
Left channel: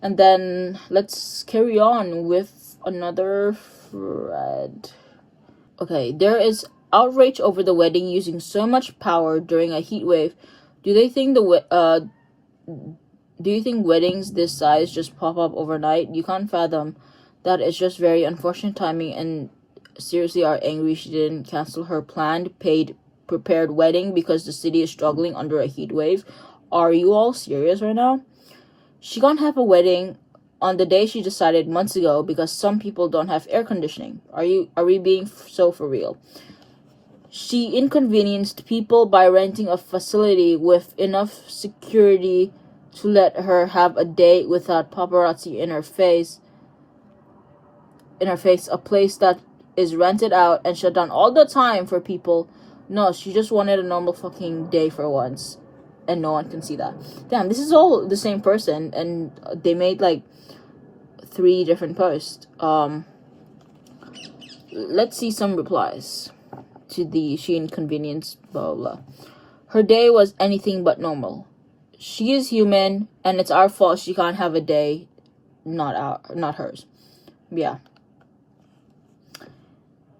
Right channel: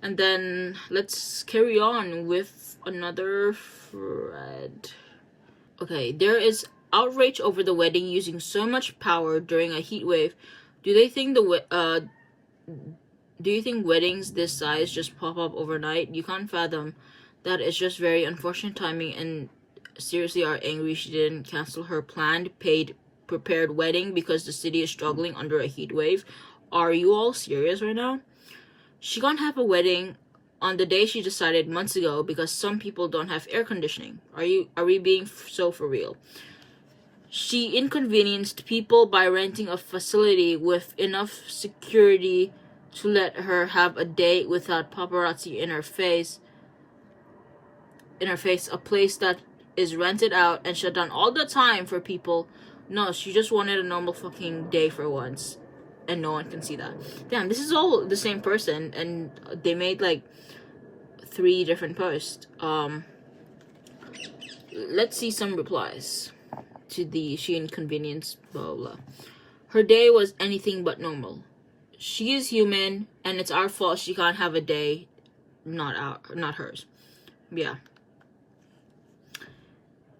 And then let's carry on with another thread. Okay, there is outrage over the wedding using so much power during a heat wave. Do you think weddings this size just pop up overnight? You can't fathom that. It's just very unfortunate timing, and seriously are angry she didn't cancel her planned, prepared wedding because the city is struggling under a heat wave. Are you all serious right now? She can't have a wedding on the day she decided months ago because some people don't have air conditioning. Are we being so for real? She inconvenienced people by renting a facility with enough security to let her have a date without paparazzi in her face, a place that is rented out and shut down all the time for people. No, she just wanted a normal fucking day for once, and no one can see that. Damn, this is all the same person, and they made like 3 different posts. Let's see some replies to the she inconvenienced blah blah. Her day was anything but normal. She is human, and it's our fault she can't have a day, not hers. Yeah.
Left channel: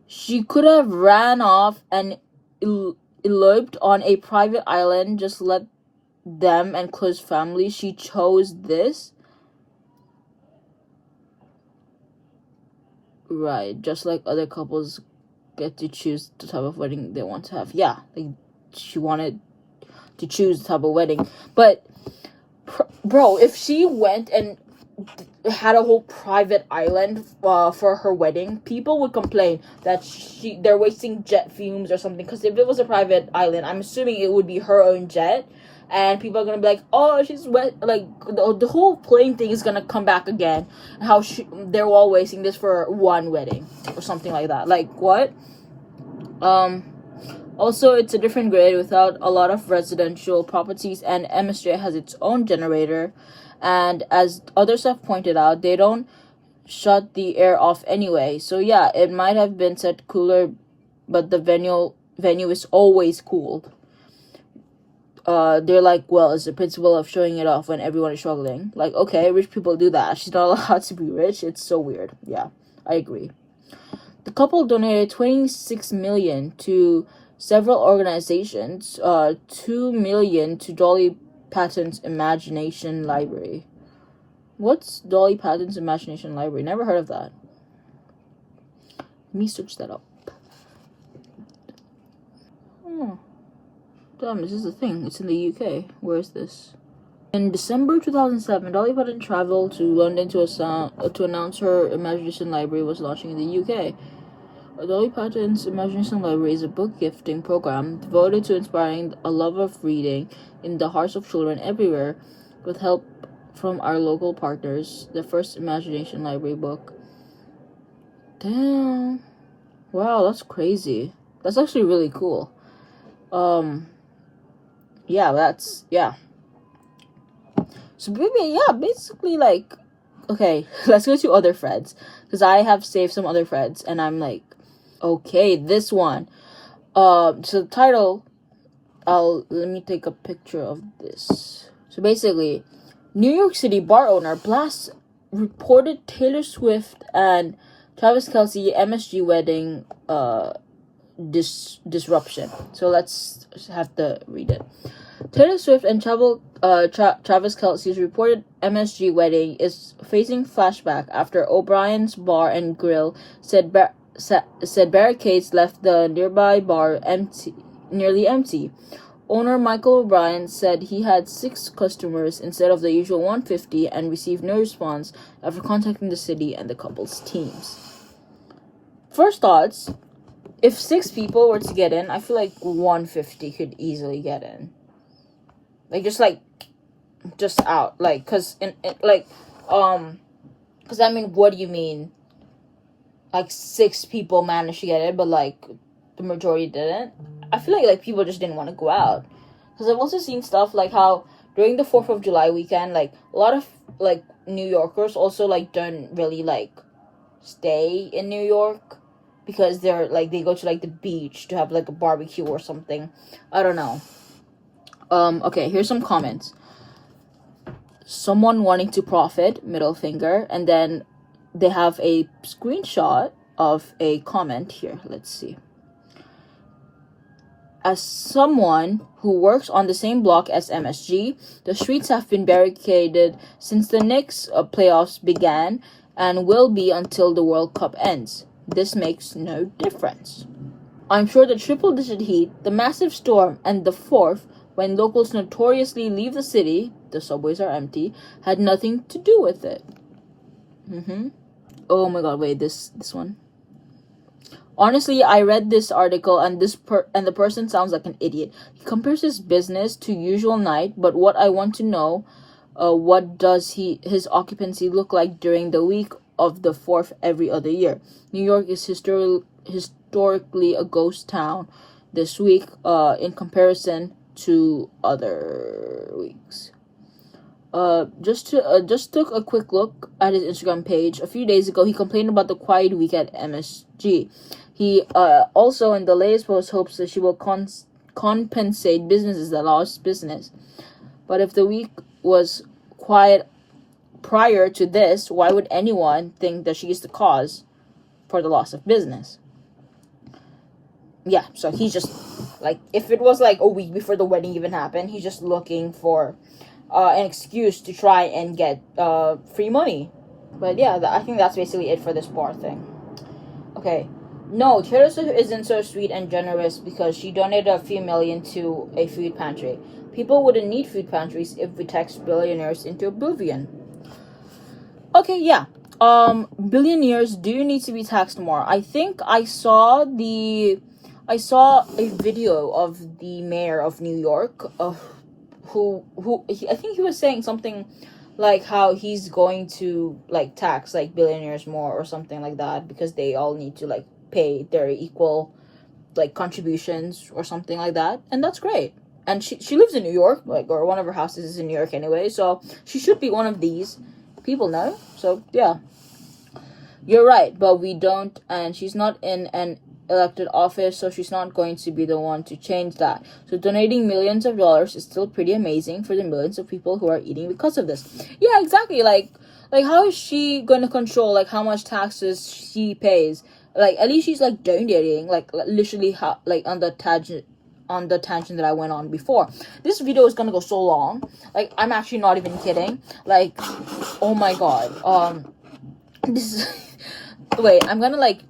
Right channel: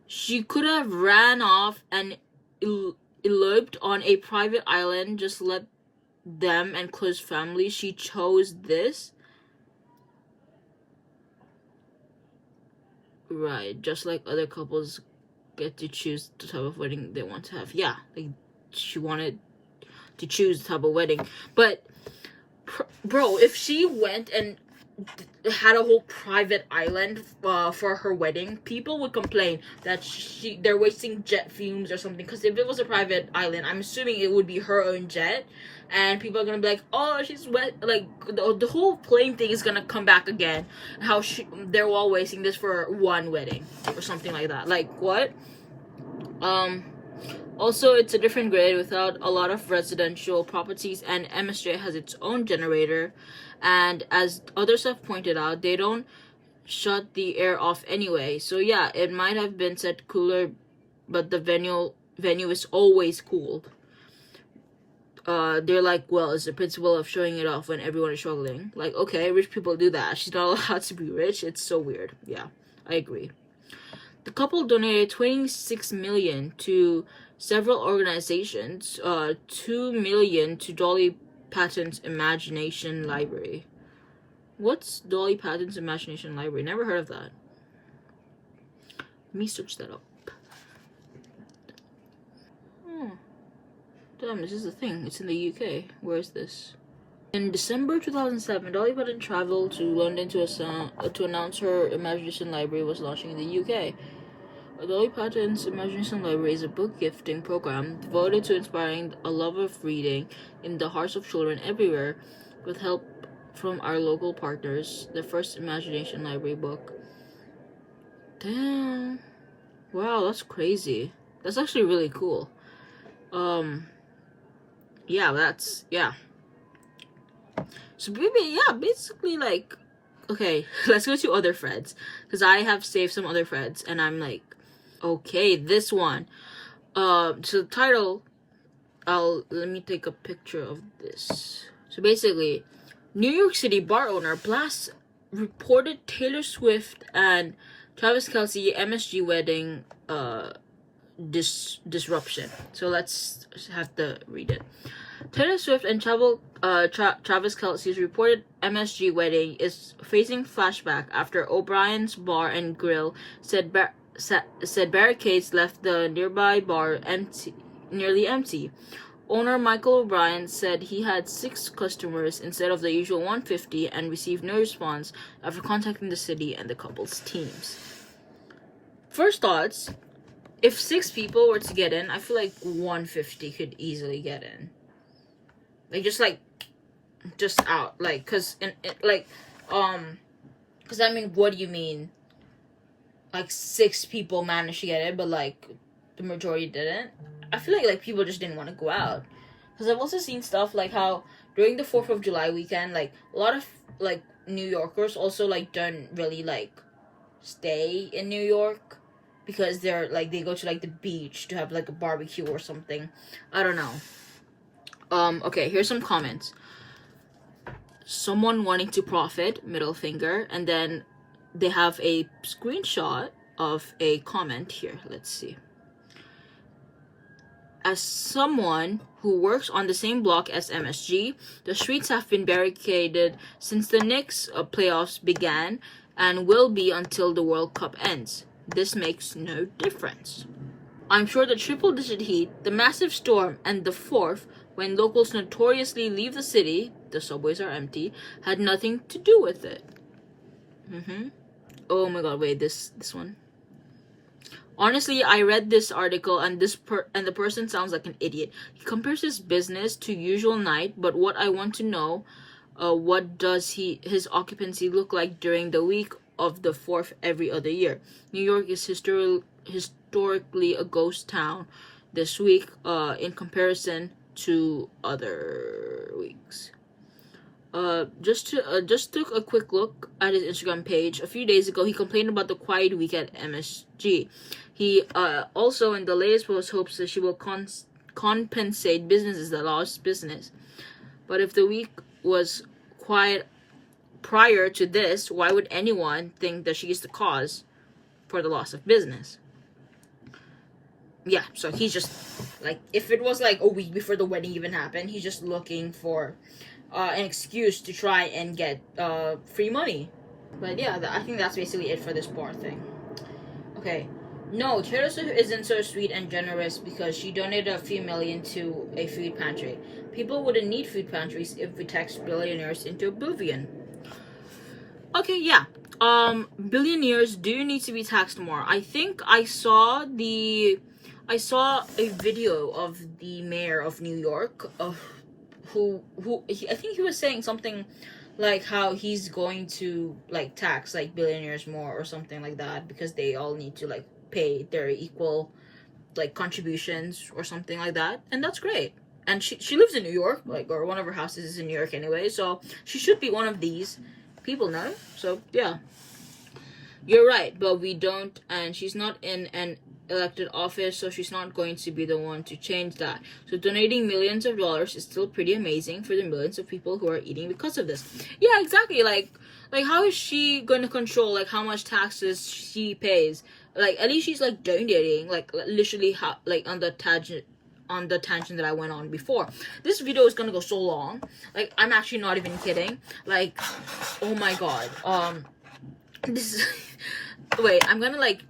She could have ran off and eloped on a private island. Just let them and close family. She chose this. Right, just like other couples get to choose the type of wedding they want to have. Yeah, like, she wanted to choose the type of wedding. But, bro, if she went and had a whole private island for her wedding, people would complain that they're wasting jet fumes or something. Because if it was a private island, I'm assuming it would be her own jet, and people are gonna be like, oh, she's wet. Like, the whole plane thing is gonna come back again. How they're all wasting this for one wedding or something like that. Like, what? Also, it's a different grid without a lot of residential properties, and MSJ has its own generator. And as others have pointed out, they don't shut the air off anyway. So yeah, it might have been set cooler, but the venue is always cooled. They're like, well, it's the principle of showing it off when everyone is struggling. Like, okay, rich people do that. She's not allowed to be rich. It's so weird. Yeah, I agree. The couple donated $26 million to several organizations. $2 million to Dolly Patten's Imagination Library. What's Dolly Patten's Imagination Library? Never heard of that. Let me search that up. Damn, this is the thing. It's in the UK. Where is this? In December 2007, Dolly Patten traveled to London to announce her Imagination Library was launching in the UK. Dolly Patten's Imagination Library is a book gifting program devoted to inspiring a love of reading in the hearts of children everywhere, with help from our local partners. The first Imagination Library book. Damn. Wow, that's crazy. That's actually really cool. Yeah. So basically, like, okay, let's go to other threads, because I have saved some other threads, and I'm like, okay, this one. So the title, let me take a picture of this. So basically, New York City bar owner blasts reported Taylor Swift and Travis Kelce MSG wedding disruption. So let's have to read it. Taylor Swift and Travis Kelce's reported MSG wedding is facing flashback after O'Brien's Bar and Grill said barricades left the nearby bar nearly empty. Owner Michael O'Brien said he had 6 customers instead of the usual 150 and received no response after contacting the city and the couple's teams. First thoughts, if 6 people were to get in, I feel like 150 could easily get in. Like, just out. Like, because I mean, what do you mean? Like, 6 people managed to get it, but, like, the majority didn't? I feel like people just didn't want to go out. Because I've also seen stuff like how during the 4th of July weekend, like, a lot of, like, New Yorkers also, like, don't really, like, stay in New York. Because they're, like, they go to, like, the beach to have, like, a barbecue or something. I don't know. Okay, here's some comments. Someone wanting to profit, middle finger, and then they have a screenshot of a comment here. Let's see. As someone who works on the same block as MSG, the streets have been barricaded since the Knicks playoffs began and will be until the World Cup ends. This makes no difference. I'm sure the triple-digit heat, the massive storm, and the 4th, when locals notoriously leave the city, the subways are empty, had nothing to do with it. Oh my god, wait, this one. Honestly, I read this article and the person sounds like an idiot. He compares his business to usual night, but what I want to know, what does his occupancy look like during the week of the 4th every other year? New York is historically a ghost town this week in comparison to other weeks. Just took a quick look at his Instagram page. A few days ago, he complained about the quiet week at MSG. He also, in the latest post, hopes that she will compensate businesses that lost business. But if the week was quiet prior to this, why would anyone think that she is the cause for the loss of business? Yeah, so he's just, like, if it was, like, a week before the wedding even happened, he's just looking for an excuse to try and get free money. But yeah, I think that's basically it for this bar thing. Okay. No, Taylor Swift isn't so sweet and generous because she donated a few million to a food pantry. People wouldn't need food pantries if we tax billionaires into oblivion. Okay, yeah. Billionaires do need to be taxed more. I think I saw a video of the mayor of New York, I think he was saying something like how he's going to, like, tax, like, billionaires more or something like that because they all need to, like, pay their equal like contributions or something like that, and that's great. And she lives in New York, like, or one of her houses is in New York anyway, so she should be one of these people now. So yeah, you're right, but we don't, and she's not in an elected office, so she's not going to be the one to change that. So donating millions of dollars is still pretty amazing for the millions of people who are eating because of this. Yeah, exactly. Like how is she going to control like how much taxes she pays? Like at least she's like donating, like literally like on the tangent that I went on before. This video is gonna go so long. Like I'm actually not even kidding. Like, oh my god. This is wait, I'm gonna like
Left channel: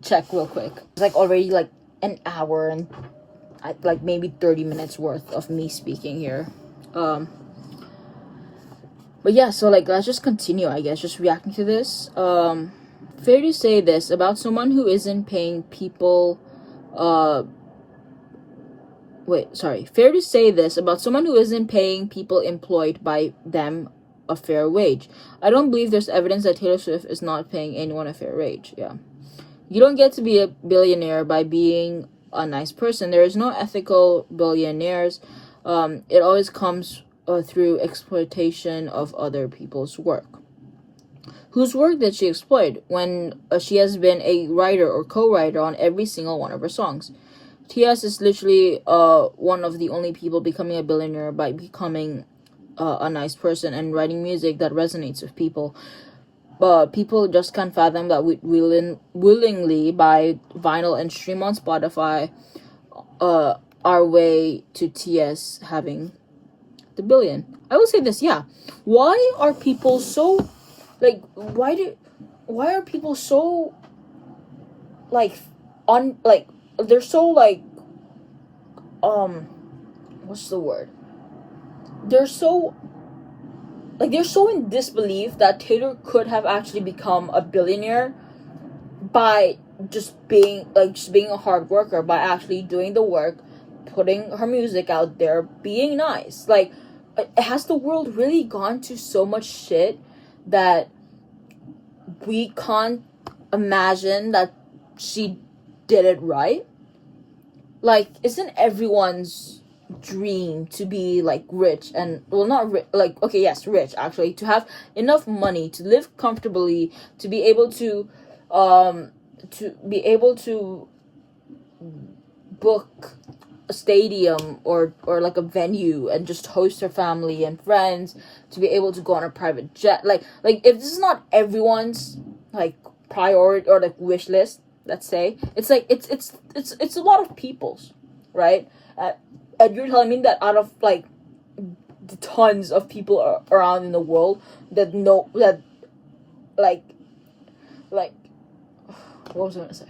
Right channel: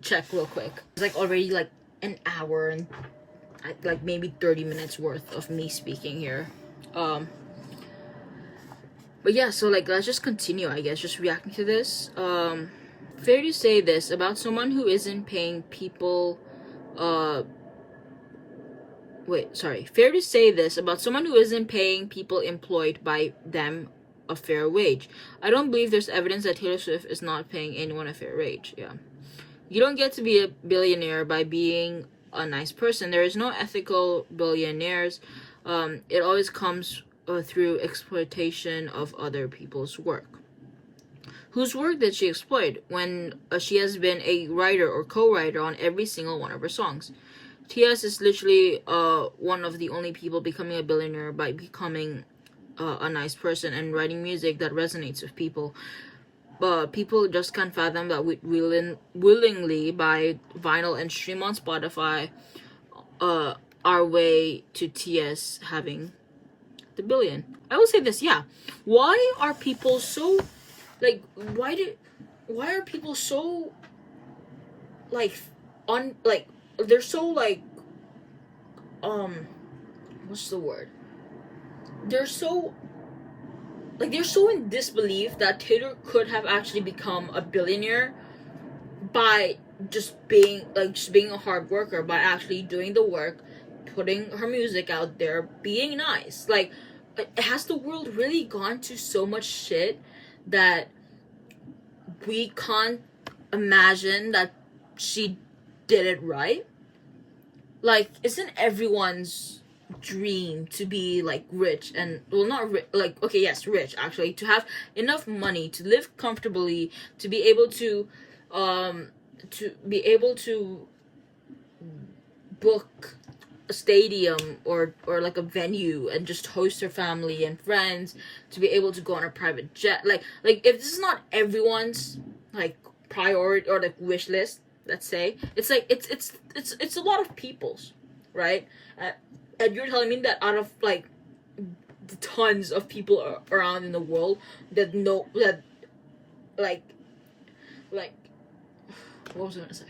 check real quick. It's like already like an hour and like maybe 30 minutes worth of me speaking here. But yeah, so like let's just continue, I guess, just reacting to this. Fair to say this about someone who isn't paying people fair to say this about someone who isn't paying people employed by them a fair wage. I don't believe there's evidence that Taylor Swift is not paying anyone a fair wage. Yeah. You don't get to be a billionaire by being a nice person. There is no ethical billionaires. It always comes through exploitation of other people's work. Whose work did she exploit when she has been a writer or co-writer on every single one of her songs? T.S. is literally one of the only people becoming a billionaire by becoming a nice person and writing music that resonates with people. But people just can't fathom that we willingly buy vinyl and stream on Spotify our way to T.S. having the billion. I will say this, yeah. Why are people so like why are people so like they're so like what's the word? They're so in disbelief that Taylor could have actually become a billionaire by just being a hard worker, by actually doing the work, putting her music out there, being nice. Like, has the world really gone to so much shit that we can't imagine that she did it right? Like, isn't everyone's dream to be like rich and rich actually, to have enough money to live comfortably, to be able to book a stadium or like a venue and just host her family and friends, to be able to go on a private jet, like if this is not everyone's like priority or like wish list, let's say, it's like it's a lot of people's, right? And you're telling me that out of like the tons of people around in the world that know that like what was I gonna say?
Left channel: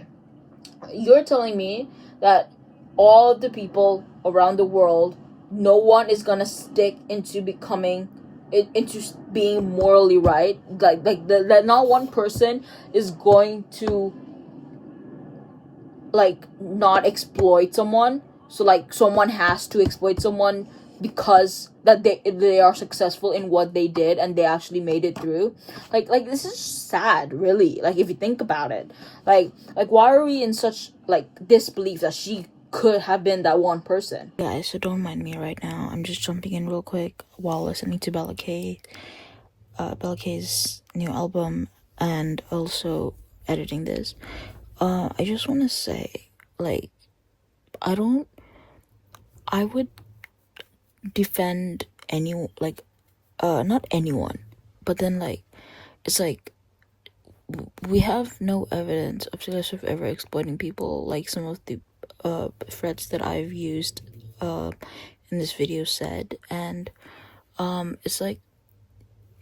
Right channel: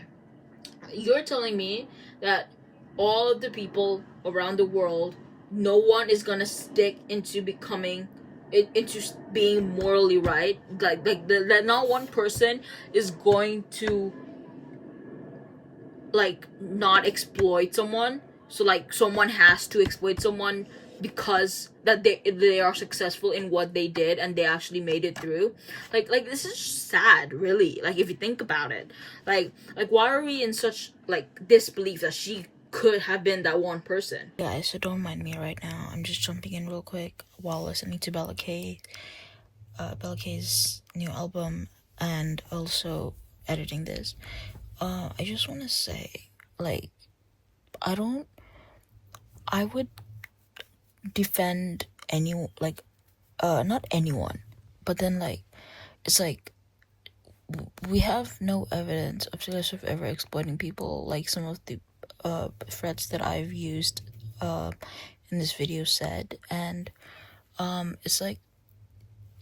You're telling me that all of the people around the world, no one is gonna stick into being morally right, that not one person is going to like not exploit someone. So like someone has to exploit someone because that they are successful in what they did and they actually made it through. Like this is sad, really. Like if you think about it, like why are we in such like disbelief that she could have been that one person? Guys, so don't mind me right now. I'm just jumping in real quick while listening to Bella K's new album and also editing this. I just want to say, like, I would defend not anyone, but then, like, it's like, we have no evidence of Taylor Swift ever exploiting people, like some of the, threats that I've used, in this video said, and, it's like,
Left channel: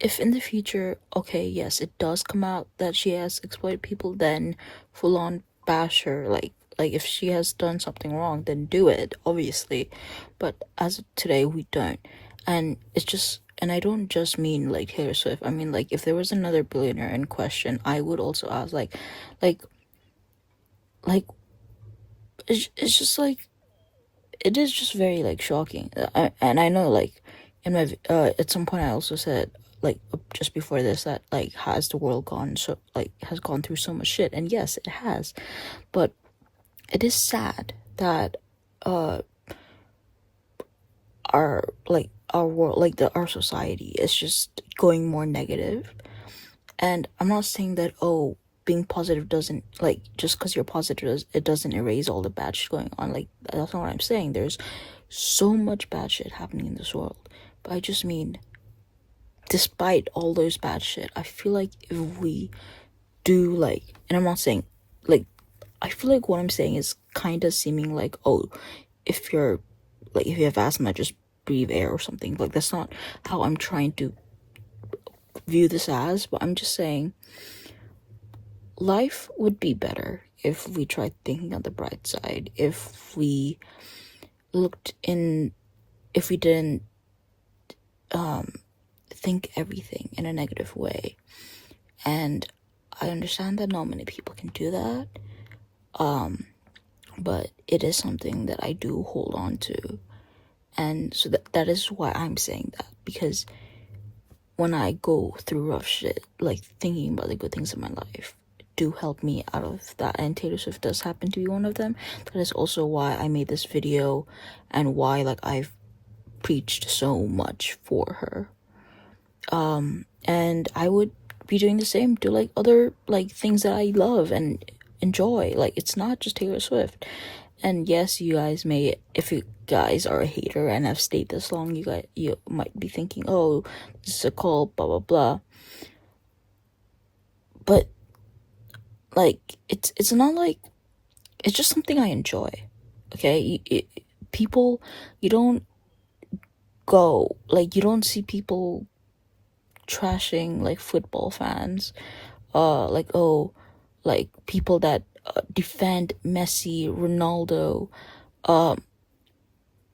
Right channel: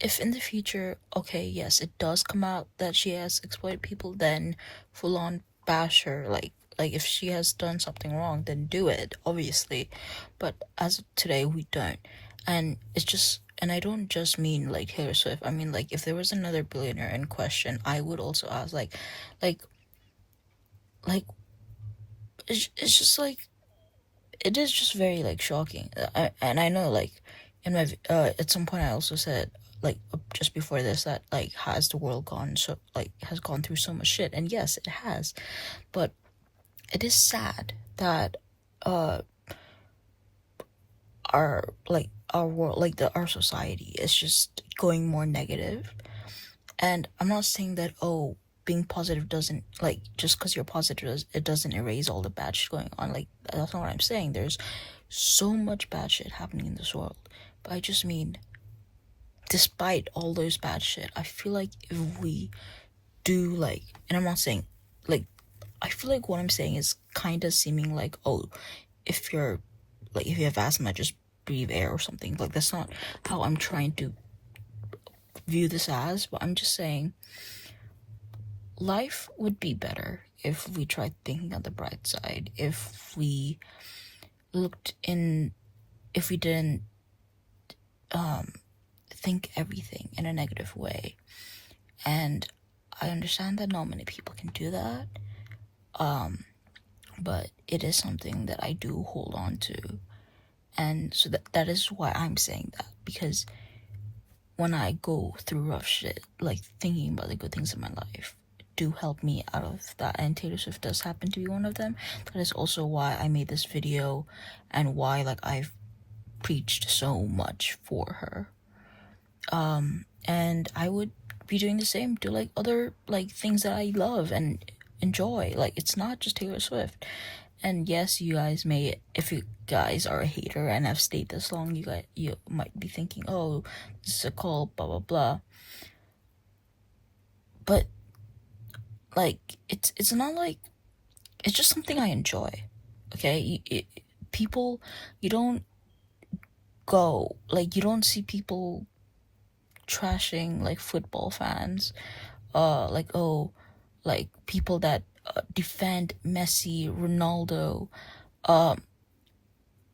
if in the future, okay, yes, it does come out that she has exploited people, then full on bash her, like if she has done something wrong, then do it, obviously, but as of today, we don't, and it's just, and I don't just mean, like, Taylor Swift, I mean, like, if there was another billionaire in question, I would also ask, like, it's just, like, it is just very, like, shocking, and I know, like, in my, at some point I also said, like, just before this, that, like, has the world has gone through so much shit, and yes, it has, but it is sad that our world, like our society is just going more negative. And I'm not saying that, oh, being positive doesn't, like, just because you're positive, it doesn't erase all the bad shit going on. Like, that's not what I'm saying. There's so much bad shit happening in this world. But I just mean, despite all those bad shit, I feel like if we do, like, and I'm not saying, like, I feel like what I'm saying is kind of seeming like, oh, if you have asthma, just breathe air or something. Like, that's not how I'm trying to view this as, but I'm just saying life would be better if we tried thinking on the bright side, if we didn't think everything in a negative way. And I understand that not many people can do that, but it is something that I do hold on to. And so that is why I'm saying that, because when I go through rough shit, like, thinking about the good things in my life do help me out of that, and Taylor Swift does happen to be one of them. That is also why I made this video, and why, like, I've preached so much for her. And I would be doing the same to, like, other, like, things that I love and enjoy. Like, it's not just Taylor Swift. And yes, you guys may, if you guys are a hater and have stayed this long, you might be thinking, oh, this is a cult, blah blah blah. But, like, it's not like, it's just something I enjoy. Okay, people, you don't go, like, you don't see people trashing, like, football fans, like, oh, like, people that defend Messi, Ronaldo,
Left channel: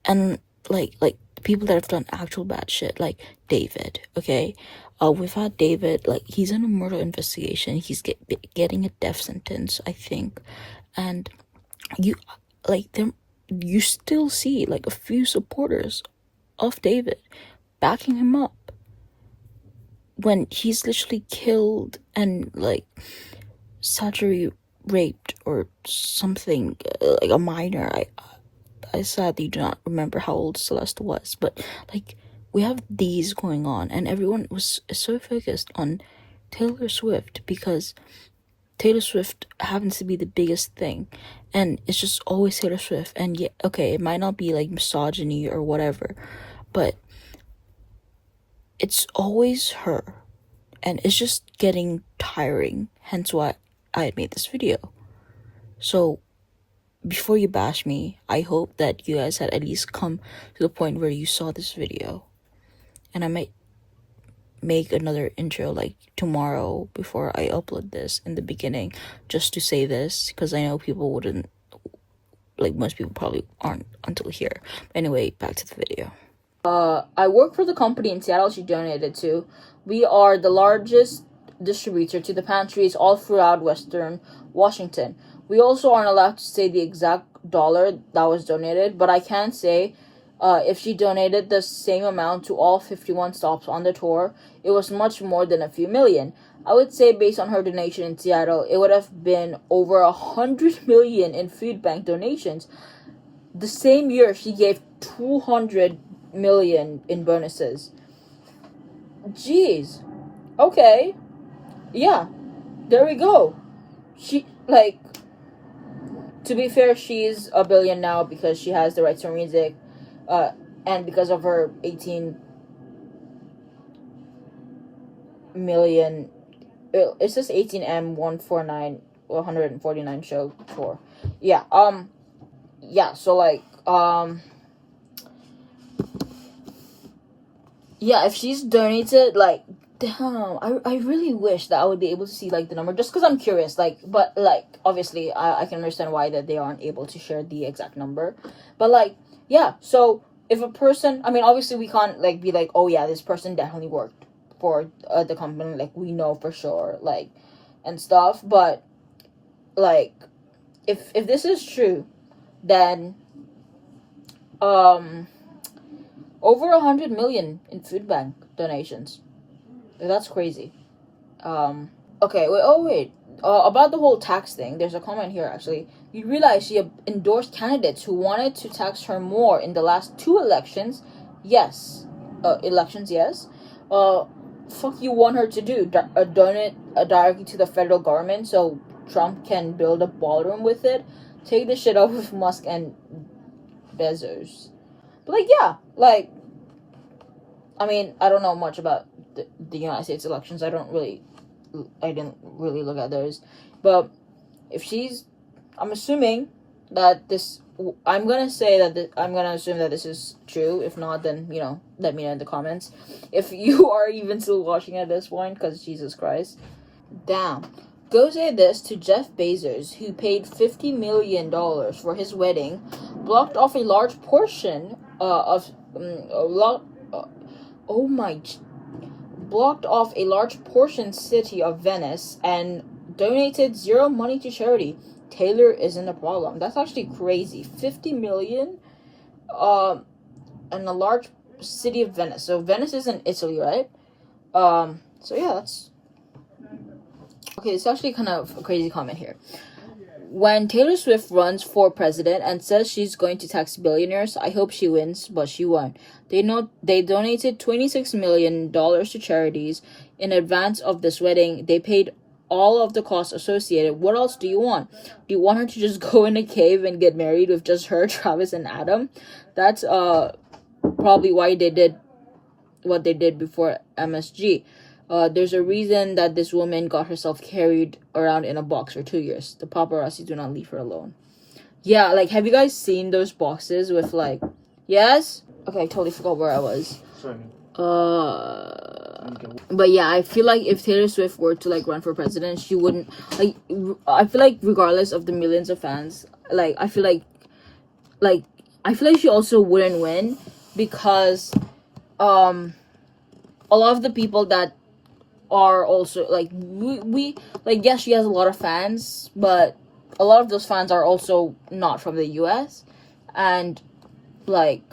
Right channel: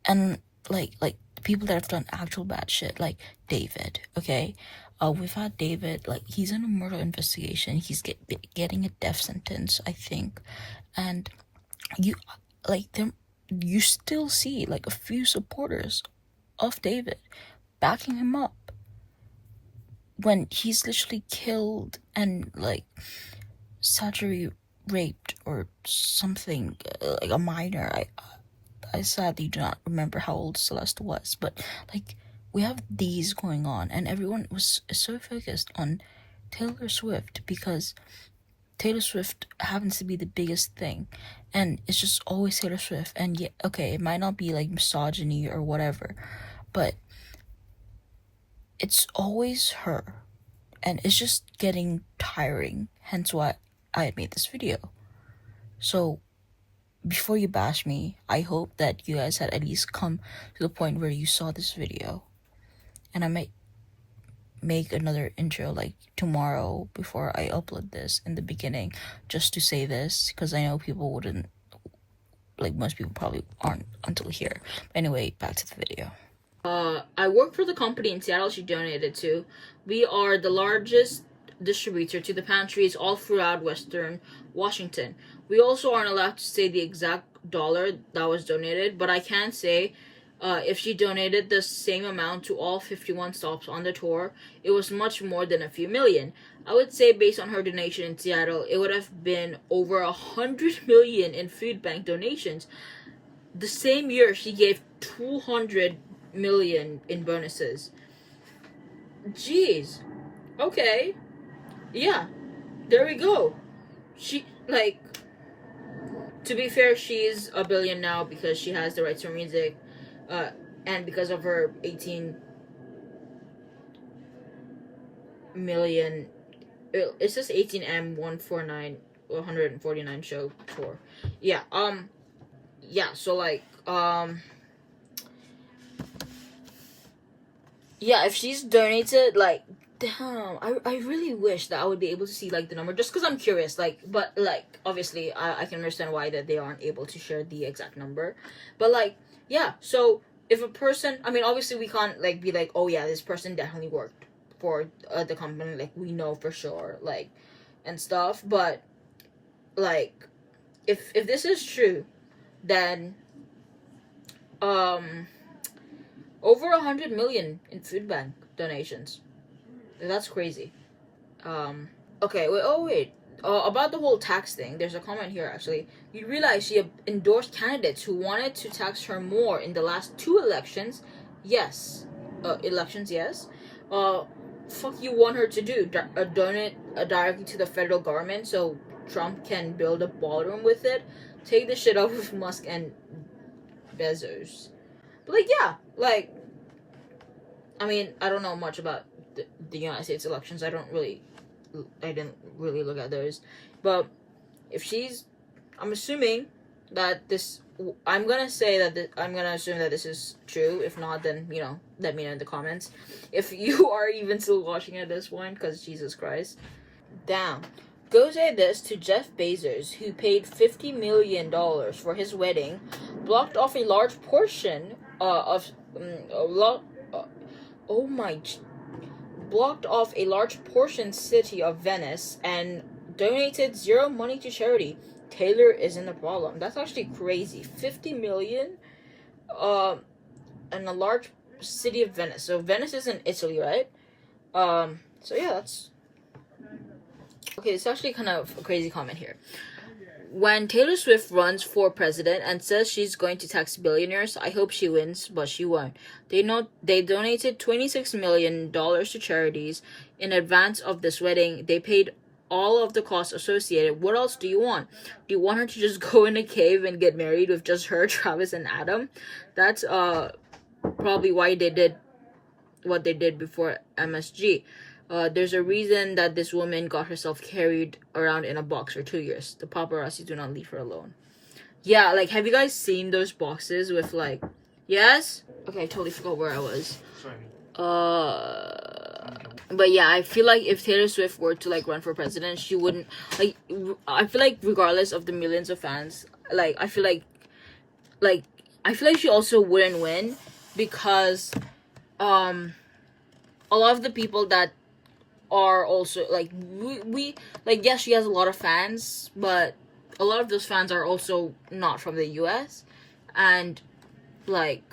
and like people that have done actual bad shit, like David. Okay, we've had David, like, he's in a murder investigation. He's getting a death sentence, I think, and you still see, like, a few supporters of David backing him up when he's literally killed and, like, surgery raped or something, like a minor. I sadly do not remember how old Celeste was, but, like, we have these going on, and everyone is so focused on Taylor Swift because Taylor Swift happens to be the biggest thing, and it's just always Taylor Swift. And yeah, okay, it might not be, like, misogyny or whatever, but it's always her, and it's just getting tiring, hence why I made this video. So before you bash me, I hope that you guys had at least come to the point where you saw this video. And I might make another intro, like, tomorrow before I upload this in the beginning, just to say this, because I know people wouldn't, like, most people probably aren't until here. Anyway, back to the video. I work for the company in Seattle she donated to. We are the largest distributor to the pantries all throughout Western Washington. We also aren't allowed to say the exact dollar that was donated, but I can say if she donated the same amount to all 51 stops on the tour, it was much more than a few million. I would say, based on her donation in Seattle, it would have been over 100 million in food bank donations. The same year, she gave 200 million in bonuses. Jeez. Okay. Yeah. There we go. She, like, to be fair, she's a billion now because she has the rights to her music, and because of her 18 million, it's just 18M 149 show tour. Yeah. Yeah. So, like, yeah, if she's donated, like, damn, I really wish that I would be able to see, like, the number, just because I'm curious, like, but, like, obviously, I can understand why that they aren't able to share the exact number, but, like, yeah, so, if a person, I mean, obviously, we can't, like, be like, oh, yeah, this person definitely worked for the company, like, we know for sure, like, and stuff, but, like, if this is true, then, over 100 million in food bank donations. That's crazy. Okay, wait, about the whole tax thing, there's a comment here actually. You realize she endorsed candidates who wanted to tax her more in the last 2 elections. Yes. Elections, yes. Fuck you want her to do? Donate directly to the federal government so Trump can build a ballroom with it? Take the shit off with Musk and Bezos. But, like, yeah. Like, I mean, I don't know much about the United States elections. I didn't really look at those. But if she's, I'm assuming that this, I'm gonna assume that this is true. If not, then, you know, let me know in the comments. If you are even still watching at this point, because Jesus Christ. Damn. Go say this to Jeff Bezos, who paid $50 million for his wedding, blocked off a large portion blocked off a large portion city of Venice and donated 0 money to charity. Taylor isn't a problem. That's actually crazy. 50 million in a large city of Venice. So Venice is in Italy, right? So yeah, that's okay. It's actually kind of a crazy comment here. When Taylor Swift runs for president and says she's going to tax billionaires, I hope she wins, but she won't. They donated $26 million to charities in advance of this wedding. They paid all of the costs associated. What else do you want? Do you want her to just go in a cave and get married with just her, Travis, and Adam? That's probably why they did what they did before MSG. There's a reason that this woman got herself carried around in a box for 2 years. The paparazzi do not leave her alone. Yeah, like, have you guys seen those boxes with, like, yes? Okay, I totally forgot where I was. Sorry. But yeah, I feel like if Taylor Swift were to, like, run for president, she wouldn't, like, I feel like regardless of the millions of fans, like, I feel like she also wouldn't win because, a lot of the people that are also, like, we like, yes, she has a lot of fans, but a lot of those fans are also not from the US, and, like,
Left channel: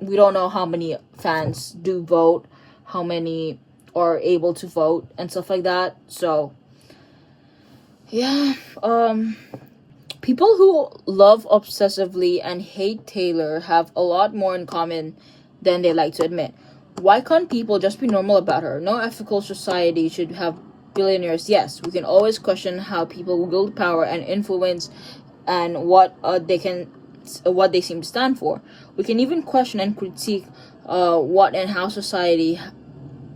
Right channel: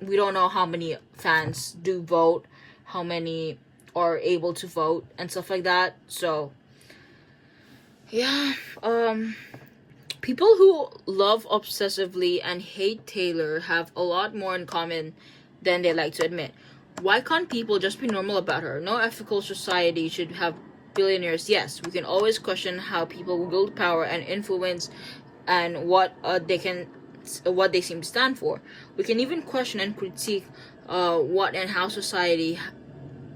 we don't know how many fans do vote, how many are able to vote, and stuff like that. So, yeah, people who love obsessively and hate Taylor have a lot more in common than they like to admit. Why can't people just be normal about her? No ethical society should have billionaires. Yes, we can always question how people wield power and influence and what they seem to stand for. We can even question and critique what and how society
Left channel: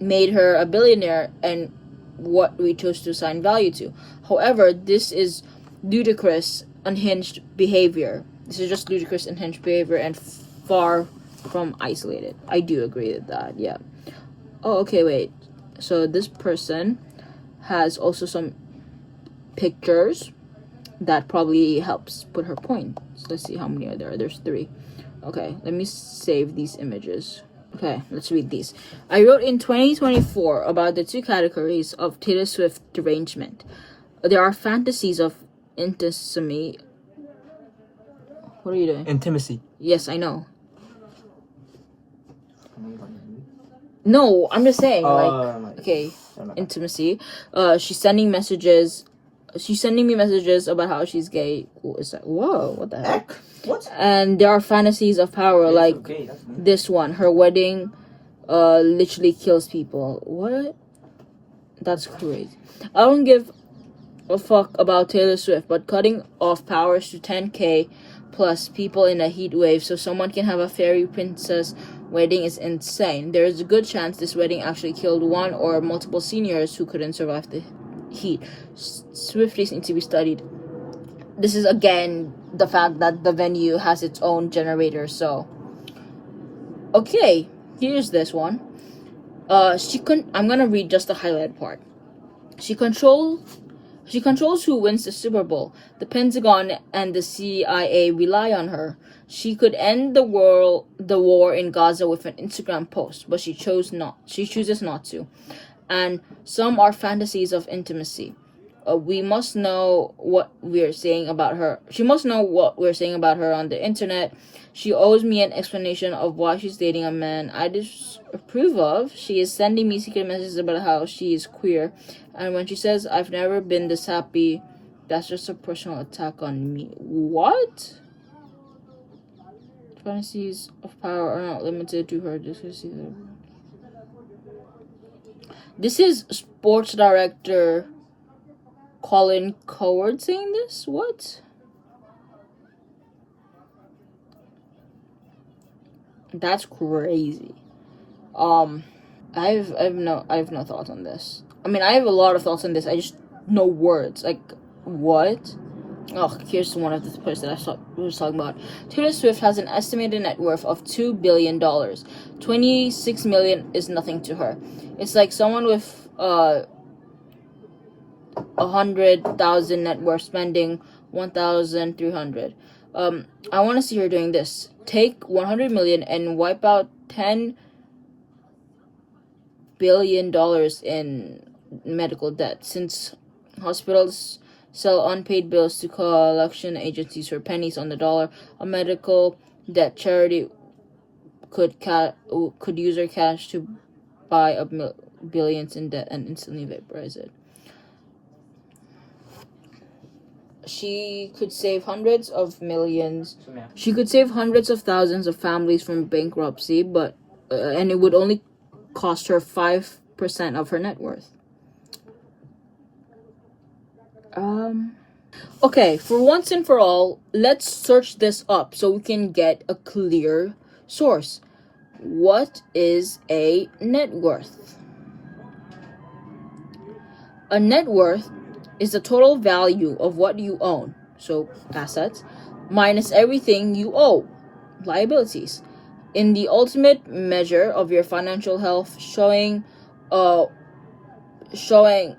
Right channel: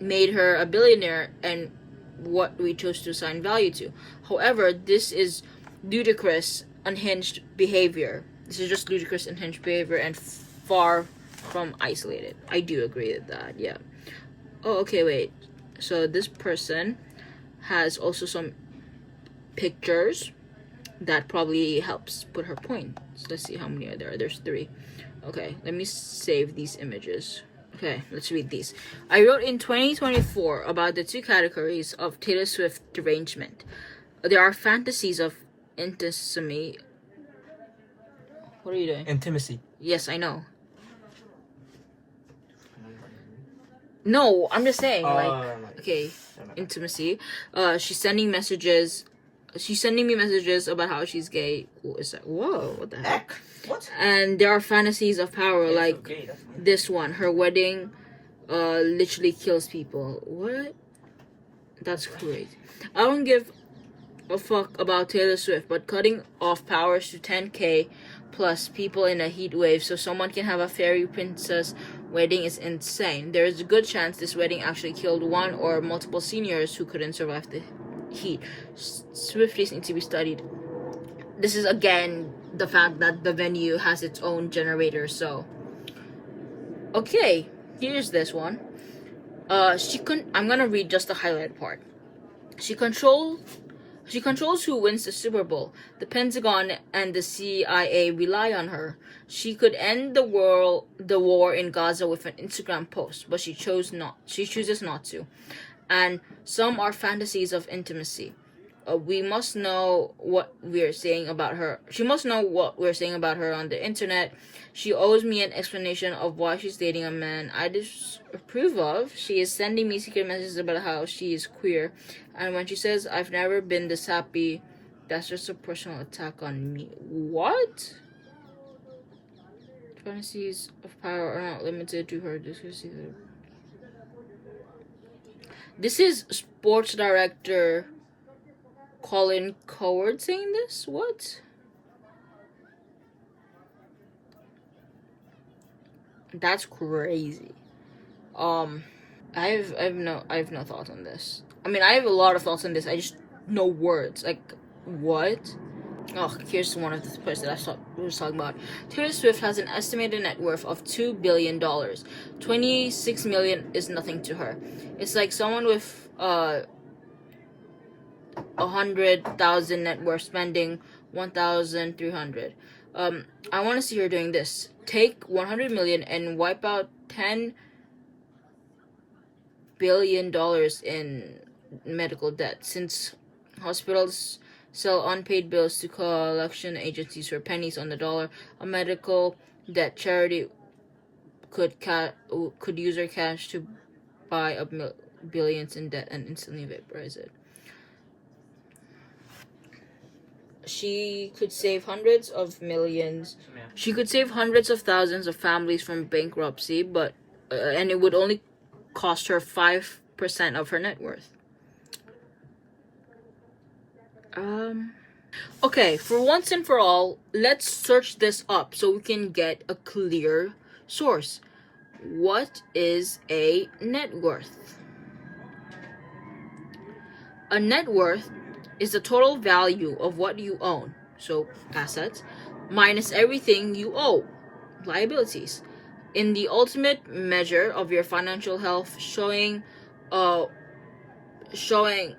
made her a billionaire and what we chose to assign value to. However, this is ludicrous, unhinged behavior. This is just ludicrous, unhinged behavior and far from isolated. I do agree with that, yeah. Oh, okay, wait. So this person has also some pictures that probably helps put her point. So let's see how many are there. There's 3. Okay, let me save these images. Okay, let's read these. I wrote in 2024 about the 2 categories of Taylor Swift derangement. There are fantasies of intimacy. What are you doing? Intimacy. Yes, I know. No, I'm just saying, okay, intimacy. She's sending me messages about how she's gay. Is that, whoa, what the heck? What? And there are fantasies of power, like this one. Her wedding literally kills people. What? That's crazy. I don't give a fuck about Taylor Swift, but cutting off powers to 10K plus people in a heat wave so someone can have a fairy princess wedding is insane. There is a good chance this wedding actually killed one or multiple seniors who couldn't survive the heat. Swifties need to be studied. This is again the fact that the venue has its own generator. So, okay, here's this one. I'm gonna read just the highlight part. She controls who wins the Super Bowl. The Pentagon and the CIA rely on her. She could end the war in Gaza with an Instagram post, but she chooses not to. And some are fantasies of intimacy. we must know what we're saying about her. She must know what we're saying about her on the internet. She owes me an explanation of why she's dating a man I disapprove of. She is sending me secret messages about how she is queer. And when she says, I've never been this happy, that's just a personal attack on me. What? Fantasies of power are not limited to her. This is sports director Colin Coward saying this? What? That's crazy. I have no thoughts on this. I mean, I have a lot of thoughts on this. I just no words. Like, what? Oh, here's one of the points that I was talking about. Taylor Swift has an estimated net worth of $2 billion. 26 million is nothing to her. It's like someone with 100,000 net worth spending 1,300. I want to see her doing this. Take 100 million and wipe out 10 billion dollars in medical debt, since hospitals sell unpaid bills to collection agencies for pennies on the dollar. A medical debt charity could use her cash to buy up billions in debt and instantly vaporize it. She could save hundreds of millions. She could save hundreds of thousands of families from bankruptcy, but and it would only cost her 5% of her net worth. Okay, for once and for all, let's search this up so we can get a clear source. What is a net worth? A net worth is the total value of what you own, so assets, minus everything you owe, liabilities, in the ultimate measure of your financial health, showing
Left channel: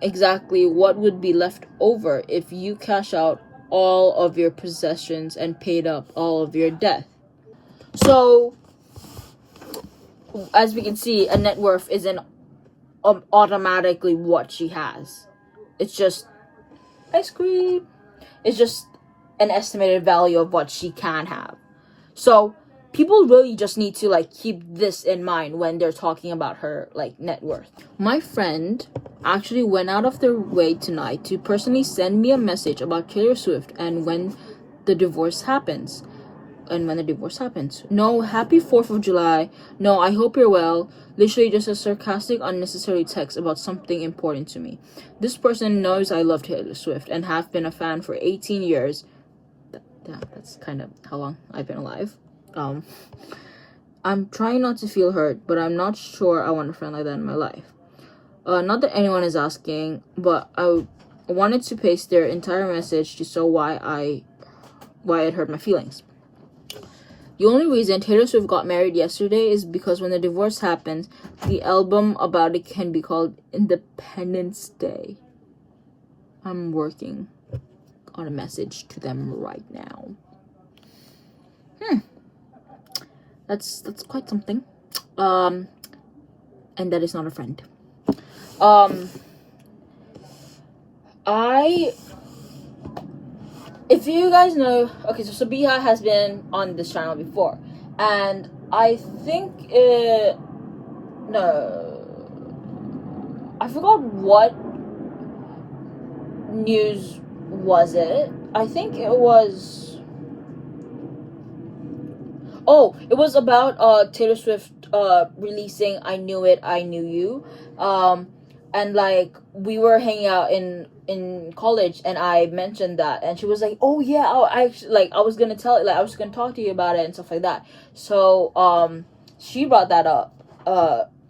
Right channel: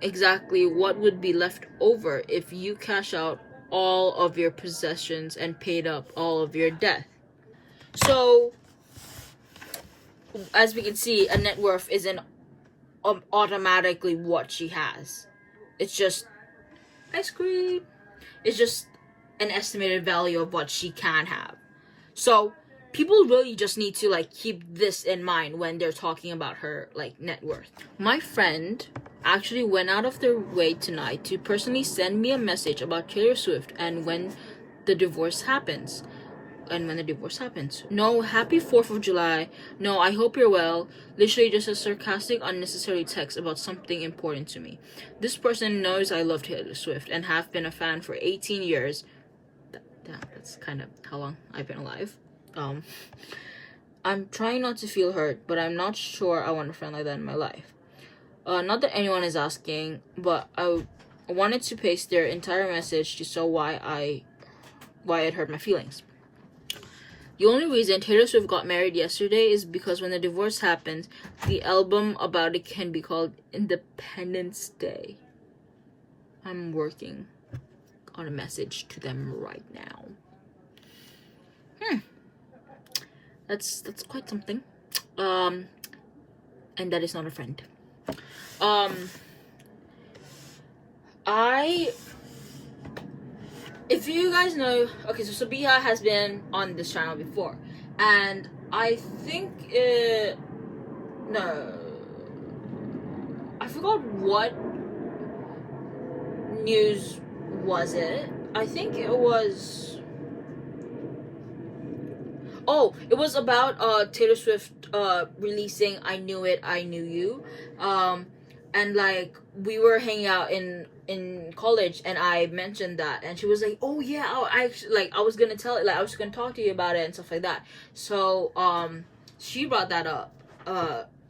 exactly what would be left over if you cash out all of your possessions and paid up all of your debt. So, as we can see, a net worth isn't automatically what she has. It's just ice cream. It's just an estimated value of what she can have. So people really just need to keep this in mind when they're talking about her net worth. My friend actually went out of their way tonight to personally send me a message about Taylor Swift and when the divorce happens. No, happy 4th of July. No, I hope you're well. Literally just a sarcastic, unnecessary text about something important to me. This person knows I love Taylor Swift and have been a fan for 18 years. That's kind of how long I've been alive. I'm trying not to feel hurt, but I'm not sure I want a friend like that in my life. Not that anyone is asking, but I wanted to paste their entire message to show why it hurt my feelings. The only reason Taylor Swift got married yesterday is because when the divorce happened, the album about it can be called Independence Day. I'm working on a message to them right now. That's quite something. And that is not a friend. If you guys know, okay, so Sabiha has been on this channel before, and I think I forgot what news was it. I think it was about Taylor Swift releasing I Knew It, I Knew You. And we were hanging out in college, and I mentioned that, and she was like, oh yeah, I was gonna tell it, I was gonna talk to you about it and stuff like that. So she brought that up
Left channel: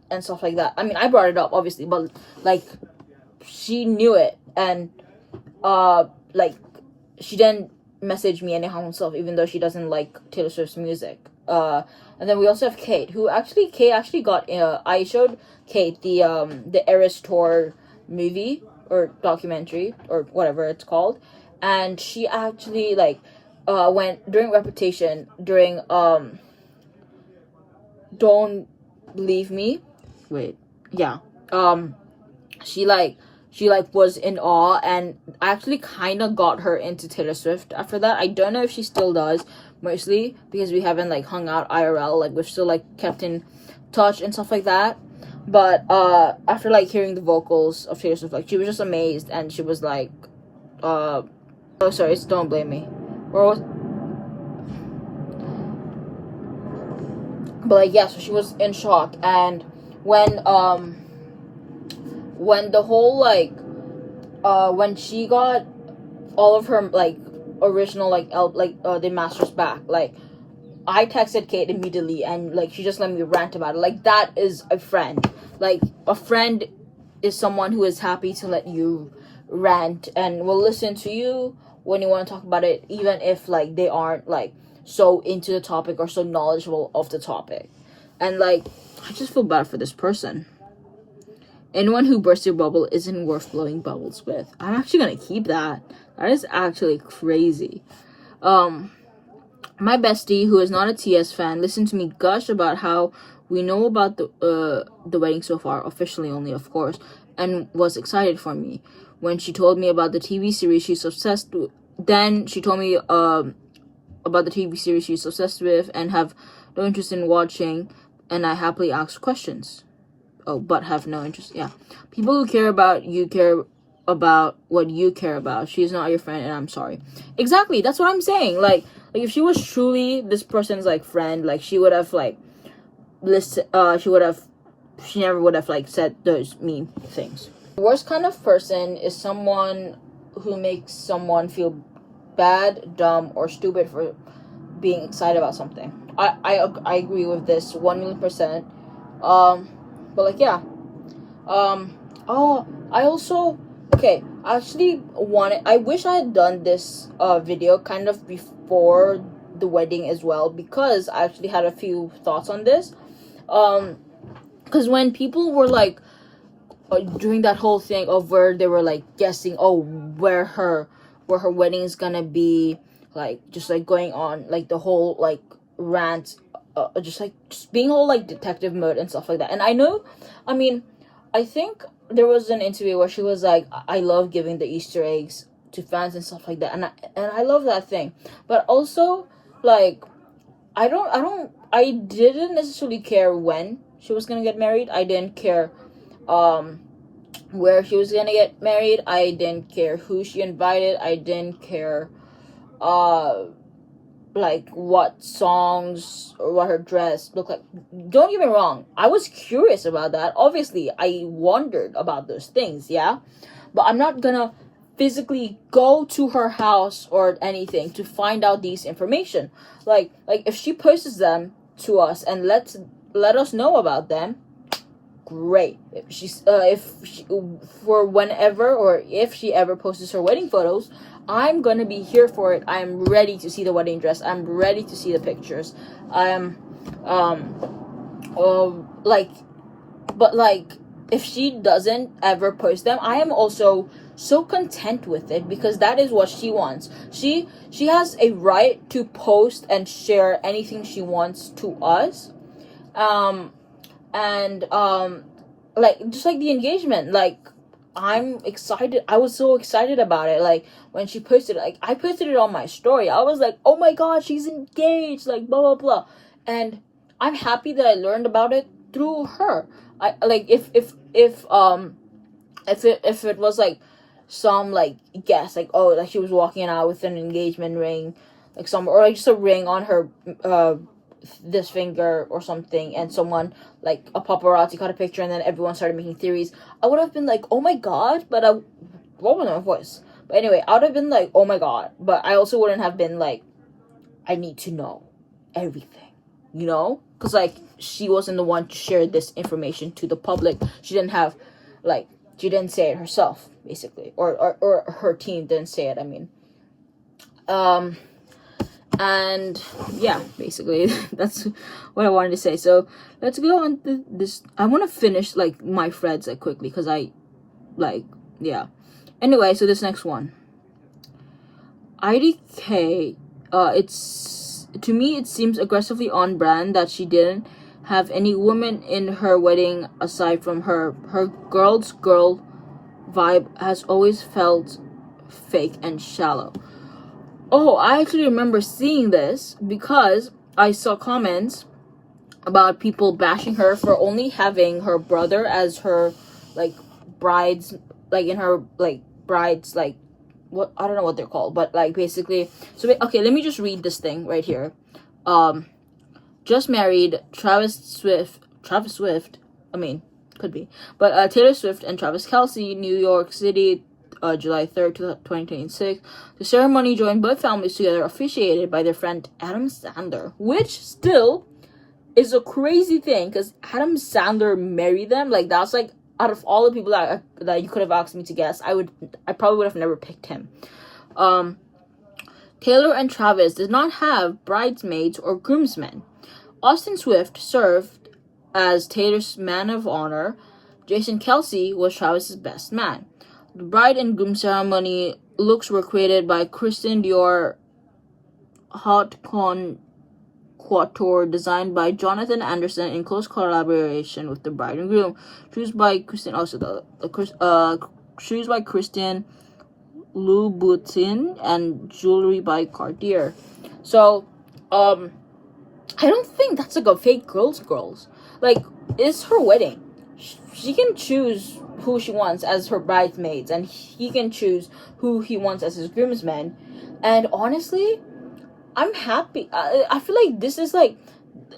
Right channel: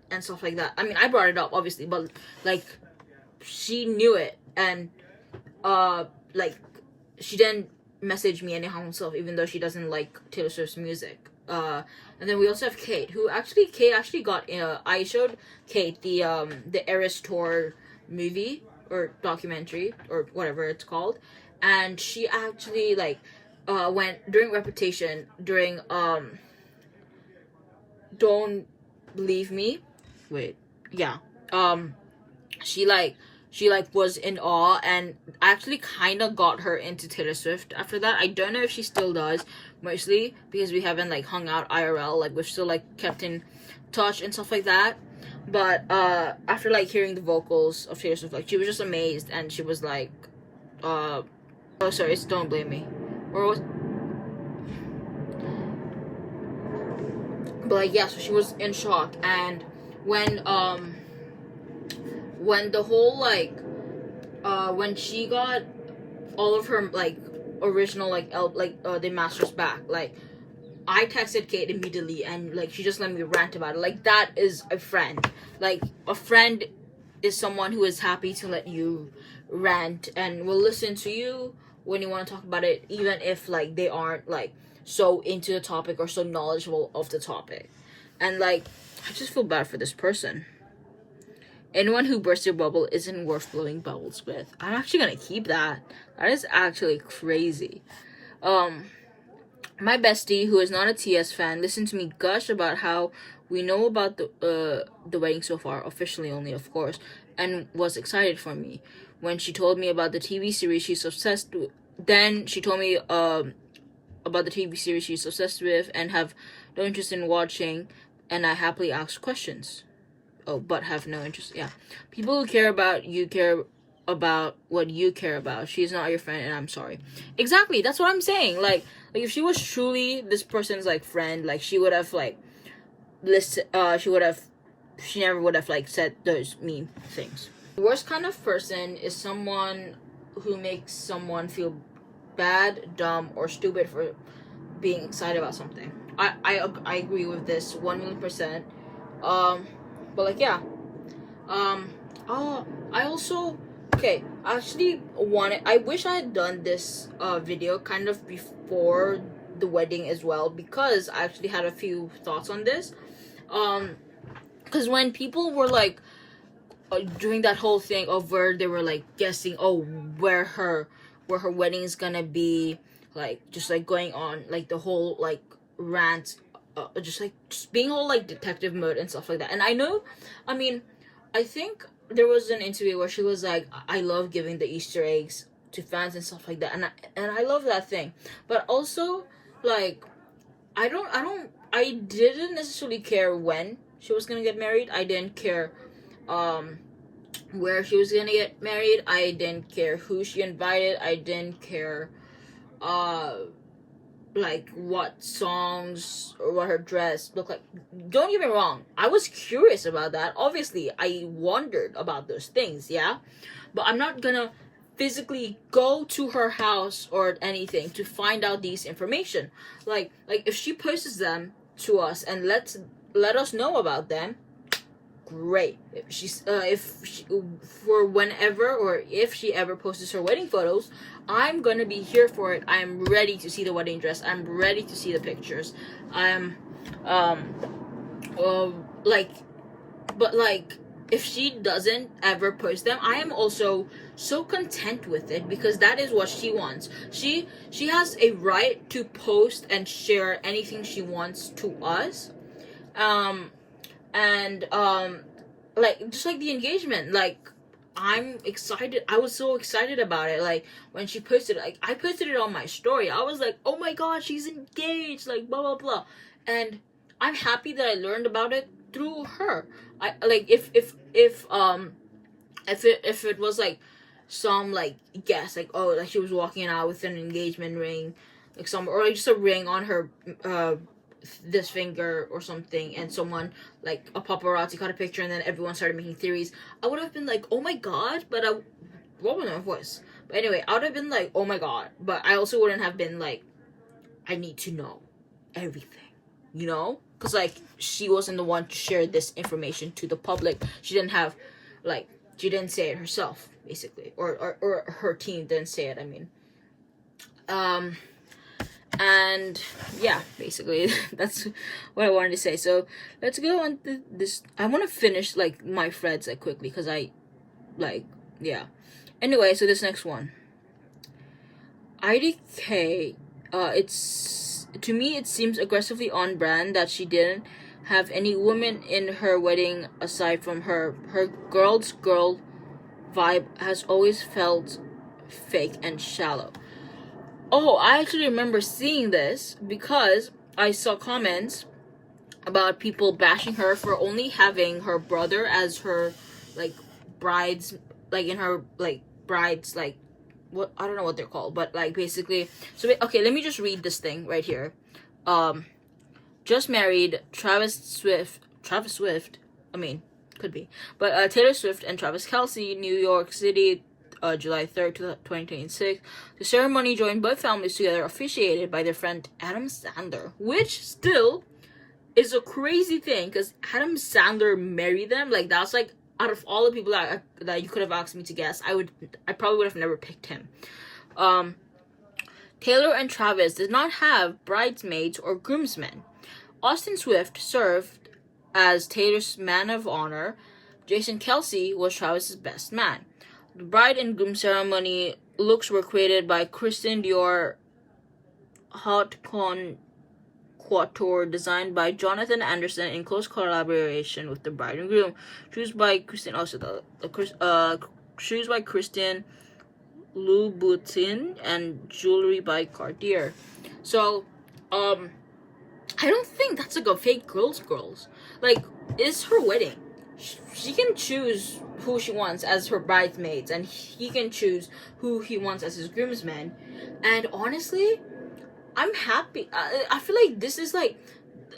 and stuff like that. I mean, I brought it up obviously, but she knew it, and she didn't message me anyhow herself, even though she doesn't like Taylor Swift's music. And then we also have Kate actually got I showed Kate the Eras Tour movie or documentary or whatever it's called, and she actually went during repetition during Don't Leave Me. Wait, yeah. she like was in awe, and actually kind of got her into Taylor Swift after that. I don't know if she still does, mostly because we haven't like hung out IRL, like we've still like kept in touch and stuff like that. But after like hearing the vocals of Taylor Swift, like she was just amazed, and she was like oh sorry, it's Don't Blame Me, or what? But like yeah, so she was in shock. And when the whole like when she got all of her like original like the masters back, like I texted Kate immediately, and like she just let me rant about it. Like that is a friend. Like a friend is someone who is happy to let you rant and will listen to you when you want to talk about it, even if like they aren't like so into the topic or so knowledgeable of the topic. And like I just feel bad for this person. Anyone who bursts your bubble isn't worth blowing bubbles with. I'm actually gonna keep that. That is actually crazy. My bestie, who is not a TS fan, listened to me gush about how we know about the wedding so far, officially only, of course, and was excited for me. When she told me about the TV series she's obsessed with, then she told me about the TV series she's obsessed with and have no interest in watching, and I happily asked questions. Oh, but have no interest. Yeah. People who care about you care about what you care about. She's not your friend, and I'm sorry. Exactly. That's what I'm saying. Like if she was truly this person's like friend, like she would have like she never would have like said those mean things. The worst kind of person is someone who makes someone feel bad, dumb, or stupid for being excited about something. I agree with this 1,000,000%. But like yeah. I also I wish I had done this video kind of before the wedding as well, because I actually had a few thoughts on this. Because when people were like doing that whole thing of where they were like guessing where her wedding is gonna be, like just like going on like the whole like rant, just being all like detective mode and stuff like that. And I think there was an interview where she was like, I love giving the Easter eggs to fans and stuff like that, and I love that thing. But also like I didn't necessarily care when she was gonna get married. I didn't care where she was gonna get married. I didn't care who she invited. I didn't care like what songs or what her dress looked like. Don't get me wrong, I was curious about that. Obviously I wondered about those things, yeah, but I'm not gonna physically go to her house or anything to find out these information. Like if she posts them to us and let us know about them, great. If she for whenever, or if she ever posts her wedding photos, I'm gonna be here for it. I am ready to see the wedding dress. I'm ready to see the pictures. But if she doesn't ever post them, I am also so content with it, because that is what she wants. She has a right to post and share anything she wants to us. Just like the engagement, like I'm excited. I was so excited about it. Like when she posted it, like I posted it on my story. I was like, oh my god, she's engaged, like blah blah blah. And I'm happy that I learned about it through her. I like if it was like some like guess, like like she was walking out with an engagement ring, like or like just a ring on her this finger or something, and someone like a paparazzi caught a picture, and then everyone started making theories, I would have been like, oh my god. But what was my voice? But anyway, I would have been like, oh my god. But I also wouldn't have been like, I need to know everything, because like she wasn't the one to share this information to the public. She didn't say it herself, basically, or her team didn't say it. And yeah, basically that's what I wanted to say. So let's go on to this. I want to finish like my threads like quickly, because anyway. So this next one, IDK, to me it seems aggressively on brand that she didn't have any women in her wedding aside from her girl's girl vibe has always felt fake and shallow. Oh, I actually remember seeing this because I saw comments about people bashing her for only having her brother as her like brides, like in her like brides, like what, I don't know what they're called, but like basically. So okay, let me just read this thing right here. Just married Travis Swift, I mean, could be, but Taylor Swift and Travis Kelce, New York City, July 3rd, 2026. The ceremony joined both families together, officiated by their friend Adam Sandler, which still is a crazy thing because Adam Sandler married them. Like, that's like, out of all the people that you could have asked me to guess, I probably would have never picked him. Taylor and Travis did not have bridesmaids or groomsmen. Austin Swift served as Taylor's man of honor. Jason Kelce was Travis's best man. The bride and groom ceremony looks were created by Christian Dior Haute Couture, designed by Jonathan Anderson in close collaboration with the bride and groom. Shoes by Christian shoes by Christian Louboutin, and jewelry by Cartier. So, I don't think that's like a fake girls. Like, it's her wedding. She can choose who she wants as her bridesmaids, and he can choose who he wants as his groomsmen. And honestly, I'm happy. I feel like this is like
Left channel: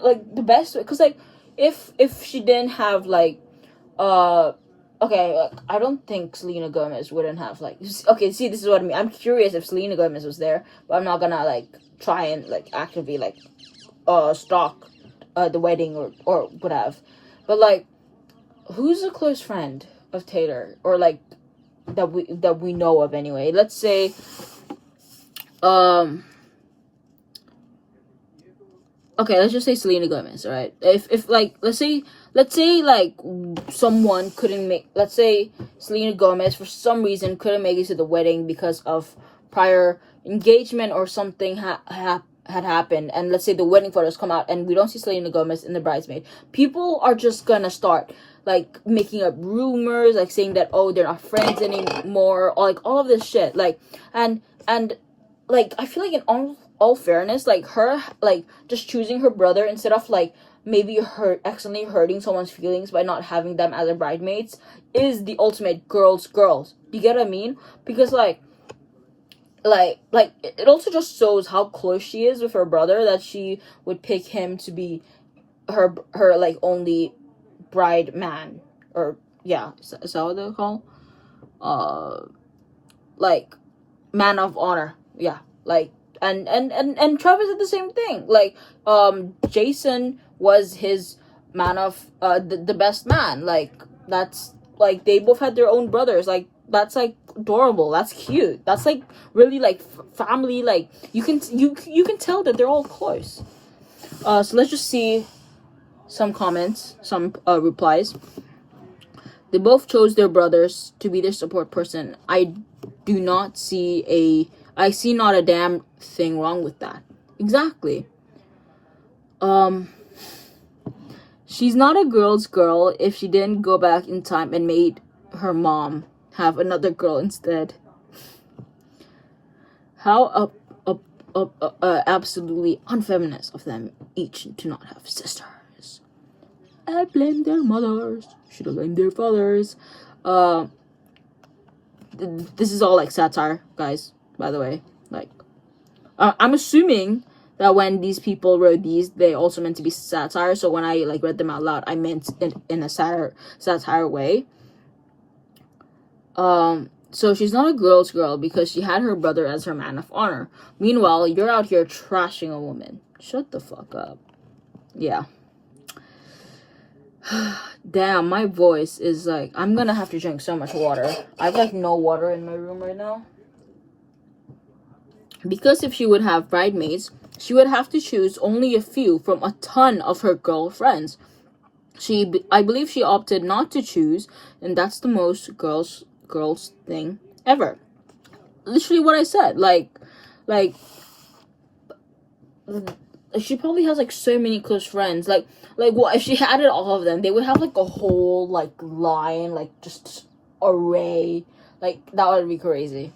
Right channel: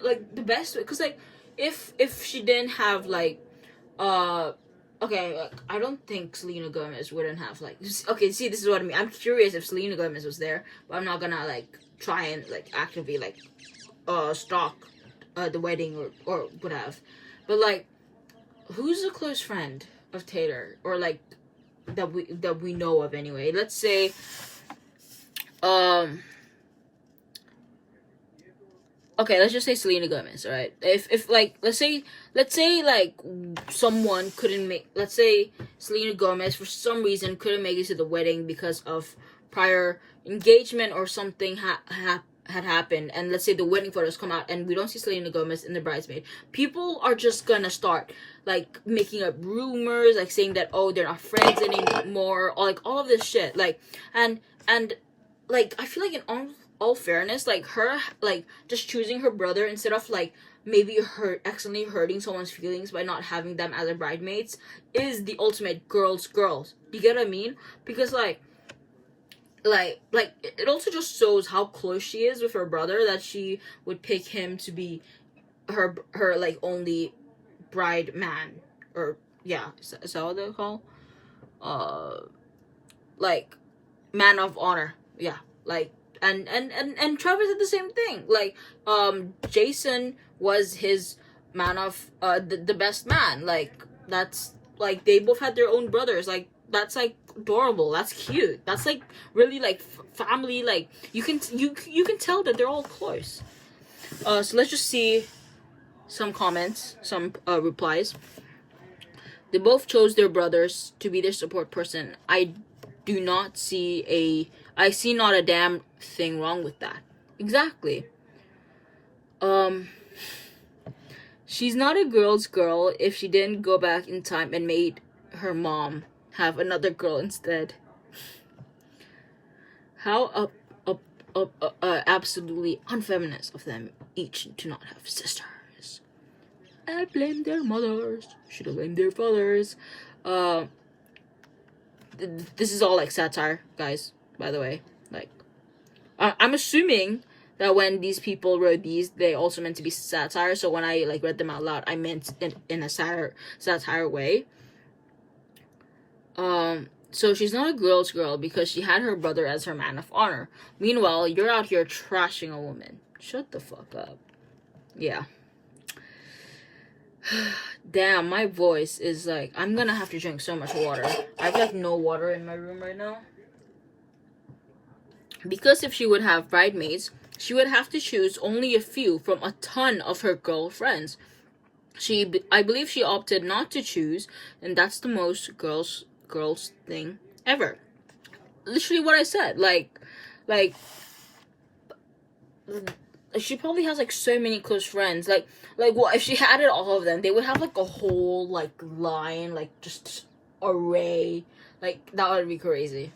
the best way, because like if she didn't have like okay, I don't think Selena Gomez wouldn't have like, okay, see, this is what I mean. I'm curious if Selena Gomez was there, but I'm not gonna like try and like actively like stalk the wedding or whatever. But like, who's a close friend of Taylor, or like that we know of anyway? Let's say okay, let's just say Selena Gomez, alright? If like, let's say like someone couldn't make, let's say Selena Gomez for some reason couldn't make it to the wedding because of prior engagement or something had happened, and let's say the wedding photos come out and we don't see Selena Gomez in the bridesmaid, people are just gonna start like making up rumors, like saying that, oh, they're not friends anymore, or like all of this shit, like, and like, I feel like in all fairness, like her like just choosing her brother instead of like maybe accidentally hurting someone's feelings by not having them as their bridesmaids is the ultimate girls. You get what I mean? Because like it also just shows how close she is with her brother that she would pick him to be her like only bride man, or yeah, is that what they're called? Like man of honor, yeah, like. And Travis did the same thing. Like, Jason was his man of the best man. Like, that's like, they both had their own brothers. Like, that's like adorable. That's cute. That's like really like family. Like, you can tell that they're all close. So let's just see some comments, some replies. They both chose their brothers to be their support person. I see not a damn thing wrong with that. Exactly. She's not a girl's girl if she didn't go back in time and made her mom have another girl instead. How absolutely unfeminist of them each to not have sisters. I blame their mothers. Should have blamed their fathers. This is all like satire, guys, by the way. Like, I'm assuming that when these people wrote these, they also meant to be satire. So when I like read them out loud, I meant in a satire way. So she's not a girl's girl because she had her brother as her man of honor. Meanwhile, you're out here trashing a woman. Shut the fuck up. Yeah. Damn, my voice is like, I'm gonna have to drink so much water. I have like no water in my room right now. Because if she would have bridesmaids, she would have to choose only a few from a ton of her girlfriends. I believe she opted not to choose, and that's the most girls thing ever. Literally what I said. Like she probably has like so many close friends. Like what if she added all of them? They would have like a whole like line, like just array. Like, that would be crazy.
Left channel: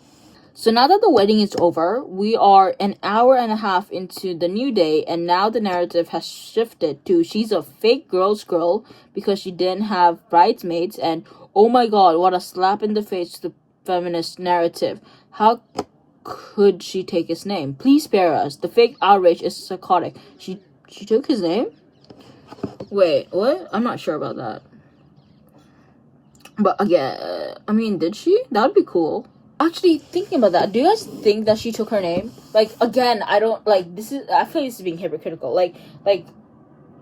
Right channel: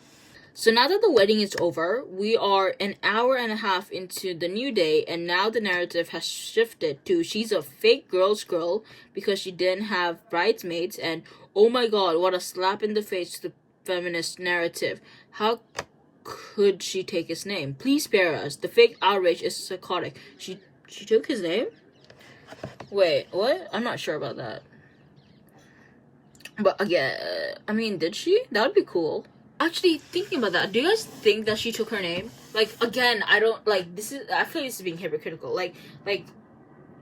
So now that the wedding is over, we are an hour and a half into the new day, and now the narrative has shifted to she's a fake girl's girl because she didn't have bridesmaids, and oh my god, what a slap in the face to the feminist narrative. How could she take his name? Please spare us. The fake outrage is psychotic. She took his name? Wait, what? I'm not sure about that. But again, I mean, did she? That would be cool. Actually, thinking about that, do you guys think that she took her name? Like, again, I don't, like, this is, I feel like this is being hypocritical. Like, I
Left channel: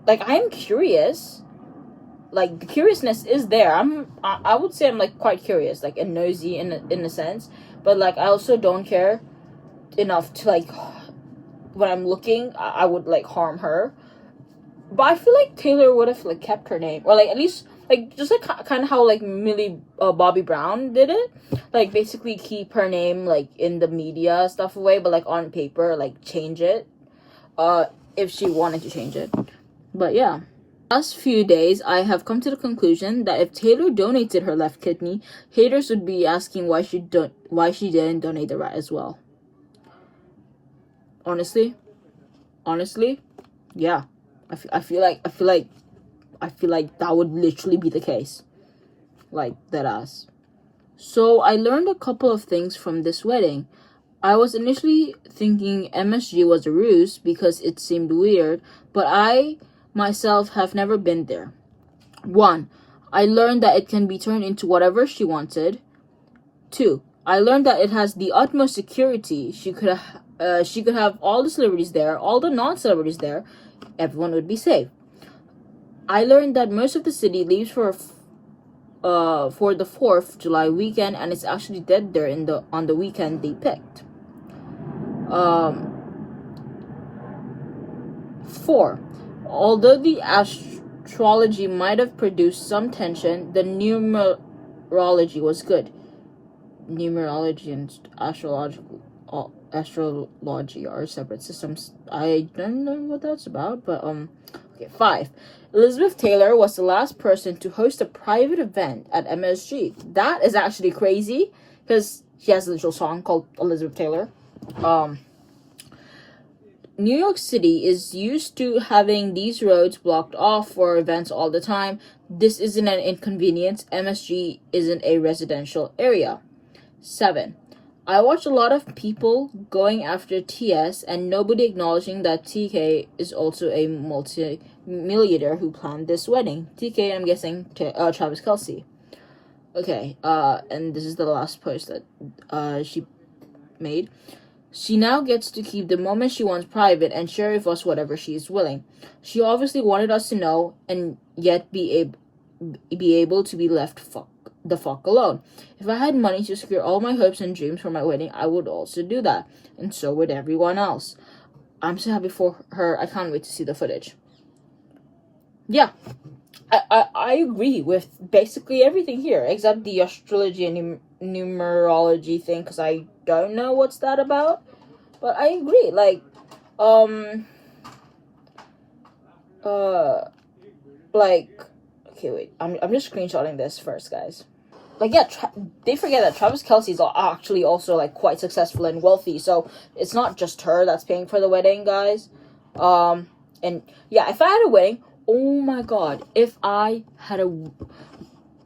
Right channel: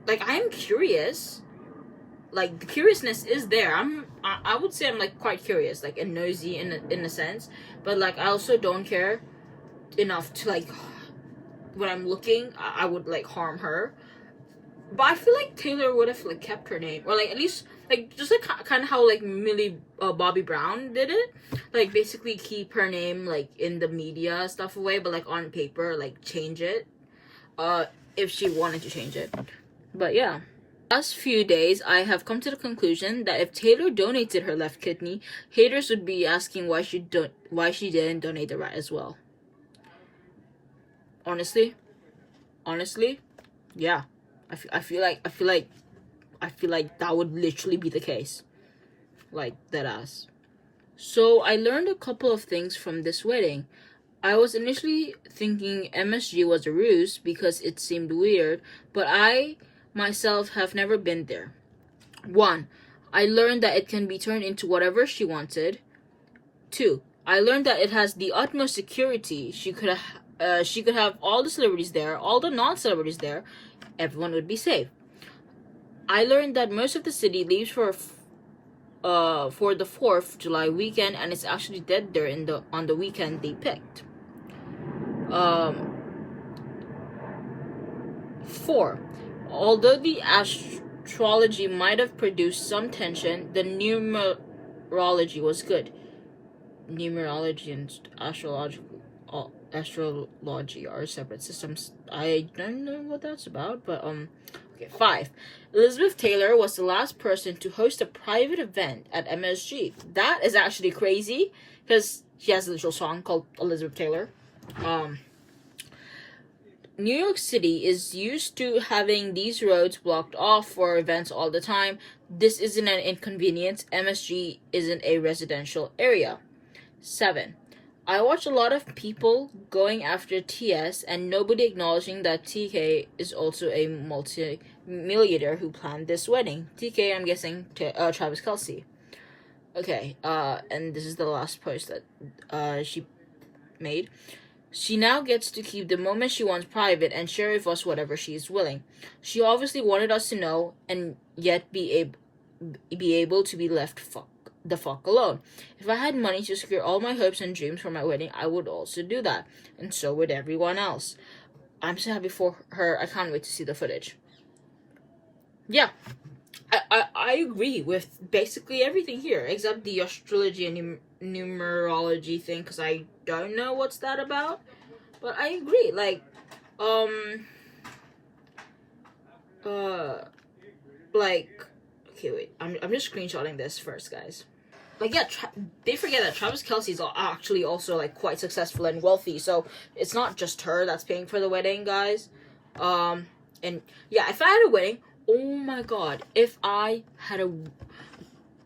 am curious. Like, the curiousness is there. I would say I'm, like, quite curious, like, and nosy in a sense. But, like, I also don't care enough to, like, when I'm looking, I would, like, harm her. But I feel like Taylor would have, like, kept her name. Or, like, at least, like, just, like, kind of how, like, Bobby Brown did it. Like, basically keep her name, like, in the media stuff away. But, like, on paper, like, change it. If she wanted to change it. But, yeah. Last few days, I have come to the conclusion that if Taylor donated her left kidney, haters would be asking why she didn't donate the right as well. Honestly, yeah. I feel like that would literally be the case. Like, that ass. So I learned a couple of things from this wedding. I was initially thinking MSG was a ruse because it seemed weird, but I myself have never been there. 1. I learned that it can be turned into whatever she wanted. 2. I learned that it has the utmost security. She could have all the celebrities there, all the non-celebrities there. Everyone would be safe. I learned that most of the city leaves for the 4th of July weekend, and it's actually dead there on the weekend they picked. 4. Although the astrology might have produced some tension, the numerology was good. Numerology and astrology are separate systems. I don't know what that's about, but okay. 5. Elizabeth Taylor was the last person to host a private event at MSG. That is actually crazy because she has a little song called Elizabeth Taylor. New York City is used to having these roads blocked off for events all the time. This isn't an inconvenience. MSG isn't a residential area. 7. I watch a lot of people going after TS and nobody acknowledging that TK is also a multi-millionaire who planned this wedding. TK, I'm guessing, Travis Kelce. Okay, and this is the last post that she made. She now gets to keep the moment she wants private and share with us whatever she is willing. She obviously wanted us to know and yet be able to be left the fuck alone. If I had money to secure all my hopes and dreams for my wedding, I would also do that. And so would everyone else. I'm so happy for her. I can't wait to see the footage. Yeah. I agree with basically everything here, except the astrology and numerology thing, because I don't know what's that about. But I agree. Like, okay, wait. I'm just screenshotting this first, guys. Like, yeah, they forget that Travis Kelce is actually also, like, quite successful and wealthy, so it's not just her that's paying for the wedding, guys. And, yeah, if I had a wedding, oh my god, if I had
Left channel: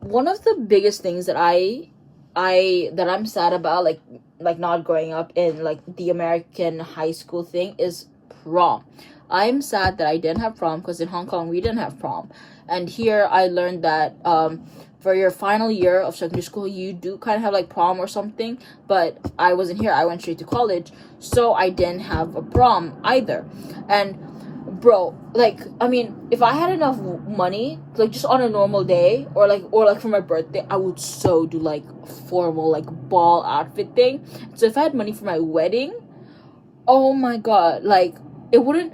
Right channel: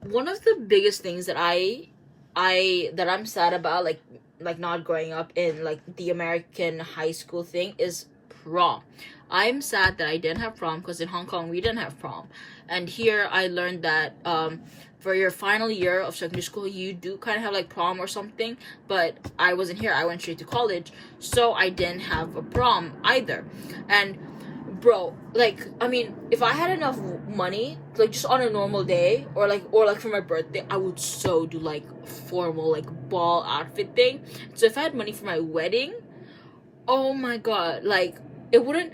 one of the biggest things that I'm sad about, like not growing up in, like, the American high school thing is prom. I'm sad that I didn't have prom, because in Hong Kong, we didn't have prom. And here, I learned that, for your final year of secondary school, you do kind of have, like, prom or something, but I wasn't here. I went straight to college, so I didn't have a prom either. And, bro, like, I mean, if I had enough money, like, just on a normal day, or for my birthday, I would so do, like, formal, like, ball outfit thing. So if I had money for my wedding, oh my god, like, I wouldn't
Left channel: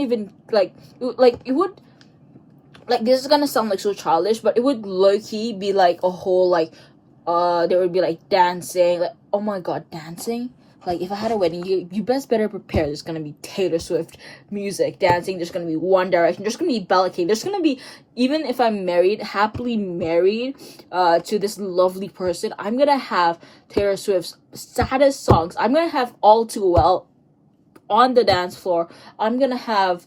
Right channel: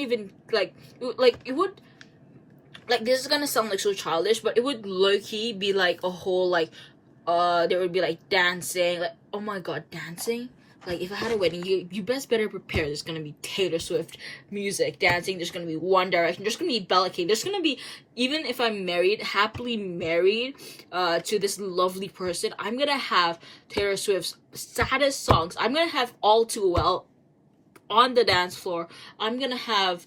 even, it would, like, this is gonna sound, like, so childish, but it would low-key be, like, a whole, like, there would be, like, dancing, like, oh my god, dancing? like, if I had a wedding, you best better prepare. There's gonna be Taylor Swift music, dancing. There's gonna be One Direction. There's gonna be Bella K. There's gonna be, even if I'm married, happily married, to this lovely person, I'm gonna have Taylor Swift's saddest songs. I'm gonna have All Too Well on the dance floor. I'm gonna have,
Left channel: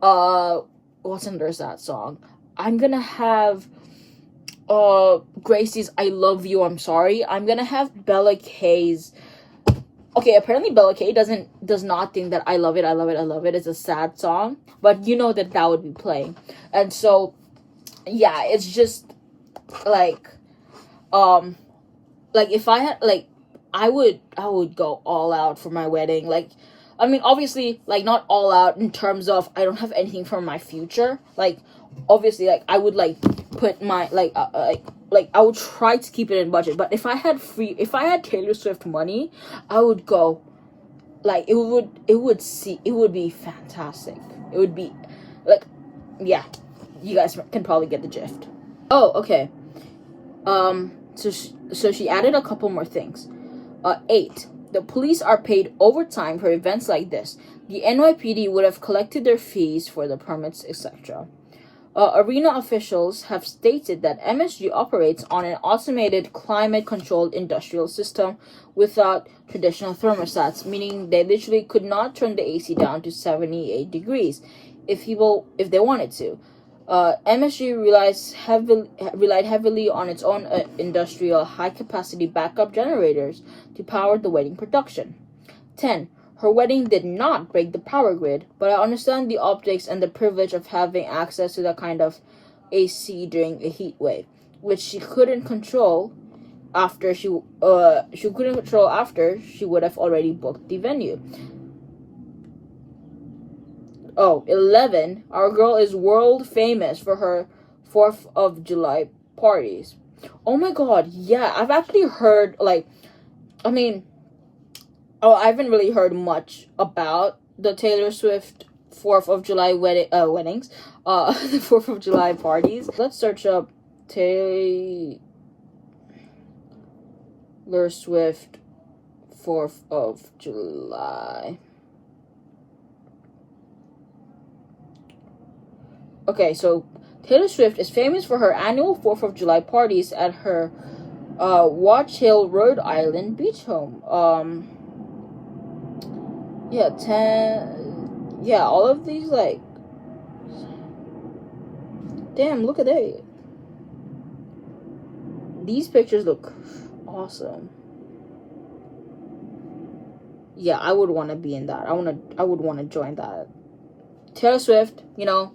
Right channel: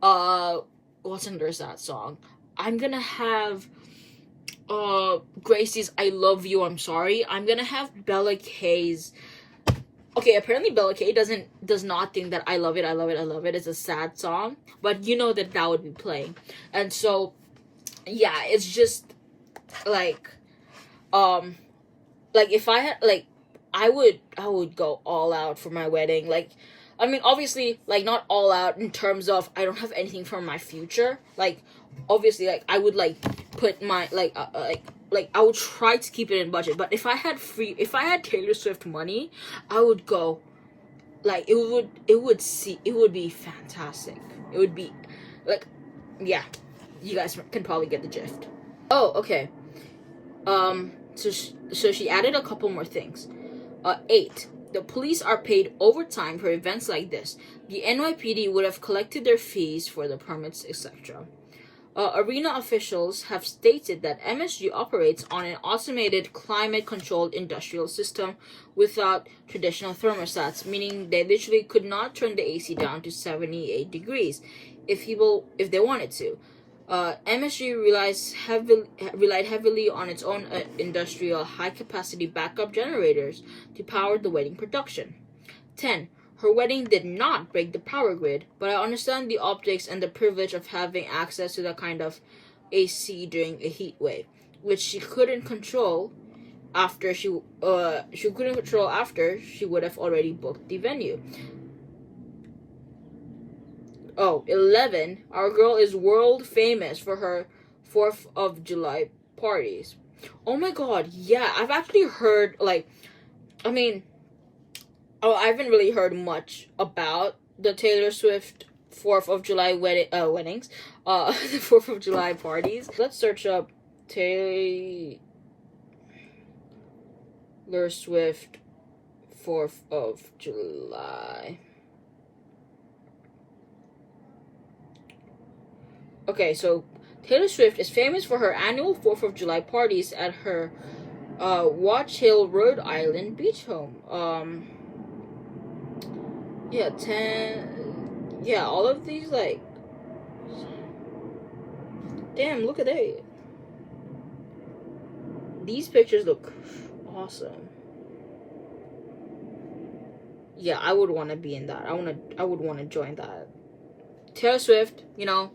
what's under that song? I'm gonna have, Gracie's I Love You, I'm Sorry. I'm gonna have Bella K's. Okay, apparently Bella K does not think that I Love It, I Love It, I Love It is a sad song, but you know that would be playing. And so, yeah, it's just, like, if I had, like, I would go all out for my wedding. Like, I mean, obviously, like, not all out in terms of I don't have anything for my future. Like, obviously, like, I would, like, put my, like, I would try to keep it in budget. But if I had Taylor Swift money, I would go, like, it would be fantastic. It would be, like, yeah, you guys can probably get the gist. Oh, okay. So she added a couple more things. 8. The police are paid overtime for events like this. The NYPD would have collected their fees for the permits, etc. Arena officials have stated that MSG operates on an automated, climate-controlled industrial system without traditional thermostats, meaning they literally could not turn the AC down to 78 degrees if they wanted to. MSG relied heavily on its own industrial high-capacity backup generators to power the wedding production. 10. Her wedding did not break the power grid, but I understand the optics and the privilege of having access to that kind of AC during a heat wave, which she couldn't control after she would have already booked the venue. 11. Our girl is world famous for her 4th of July parties. Oh my god, yeah, I've actually heard, like, I mean, I haven't really heard much about the Taylor Swift 4th of July weddings, the 4th of July parties. Let's search up Taylor Swift 4th of July. Okay, so Taylor Swift is famous for her annual 4th of July parties at her Watch Hill, Rhode Island beach home. Yeah, 10. Yeah, all of these, like, damn, look at that. These pictures look awesome. Yeah, I would want to be in that. I would want to join that. Taylor Swift, you know.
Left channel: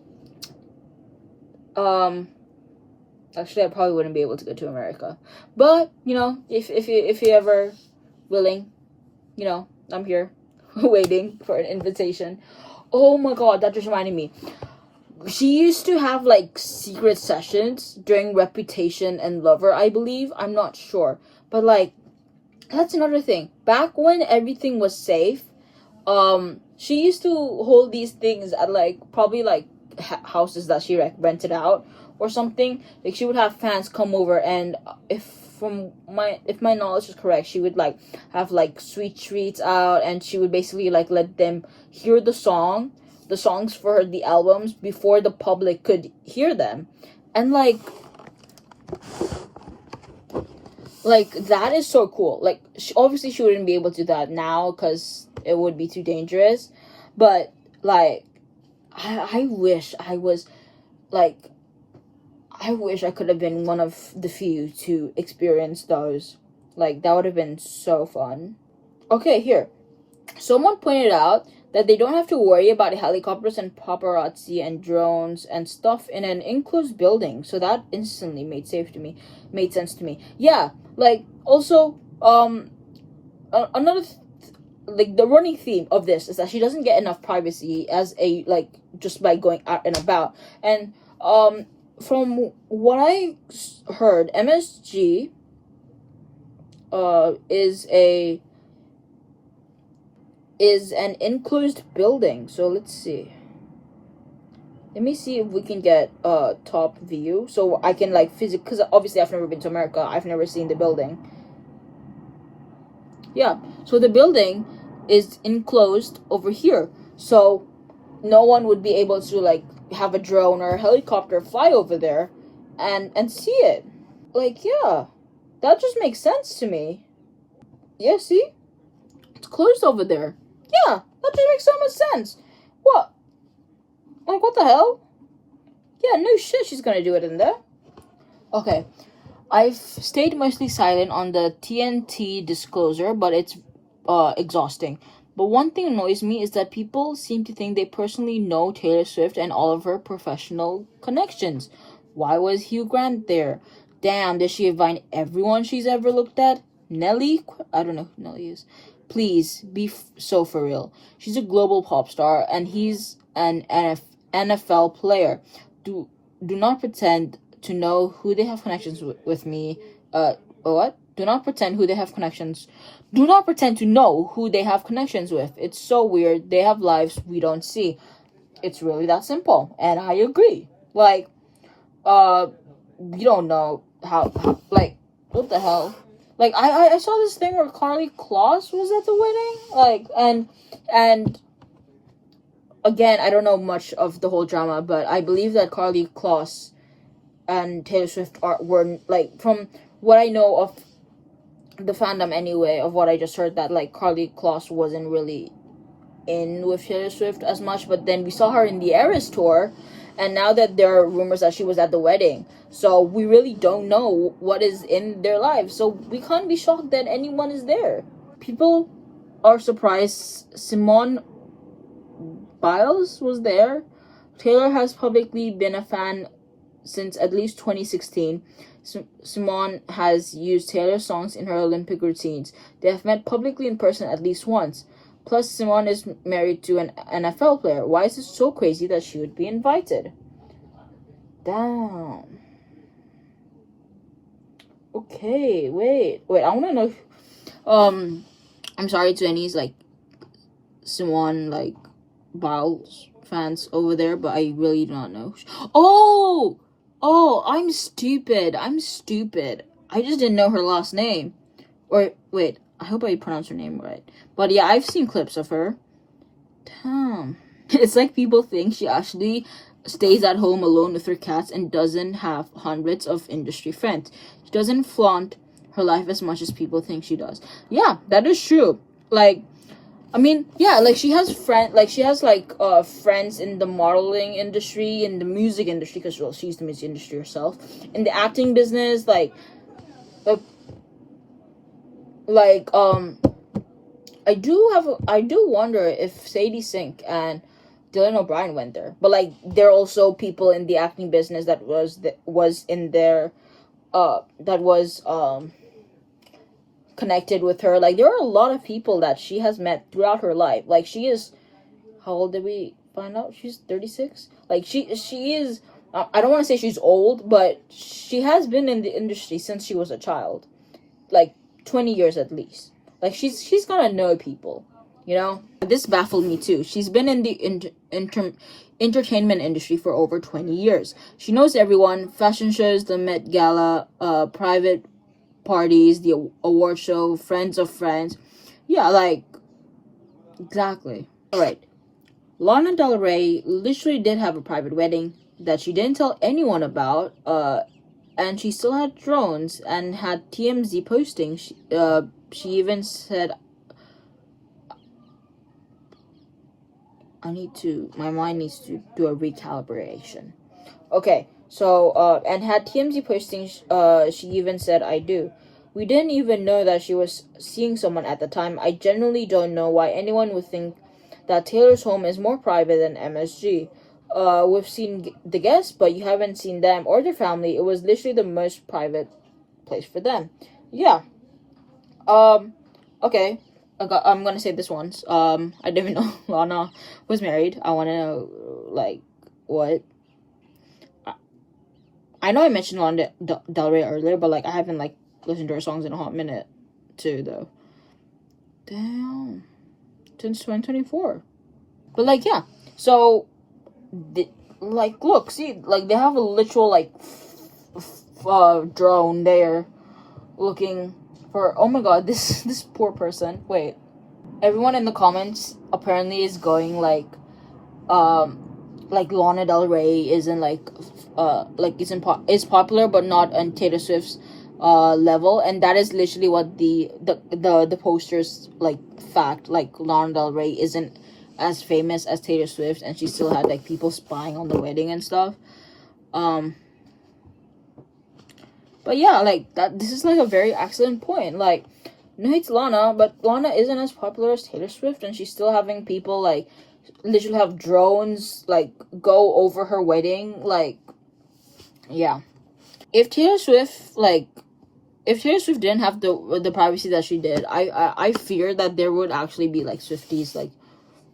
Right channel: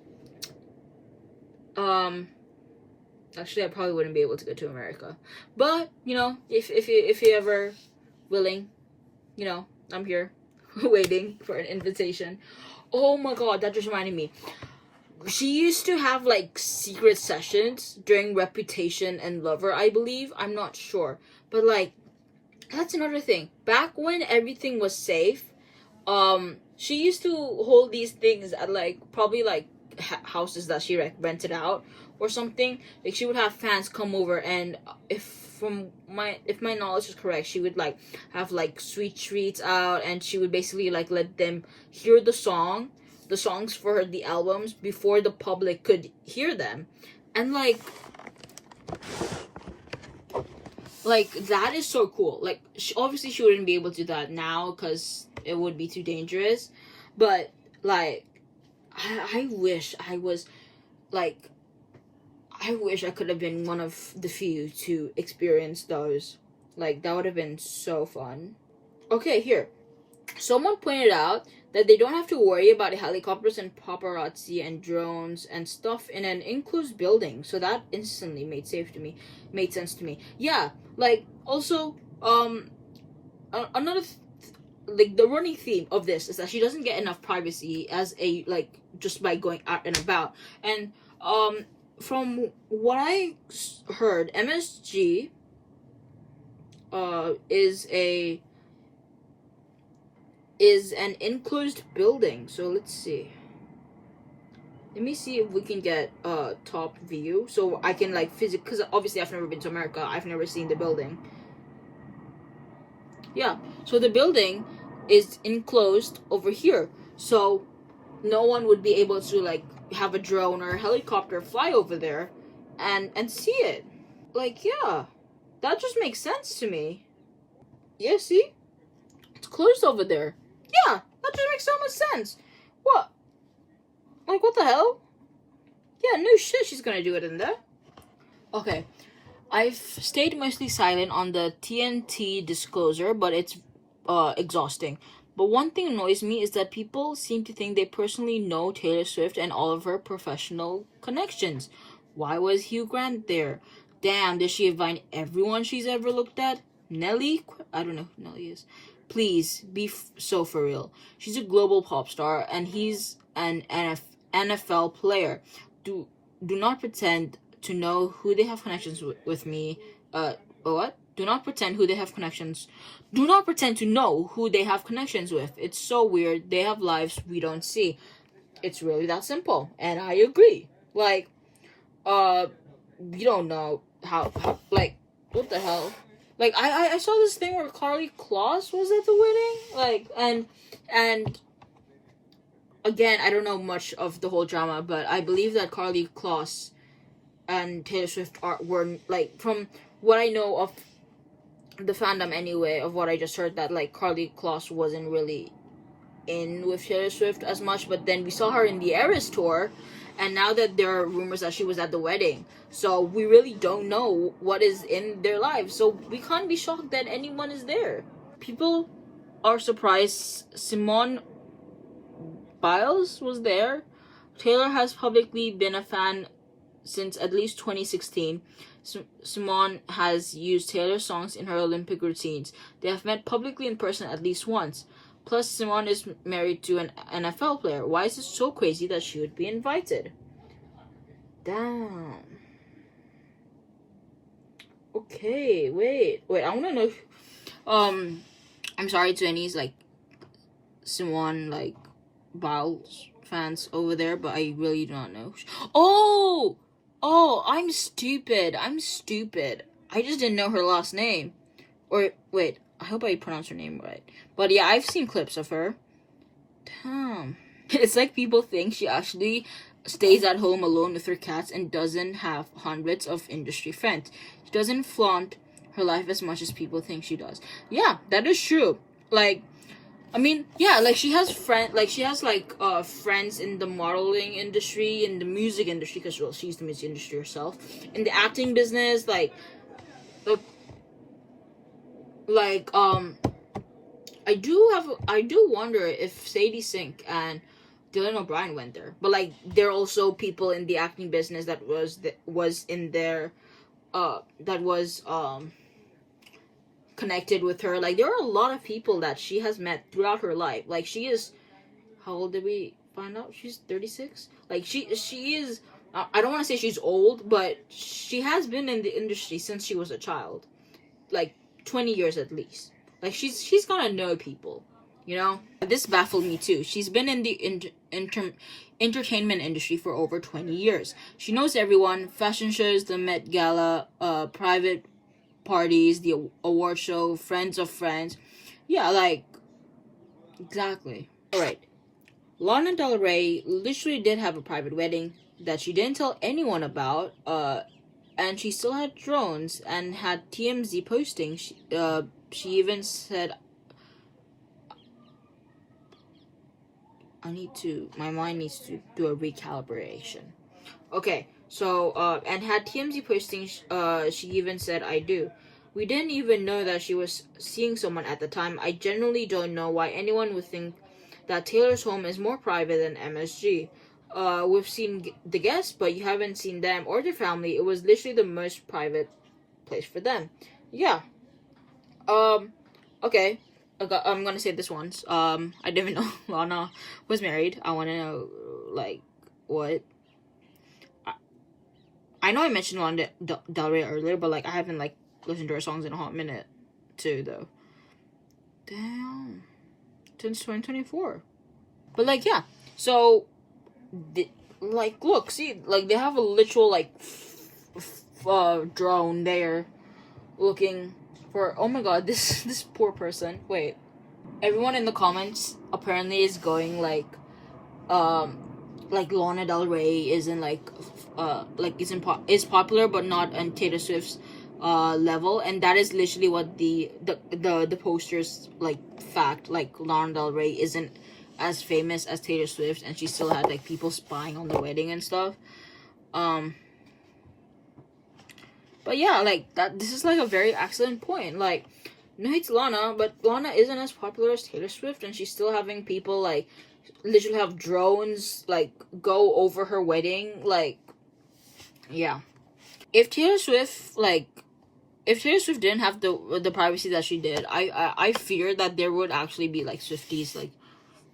Actually, I probably wouldn't be able to go to America, but you know, if you ever willing, you know, I'm here waiting for an invitation. Oh my god, that just reminded me. She used to have, like, secret sessions during Reputation and Lover, I believe. I'm not sure, but, like, that's another thing. Back when everything was safe, she used to hold these things at, like, probably, like, houses that she rented out or something. Like, she would have fans come over, and if my knowledge is correct, she would, like, have, like, sweet treats out, and she would basically, like, let them hear the songs for the albums before the public could hear them. And like that is so cool. Like, obviously she wouldn't be able to do that now because it would be too dangerous, but like I wish I was, like, I wish I could have been one of the few to experience those. Like, that would have been so fun. Okay, here. Someone pointed out that they don't have to worry about helicopters and paparazzi and drones and stuff in an enclosed building. So that instantly made sense to me. Yeah, like, also, another like, the running theme of this is that she doesn't get enough privacy as a, like, just by going out and about. And from what I heard, MSG is an enclosed building. So let's see. Let me see if we can get top view so I can, like, physically, because obviously I've never been to America. I've never seen the building. Yeah. So the building is enclosed over here. So no one would be able to like have a drone or a helicopter fly over there and see it. Like, yeah. That just makes sense to me. Yeah, see? It's closed over there. Yeah, that just makes so much sense. What? Like, what the hell? Yeah, no shit, she's gonna do it in there. Okay. I've stayed mostly silent on the TNT disclosure, but it's exhausting. But one thing annoys me is that people seem to think they personally know Taylor Swift and all of her professional connections. Why was Hugh Grant there? Damn, did she invite everyone she's ever looked at? Nelly? I don't know who Nelly is. Please, be so for real. She's a global pop star, and he's an NFL player. Do not pretend to know who they have connections with me. What? Do not pretend who they have connections. Do not pretend to know who they have connections with. It's so weird. They have lives we don't see. It's really that simple. And I agree. Like, you don't know how like, what the hell? Like, I saw this thing where Karlie Kloss was at the wedding. Like, and again, I don't know much of the whole drama, but I believe that Karlie Kloss and Taylor Swift were, like, from what I know of the fandom anyway, of what I just heard, that, like, Karlie Kloss wasn't really in with Taylor Swift as much, but then we saw her in the Eras tour, and now that there are rumors that she was at the wedding, so we really don't know what is in their lives, so we can't be shocked that anyone is there. People are surprised Simone Biles was there. Taylor has publicly been a fan since at least 2016. Simone has used Taylor songs in her Olympic routines. They have met publicly in person at least once. Plus, Simone is married to an NFL player. Why is it so crazy that she would be invited? Damn. Okay, wait, I want to know. I'm sorry to any like Simone like Biles fans over there, but I really do not know. Oh, I'm stupid. I just didn't know her last name. Or wait, I hope I pronounced her name right. But yeah, I've seen clips of her. Damn. It's like people think she actually stays at home alone with her cats and doesn't have hundreds of industry friends. She doesn't flaunt her life as much as people think she does. Yeah, that is true. Like, I mean, yeah, like she has friends in the modeling industry, in the music industry, because well, she's the music industry herself, in the acting business, I do wonder if Sadie Sink and Dylan O'Brien went there, but like there are also people in the acting business that was in there, that was connected with her. Like, there are a lot of people that she has met throughout her life. Like, she is, how old did we find out? She's 36. Like, she is, I don't want to say she's old, but she has been in the industry since she was a child, like 20 years at least. Like, she's gonna know people, you know. This baffled me too. She's been in the entertainment industry for over 20 years. She knows everyone. Fashion shows, the Met Gala, private parties, the award show, friends of friends. Yeah, like, exactly. Alright. Lana Del Ray literally did have a private wedding that she didn't tell anyone about, and she still had drones and had TMZ posting. She even said, my mind needs to do a recalibration. Okay, so, and had TMZ posting, she even said, I do. We didn't even know that she was seeing someone at the time. I genuinely don't know why anyone would think that Taylor's home is more private than MSG. We've seen the guests, but you haven't seen them or their family. It was literally the most private place for them. Yeah. Okay. I'm gonna say this once. I didn't even know Lana was married. I wanna know, like, what? I know I mentioned Lana Del Ray earlier, but, like, I haven't, like, listened to her songs in a hot minute, too, though. Damn. Since 2024. But, like, yeah. So, like, look, see, like, they have a literal, like, drone there looking for, oh my god, this poor person. Wait, everyone in the comments apparently is going like Lana Del Ray isn't is popular but not on Taylor Swift's level, and that is literally what the posters like fact. Like, Lana Del Ray isn't as famous as Taylor Swift, and she still had like people spying on the wedding and stuff. But yeah, like that. This is like a very excellent point. Like, no, it's Lana, but Lana isn't as popular as Taylor Swift, and she's still having people like literally have drones like go over her wedding. Like, yeah. If Taylor Swift didn't have the privacy that she did, I fear that there would actually be like Swifties like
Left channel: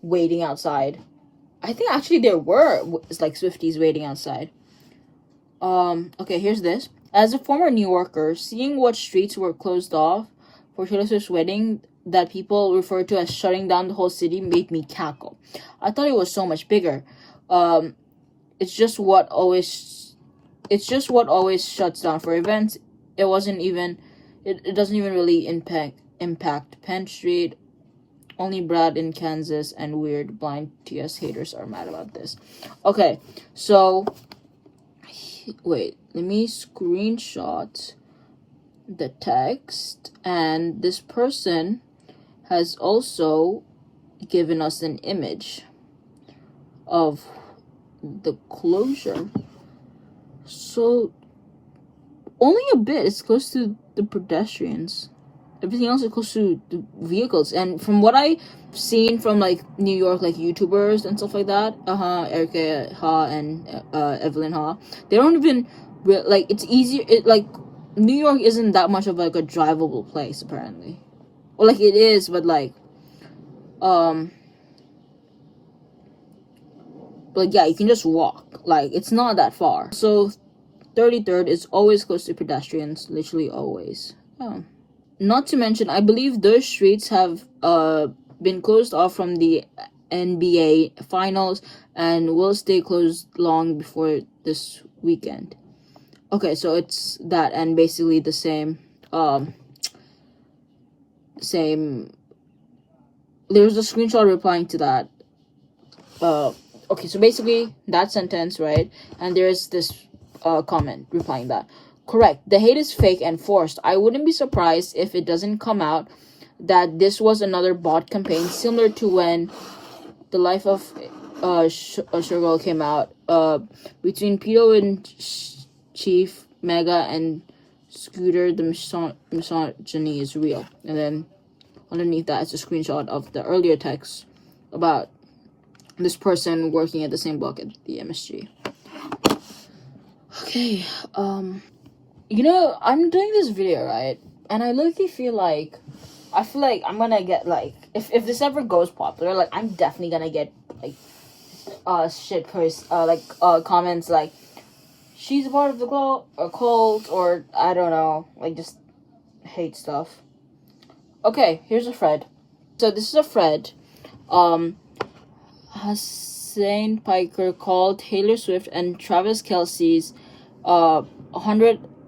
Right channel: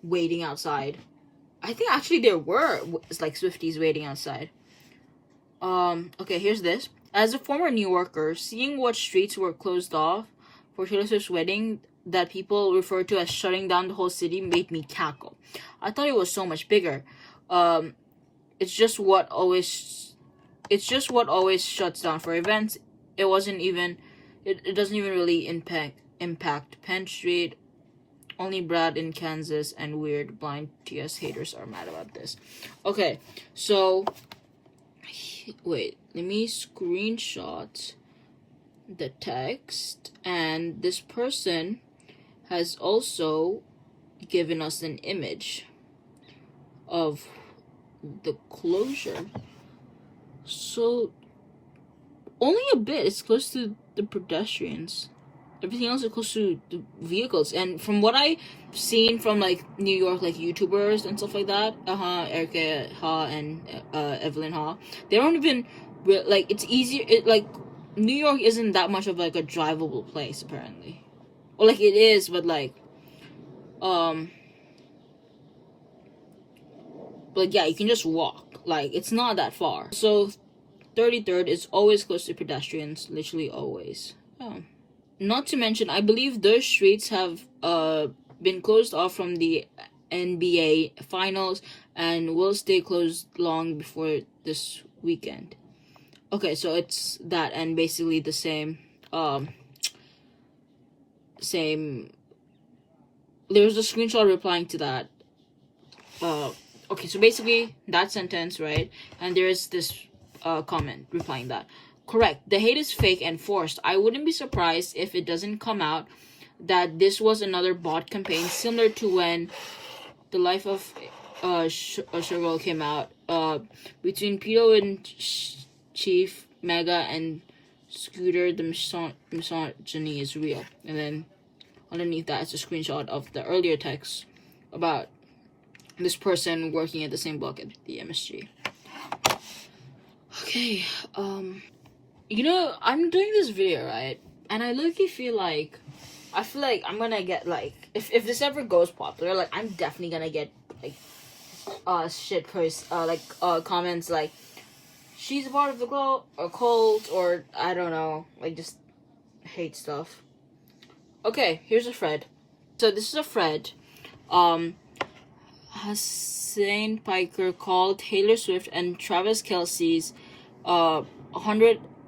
waiting outside. I think actually there were like Swifties waiting outside. Okay, here's this. As a former New Yorker, seeing what streets were closed off for Taylor Swift's wedding that people refer to as shutting down the whole city made me cackle. I thought it was so much bigger. It's just what always shuts down for events. It doesn't even really impact Penn Street. Only Brad in Kansas and weird blind TS haters are mad about this. Okay, so wait, let me screenshot the text, and this person has also given us an image of the closure. So only a bit. It's close to the pedestrians. Everything else is close to the vehicles. And from what I've seen from like New York, like YouTubers and stuff like that, Erica Ha and Evelyn Ha, they don't even like. It's easier. It like New York isn't that much of like a drivable place apparently. Well, like it is, but like, but yeah, you can just walk. Like, it's not that far. So 33rd is always close to pedestrians, literally always. Oh. Not to mention, I believe those streets have been closed off from the NBA finals and will stay closed long before this weekend. Okay, so it's that and basically the same there's a screenshot replying to that. Okay, so basically that sentence, right? And there's this comment replying that. Correct. The hate is fake and forced. I wouldn't be surprised if it doesn't come out that this was another bot campaign similar to when The Life of Sugar came out. Between Pito and Chief, Mega, and Scooter, the misogyny is real. And then underneath that is a screenshot of the earlier text about this person working at the same block at the MSG. Okay, you know, I'm doing this video, right? And I literally feel like I'm gonna get, like, if this ever goes popular, like, I'm definitely gonna get, like, shit posts, comments, like, she's a part of the cult, or, I don't know, like, just hate stuff. Okay, here's a thread. So, this is a thread, Hussein Piker called Taylor Swift and Travis Kelce's,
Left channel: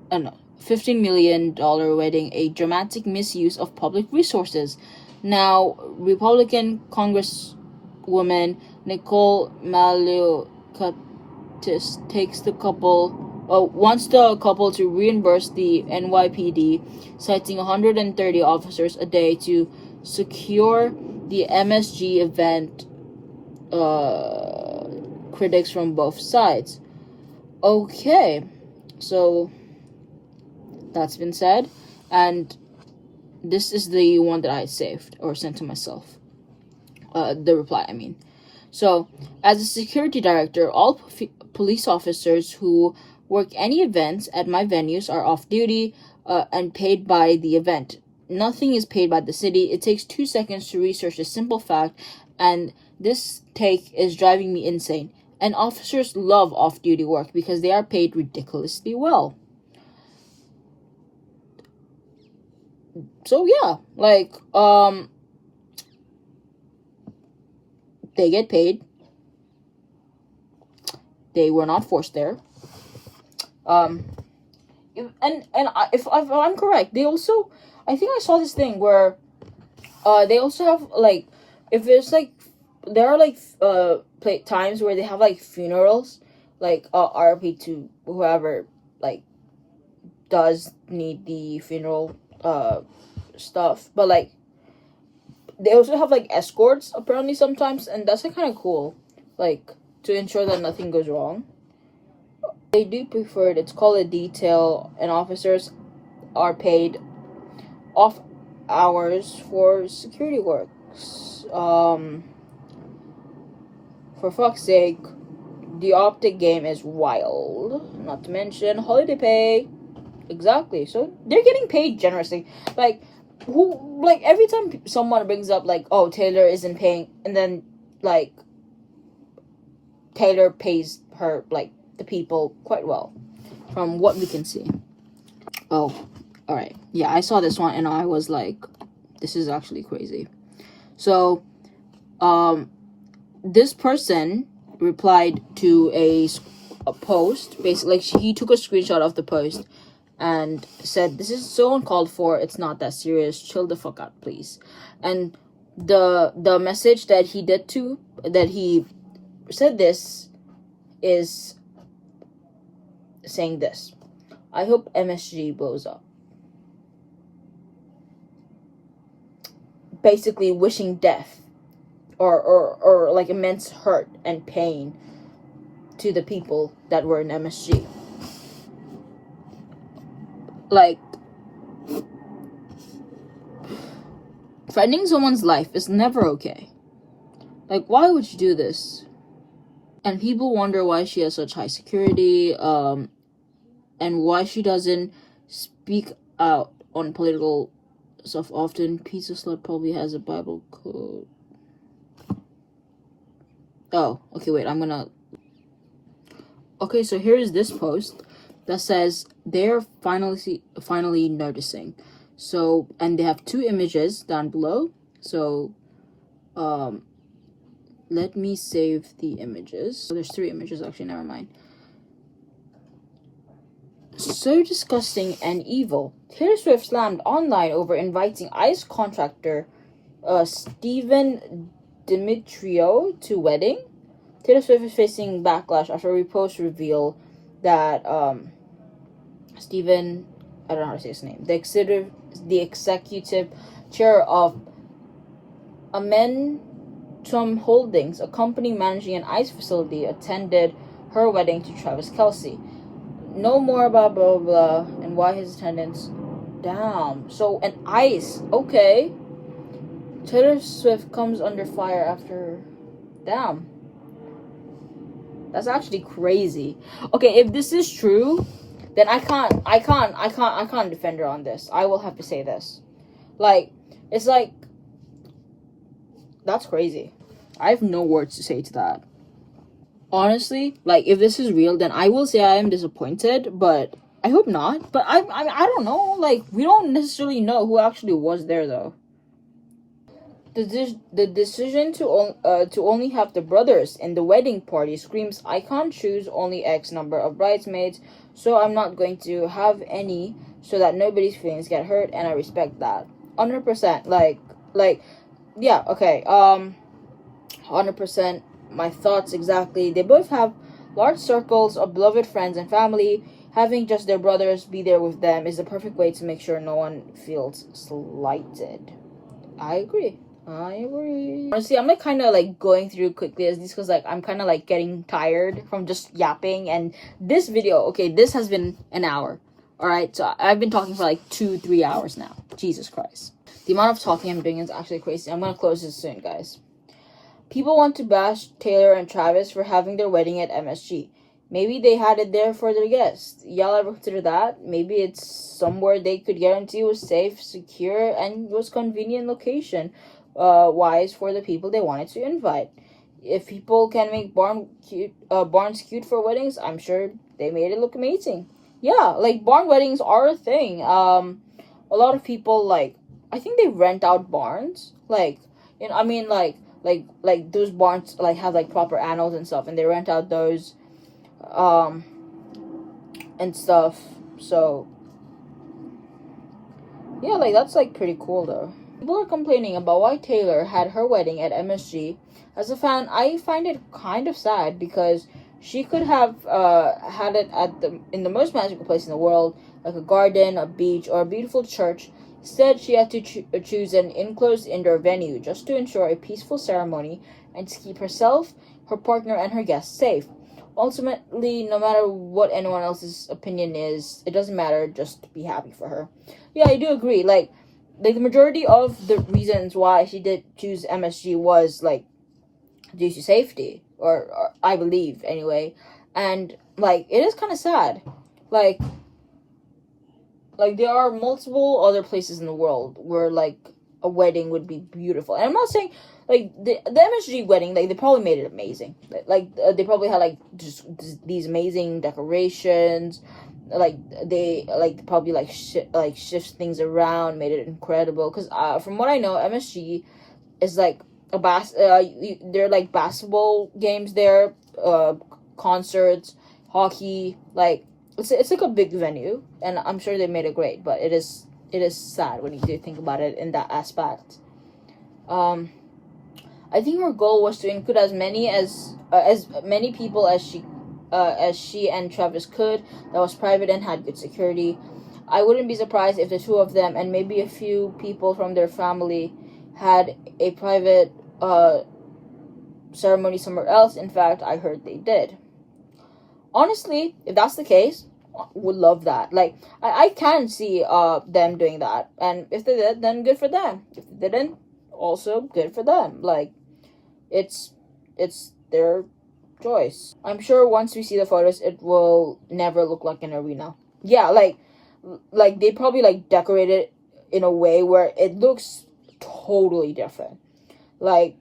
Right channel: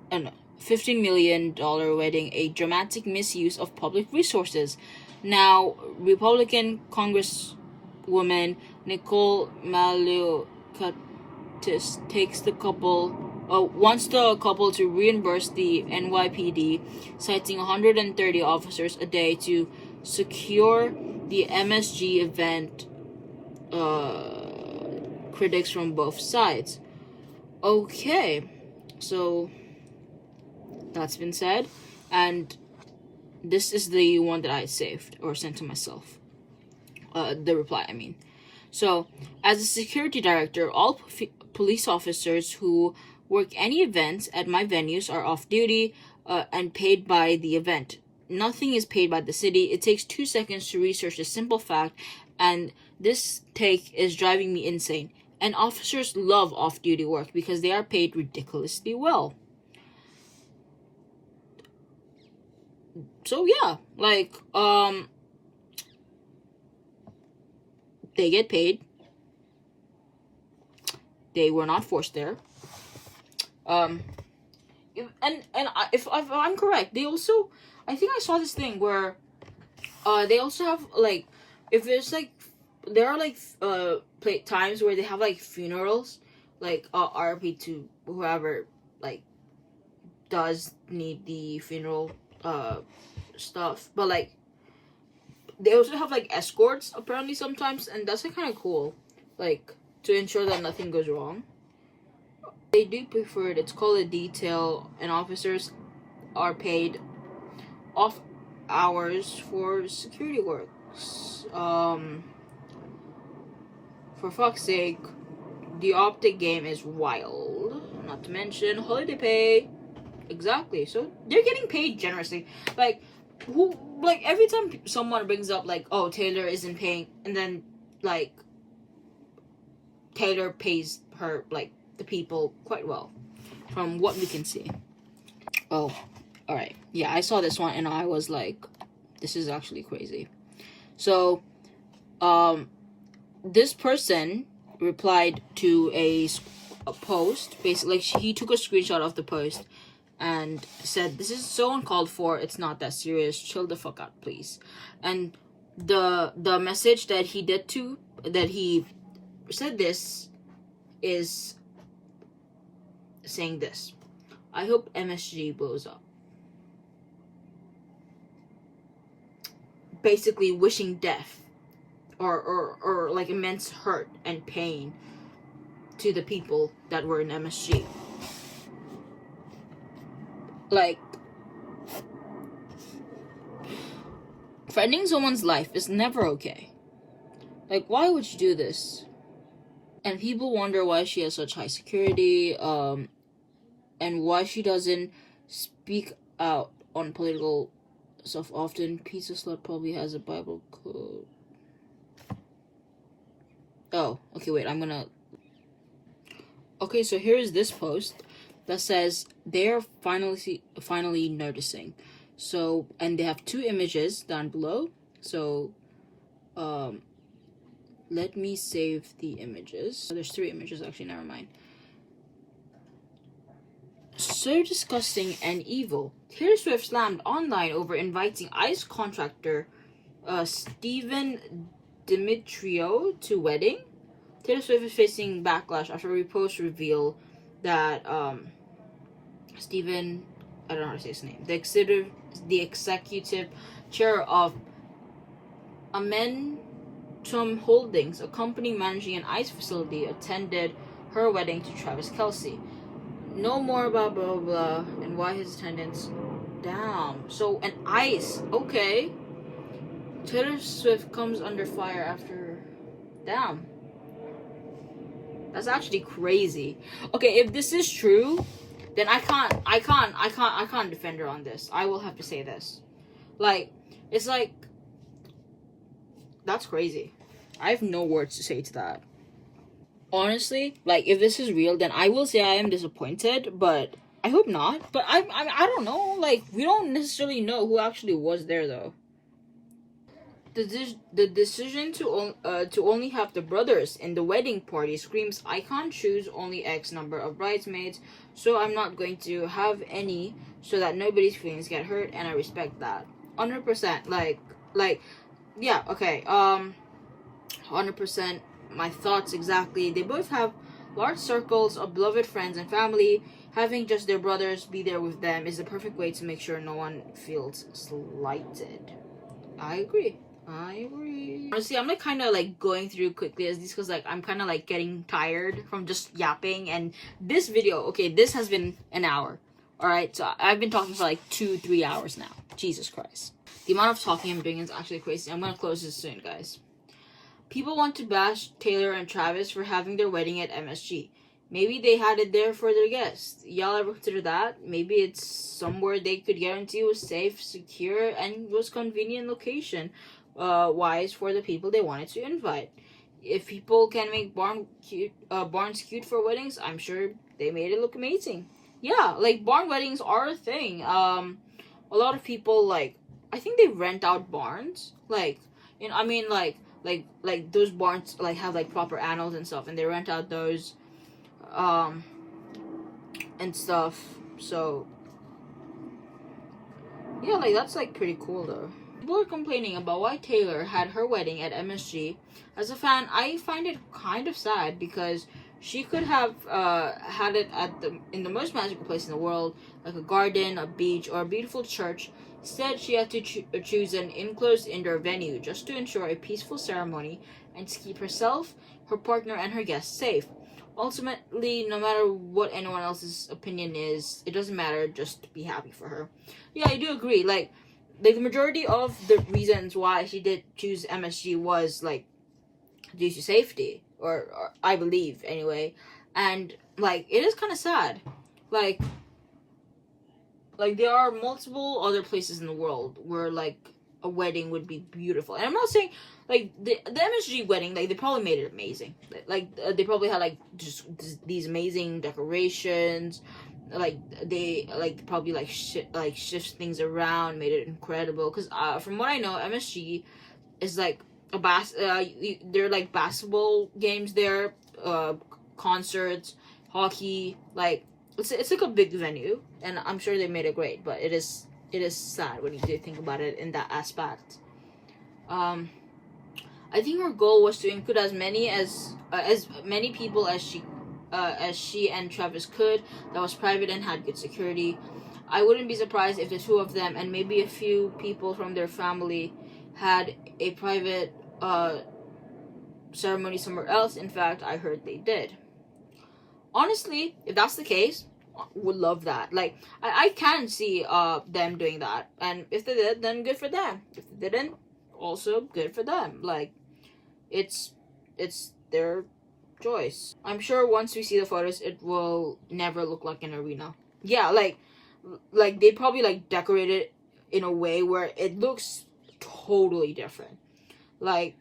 $15 million wedding a dramatic misuse of public resources. Now, Republican Congresswoman Nicole Malioukis wants the couple to reimburse the NYPD, citing 130 officers a day to secure the MSG event. Critics from both sides. Okay, so that's been said, and this is the one that I saved or sent to myself. The reply, I mean. So, as a security director, all police officers who work any events at my venues are off duty and paid by the event. Nothing is paid by the city. It takes 2 seconds to research a simple fact, and this take is driving me insane. And officers love off-duty work because they are paid ridiculously well. So yeah, like, they get paid. They were not forced there. If I'm correct, they also, I think I saw this thing where they also have like, if there's like, there are like times where they have like funerals, like RP to whoever like does need the funeral stuff, but like they also have like escorts apparently sometimes, and that's like kind of cool, like to ensure that nothing goes wrong. They do prefer it. It's called a detail, and officers are paid off hours for security works. For fuck's sake, the optic game is wild. Not to mention holiday pay. Exactly. So they're getting paid generously. Like, who? Like every time someone brings up like, oh, Taylor isn't paying, and then like Taylor pays her like the people quite well, from what we can see. Oh, all right. Yeah, I saw this one and I was like, this is actually crazy. So, this person replied to a post. Basically, he took a screenshot of the post and said, "This is so uncalled for. It's not that serious. Chill the fuck out, please." And the message that he said this is saying this: "I hope MSG blows up." Basically wishing death or like immense hurt and pain to the people that were in MSG. Like, threatening someone's life is never okay. Like, why would you do this? And people wonder why she has such high security, and why she doesn't speak out on political stuff often. Pizza Slut probably has a Bible quote. Oh, okay, wait, okay, so here's this post that says they're finally noticing. So, and they have 2 images down below. So, let me save the images. So there's 3 images, actually, never mind. So disgusting and evil. Taylor Swift slammed online over inviting ICE contractor Stephen Demetrio to wedding. Taylor Swift is facing backlash after a repost reveal that Stephen, I don't know how to say his name, the executive chair of Amentum Holdings, a company managing an ICE facility, attended her wedding to Travis Kelce. No more about blah, blah, blah, and why his attendance. Damn. So, an ICE. Okay. Taylor Swift comes under fire after. Damn. That's actually crazy. Okay, if this is true, then I can't defend her on this. I will have to say this. Like, it's like, that's crazy. I have no words to say to that. Honestly, like, if this is real, then I will say I am disappointed, but I hope not. But I don't know. Like, we don't necessarily know who actually was there, though. The decision to only have the brothers in the wedding party screams, I can't choose only X number of bridesmaids, so I'm not going to have any, so that nobody's feelings get hurt, and I respect that. 100%. Like, yeah, okay. 100%. My thoughts exactly. They both have large circles of beloved friends and family. Having just their brothers be there with them is the perfect way to make sure no one feels slighted. I agree. Honestly, I'm like kind of like going through quickly as these, because like I'm kind of like getting tired from just yapping. And this video, okay, this has been an hour. All right, so I've been talking for like 2-3 hours now. Jesus Christ, the amount of talking I'm doing is actually crazy. I'm gonna close this soon, guys. People want to bash Taylor and Travis for having their wedding at MSG. Maybe they had it there for their guests. Y'all ever consider that? Maybe it's somewhere they could guarantee was safe, secure, and was convenient location wise for the people they wanted to invite. If people can make barns cute for weddings, I'm sure they made it look amazing. Yeah, like barn weddings are a thing. A lot of people, like, I think they rent out barns. Like, you know, I mean, like those barns like have like proper animals and stuff, and they rent out those and stuff. So Yeah, like, that's, like, pretty cool, though. People are complaining about why Taylor had her wedding at MSG. As a fan, I find it kind of sad because she could have had it in the most magical place in the world, like a garden, a beach, or a beautiful church. Instead, she had to choose an enclosed indoor venue just to ensure a peaceful ceremony and to keep herself, her partner, and her guests safe. Ultimately, no matter what anyone else's opinion is, it doesn't matter, just be happy for her. Yeah, I do agree. Like the majority of the reasons why she did choose MSG was, like, due to safety, or I believe, anyway. And, like, it is kind of sad. Like, there are multiple other places in the world where, like, a wedding would be beautiful. And I'm not saying, like, the MSG wedding, like, they probably made it amazing. Like, they probably had, like, just these amazing decorations. Like, they, like, probably, like, shift things around, made it incredible. Because, from what I know, MSG is, like, they're, like, basketball games there, concerts, hockey, like, it's like a big venue, and I'm sure they made it great, but it is sad when you do think about it in that aspect. I think her goal was to include as many people as she and Travis could, that was private and had good security. I wouldn't be surprised if the two of them and maybe a few people from their family had a private ceremony somewhere else. In fact, I heard they did. Honestly, if that's the case, would love that. Like, I can see them doing that, and if they did, then good for them. If they didn't, also good for them. Like, it's their choice. I'm sure once we see the photos, it will never look like an arena. Yeah, like they probably, like, decorate it in a way where it looks totally different. Like,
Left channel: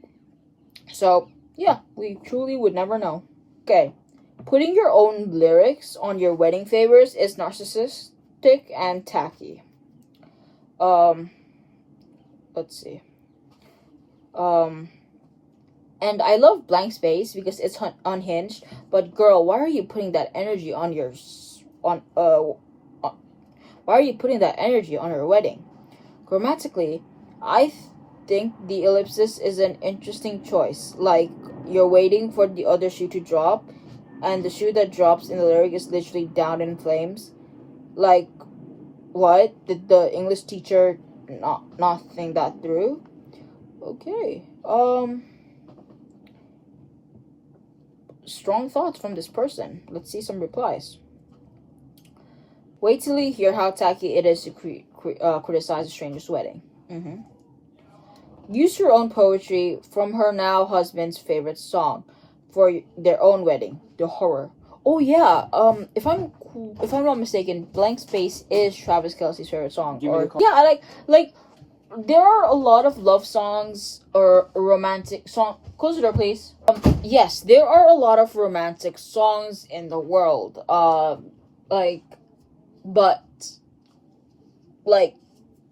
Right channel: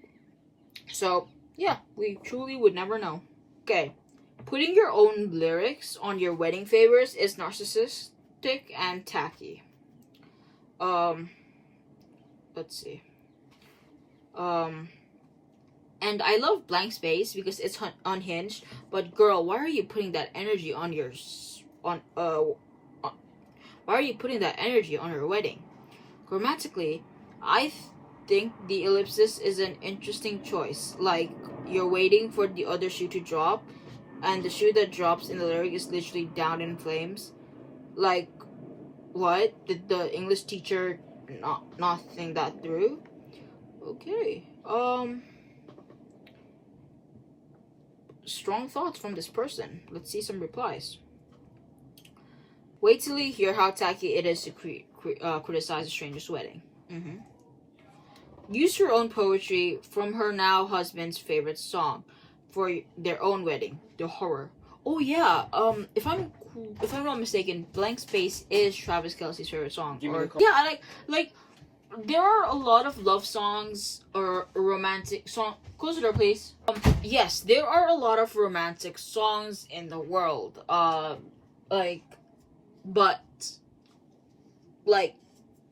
so yeah, we truly would never know. Okay. Putting your own lyrics on your wedding favors is narcissistic and tacky. Let's see. And I love blank space because it's unhinged. But girl, why are you putting that energy on why are you putting that energy on her wedding? Grammatically, I think the ellipsis is an interesting choice. Like, you're waiting for the other shoe to drop, and the shoe that drops in the lyric is literally down in flames. Like, what? Did the English teacher not think that through? Okay. Strong thoughts from this person. Let's see some replies. Wait till you hear how tacky it is to criticize a stranger's wedding. Use your own poetry from her now husband's favorite song for their own wedding, The Horror. Oh yeah, if I'm not mistaken, Blank Space is Travis Kelce's favorite song. Yeah, I like there are a lot of love songs or romantic song. Close the door, please. Yes, there are a lot of romantic songs in the world. But like,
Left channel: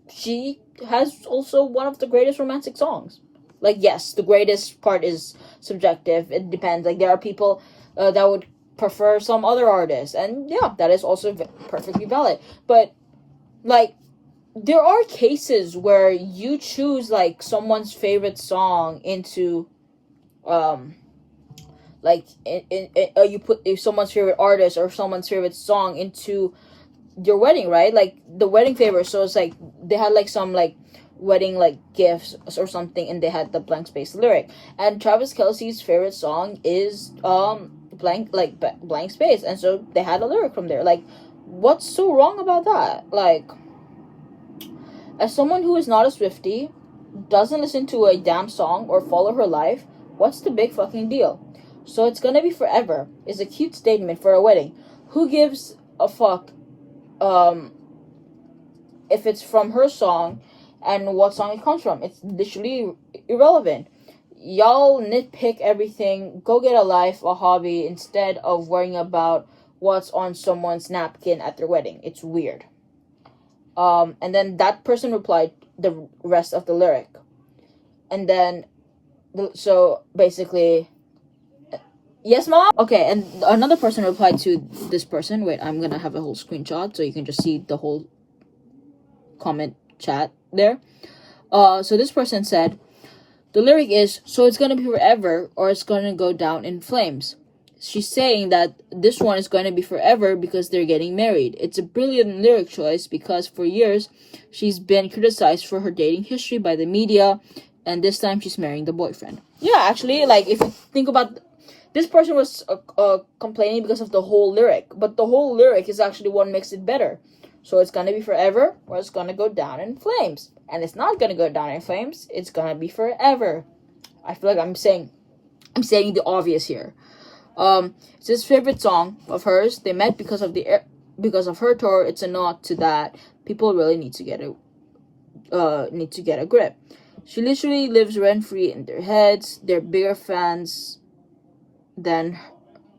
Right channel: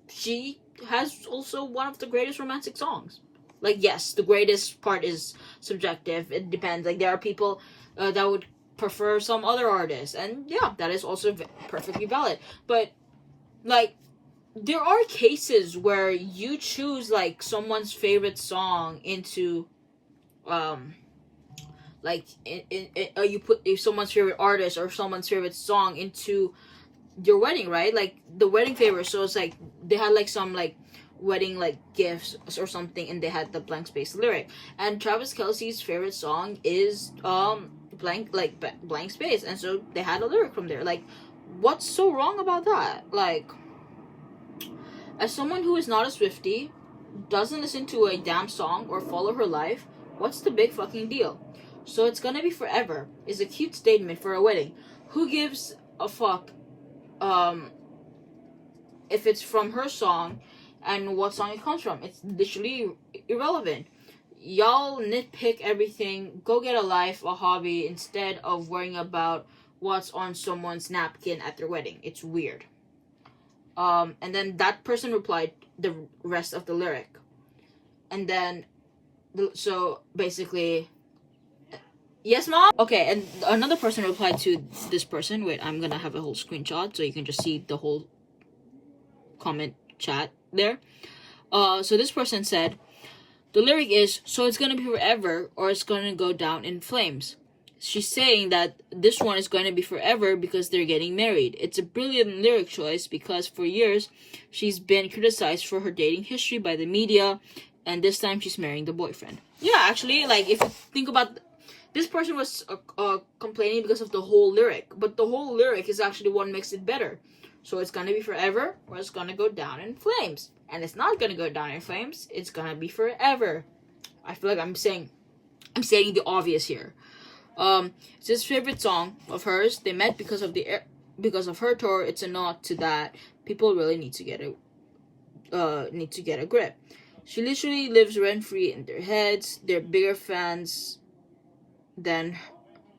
she has also one of the greatest romantic songs. Like, yes, the greatest part is subjective. It depends. Like, there are people that would prefer some other artists, and yeah, that is also perfectly valid. But, like, there are cases where you choose, like, someone's favorite song into you put someone's favorite artist or someone's favorite song into your wedding, right? Like, the wedding favor. So it's like they had, like, some, like, wedding, like, gifts or something, and they had the blank space lyric. And Travis Kelce's favorite song is blank space, and so they had a lyric from there. Like, what's so wrong about that? Like, as someone who is not a Swiftie, doesn't listen to a damn song or follow her life, what's the big fucking deal? So it's gonna be forever is a cute statement for a wedding. Who gives a fuck if it's from her song and what song it comes from? It's literally irrelevant. Y'all nitpick everything. Go get a life, a hobby, instead of worrying about what's on someone's napkin at their wedding. It's weird. And then that person replied the rest of the lyric. And then, so basically, yes, mom? Okay, and another person replied to this person. Wait, I'm gonna have a whole screenshot so you can just see the whole comment chat there. So this person said, the lyric is, so it's gonna be forever or it's gonna go down in flames. She's saying that this one is going to be forever because they're getting married. It's a brilliant lyric choice because for years she's been criticized for her dating history by the media, and this time she's marrying the boyfriend. Yeah, actually, like if you think about, this person was complaining because of the whole lyric, but the whole lyric is actually what makes it better. So it's going to be forever or it's going to go down in flames. And it's not going to go down in flames. It's going to be forever. I feel like I'm saying the obvious here. It's his favorite song of hers. They met because of her tour. It's a nod to that. People really need to get a grip. She literally lives rent free in their heads. They're bigger fans than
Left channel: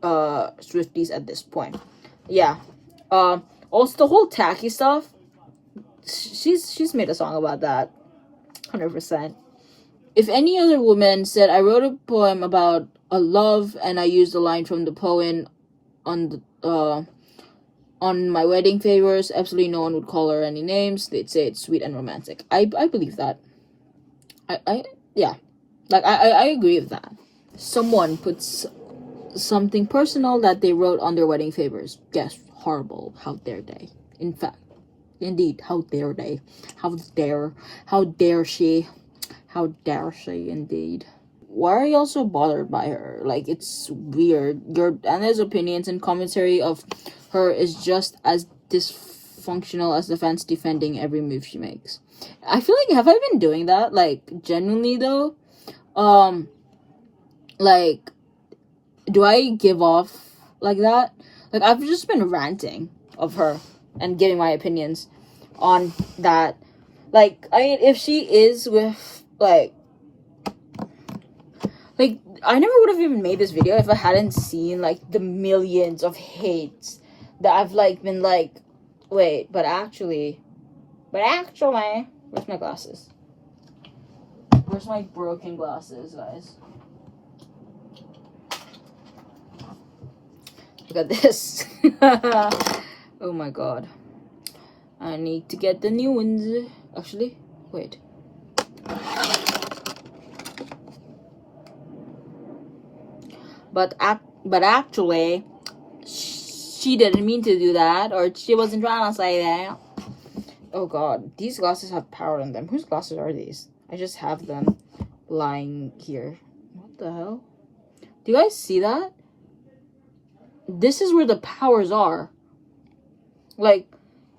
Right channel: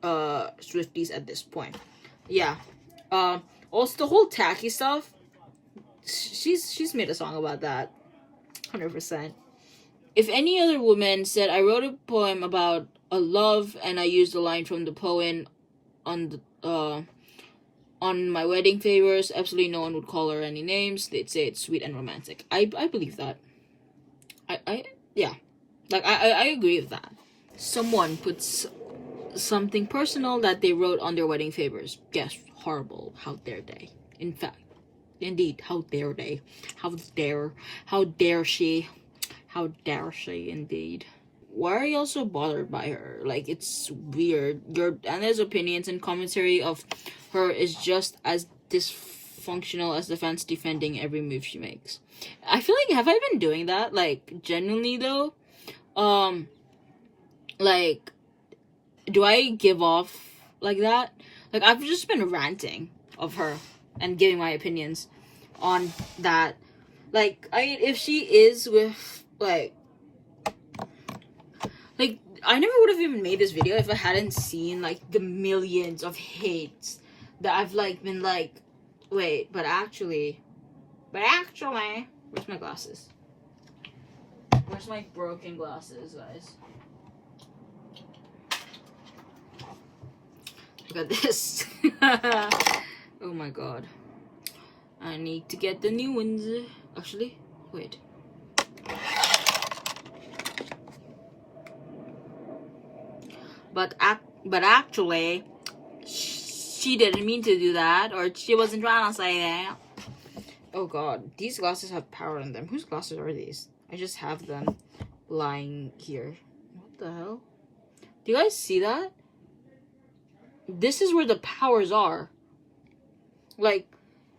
Swifties at this point. Yeah. Also the whole tacky stuff. She's made a song about that. 100%. If any other woman said, I wrote a poem about a love and I used a line from the poem on my wedding favors, absolutely no one would call her any names. They'd say it's sweet and romantic. I believe that. Yeah. Like I agree with that. Someone puts something personal that they wrote on their wedding favors. Yes, horrible. How dare they? In fact, indeed, how dare they? How dare she? How dare she, indeed. Why are y'all so bothered by her? Like, it's weird. Your Anna's opinions and commentary of her is just as dysfunctional as the fans defending every move she makes. I feel like, have I been doing that? Like, genuinely, though? Like, do I give off like that? Like, I've just been ranting of her and giving my opinions on that. Like, I mean, if she is with, like, I never would have even made this video if I hadn't seen, like, the millions of hates that I've, like, been, like, wait, but actually, where's my glasses? Where's my broken glasses, guys? Look at this. Oh my god. I need to get the new ones. Actually, wait. But actually, she didn't mean to do that, or she wasn't trying to say that. Oh god, these glasses have power in them. Whose glasses are these? I just have them lying here. What the hell? Do you guys see that? This is where the powers are. Like,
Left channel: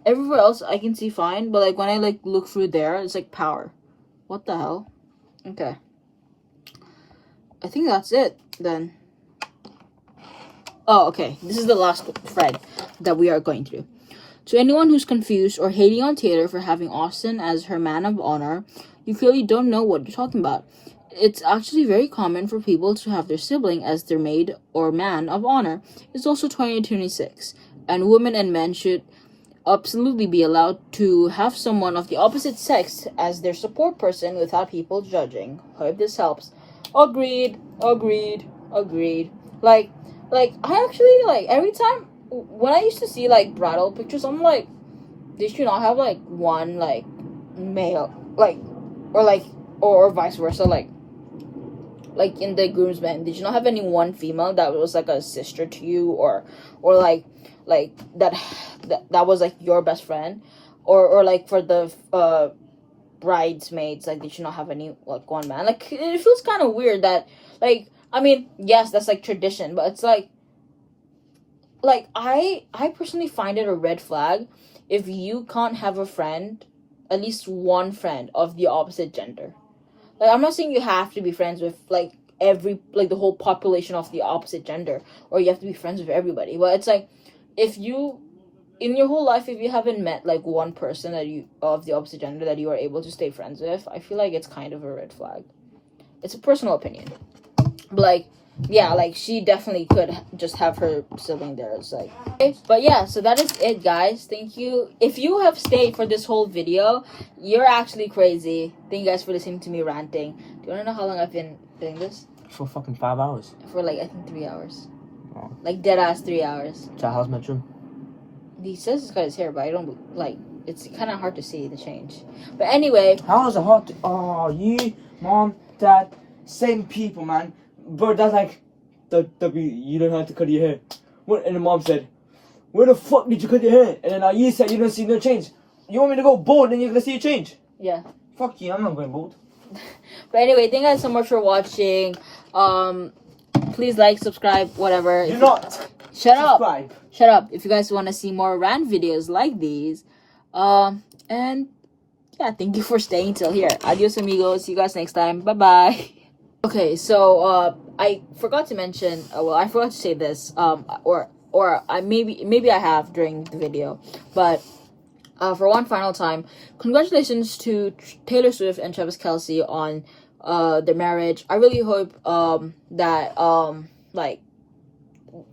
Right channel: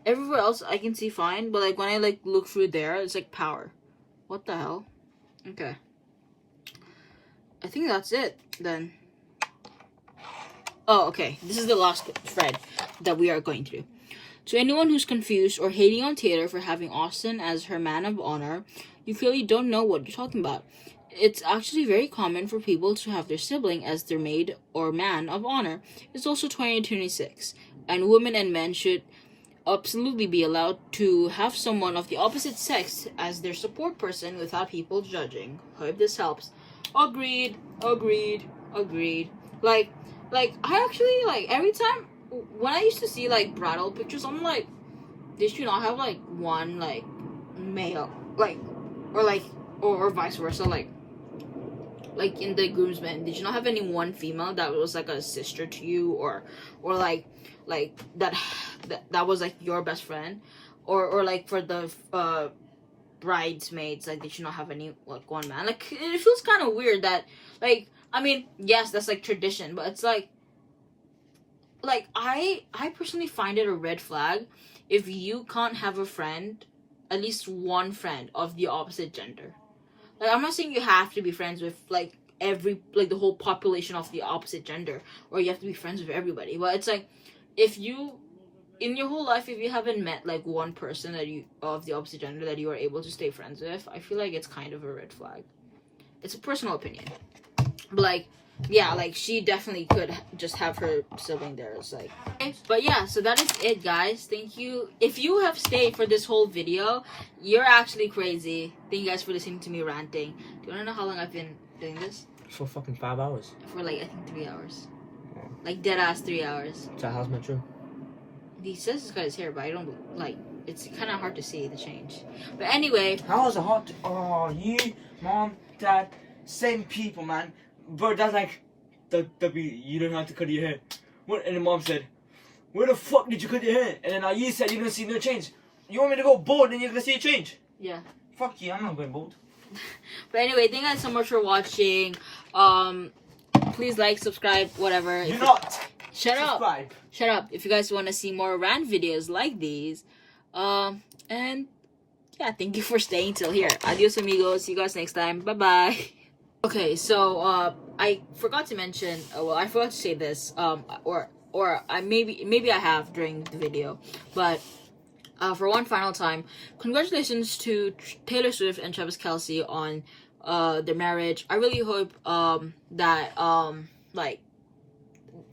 everywhere else I can see fine, but like when I like look through there, it's like power. What the hell? Okay. I think that's it then. Oh, okay. This is the last thread that we are going to do. To anyone who's confused or hating on Taylor for having Austin as her man of honor, you clearly don't know what you're talking about. It's actually very common for people to have their sibling as their maid or man of honor. It's also 2026, and women and men should absolutely be allowed to have someone of the opposite sex as their support person without people judging. Hope this helps. Agreed. Like, I actually, like, every time, when I used to see, like, bridal pictures, I'm like, they should not have, like, one, like, male, like, or vice versa, like, in the groomsmen, did you not have any one female that was, like, a sister to you, or like, that was, like, your best friend, or, like, for the, bridesmaids, like, did you not have any, like, one man? Like, it feels kind of weird that, like, I mean, yes, that's, like, tradition, but it's, like, I personally find it a red flag if you can't have a friend, at least one friend of the opposite gender. Like, I'm not saying you have to be friends with, like, the whole population of the opposite gender, or you have to be friends with everybody, but it's, like, if you, in your whole life, if you haven't met, like, one person that you, of the opposite gender that you are able to stay friends with, I feel like it's kind of a red flag. It's a personal opinion. But, like, yeah, like, she definitely could just have her sibling there. It's like, okay. But yeah, so that is it, guys. Thank you. If you have stayed for this whole video, you're actually crazy. Thank you guys for listening to me ranting. Do you want to know how long I've been doing this? For fucking 5 hours. For, like, I think 3 hours. Oh. Like, dead ass 3 hours. So how's my room? He says he's got his hair, but I don't, like, it's kind of hard to see the change. But anyway, How is it hard to... Oh, you, mom, dad, same people, man. Bro, dad's like, you don't have to cut your hair. What? And the mom said, where the fuck did you cut your hair? And then you said you don't see no change. You want me to go bald and you're gonna see a change? yeah. Fuck you, I'm not going bald. But anyway, thank you guys so much for watching. Please like, subscribe, whatever. Do not Shut up. subscribe. Shut up. If you guys want to see more rant videos like these. And yeah, thank you for staying till here. Adios amigos. See you guys next time. Bye-bye. Okay, so I forgot to mention, well, I forgot to say this, or I maybe I have during the video, but for one final time, congratulations to Taylor Swift and Travis Kelce on their marriage. I really hope that like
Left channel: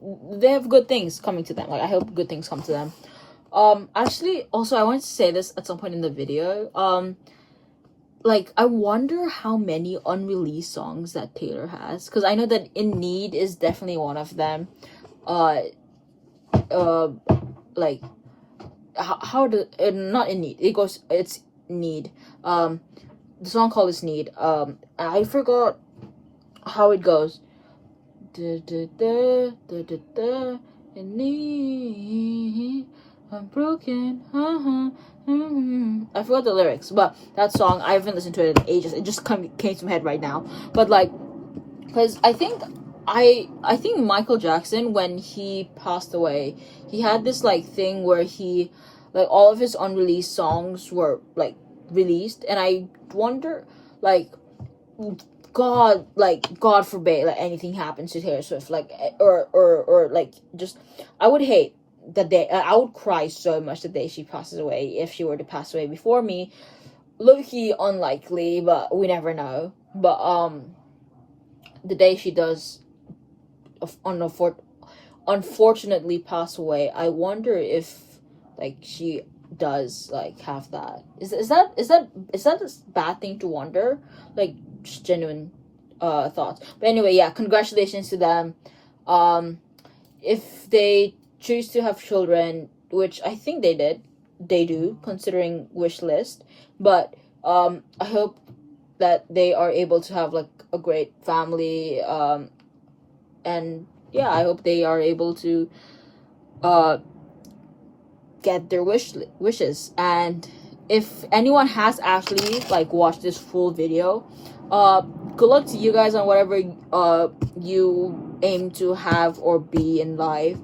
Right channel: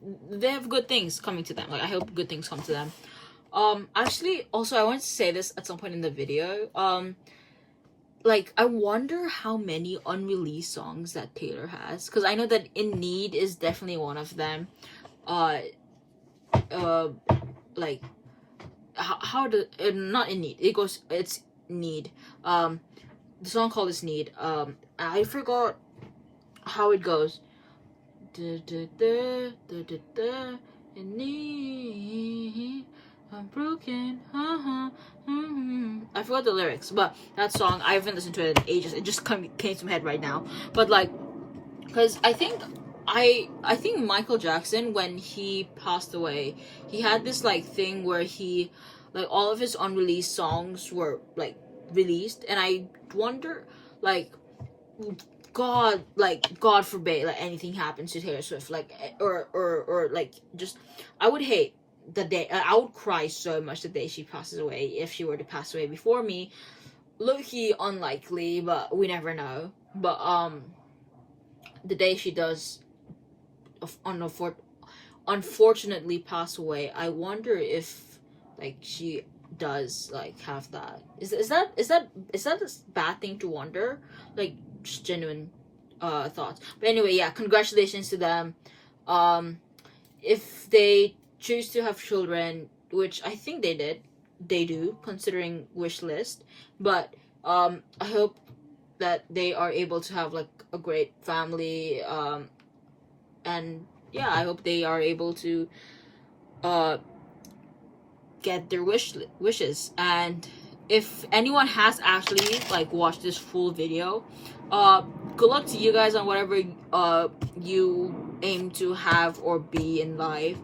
they have good things coming to them. Like, I hope good things come to them. Actually, also, I wanted to say this at some point in the video. Like, I wonder how many unreleased songs that Taylor has, because I know that In Need is definitely one of them. Like, how do not In Need? It's Need. The song called is Need. I forgot how it goes. In need, I'm broken. I forgot the lyrics, but that song, I haven't listened to it in ages. It just came to my head right now. But like, because I think Michael Jackson, when he passed away, he had this like thing where he, like, all of his unreleased songs were like released, and I wonder, like, God forbid, like, anything happens to Taylor Swift, like, or like, just, I would hate the day, I would cry so much the day she passes away, if she were to pass away before me. Low-key unlikely, but we never know. But the day she does unfortunately pass away, I wonder if, like, she does, like, have that. Is that a bad thing to wonder? Like, just genuine thoughts. But anyway, yeah, congratulations to them. If they choose to have children, which I think they do, considering wish list. But I hope that they are able to have, like, a great family. And yeah, I hope they are able to get their wishes. And if anyone has actually, like, watched this full video, good luck to you guys on whatever you aim to have or be in life.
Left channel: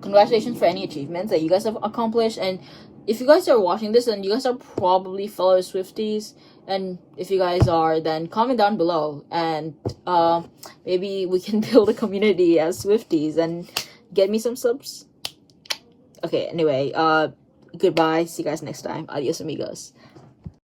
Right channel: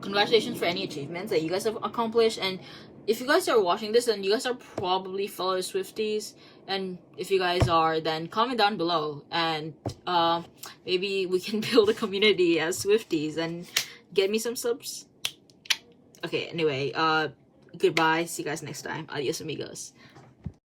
Congratulations for any achievements that you guys have accomplished. And if you guys are watching this, then you guys are probably fellow Swifties. And if you guys are, then comment down below, and maybe we can build a community as Swifties and get me some subs. Okay, anyway, goodbye. See you guys next time. Adios amigos.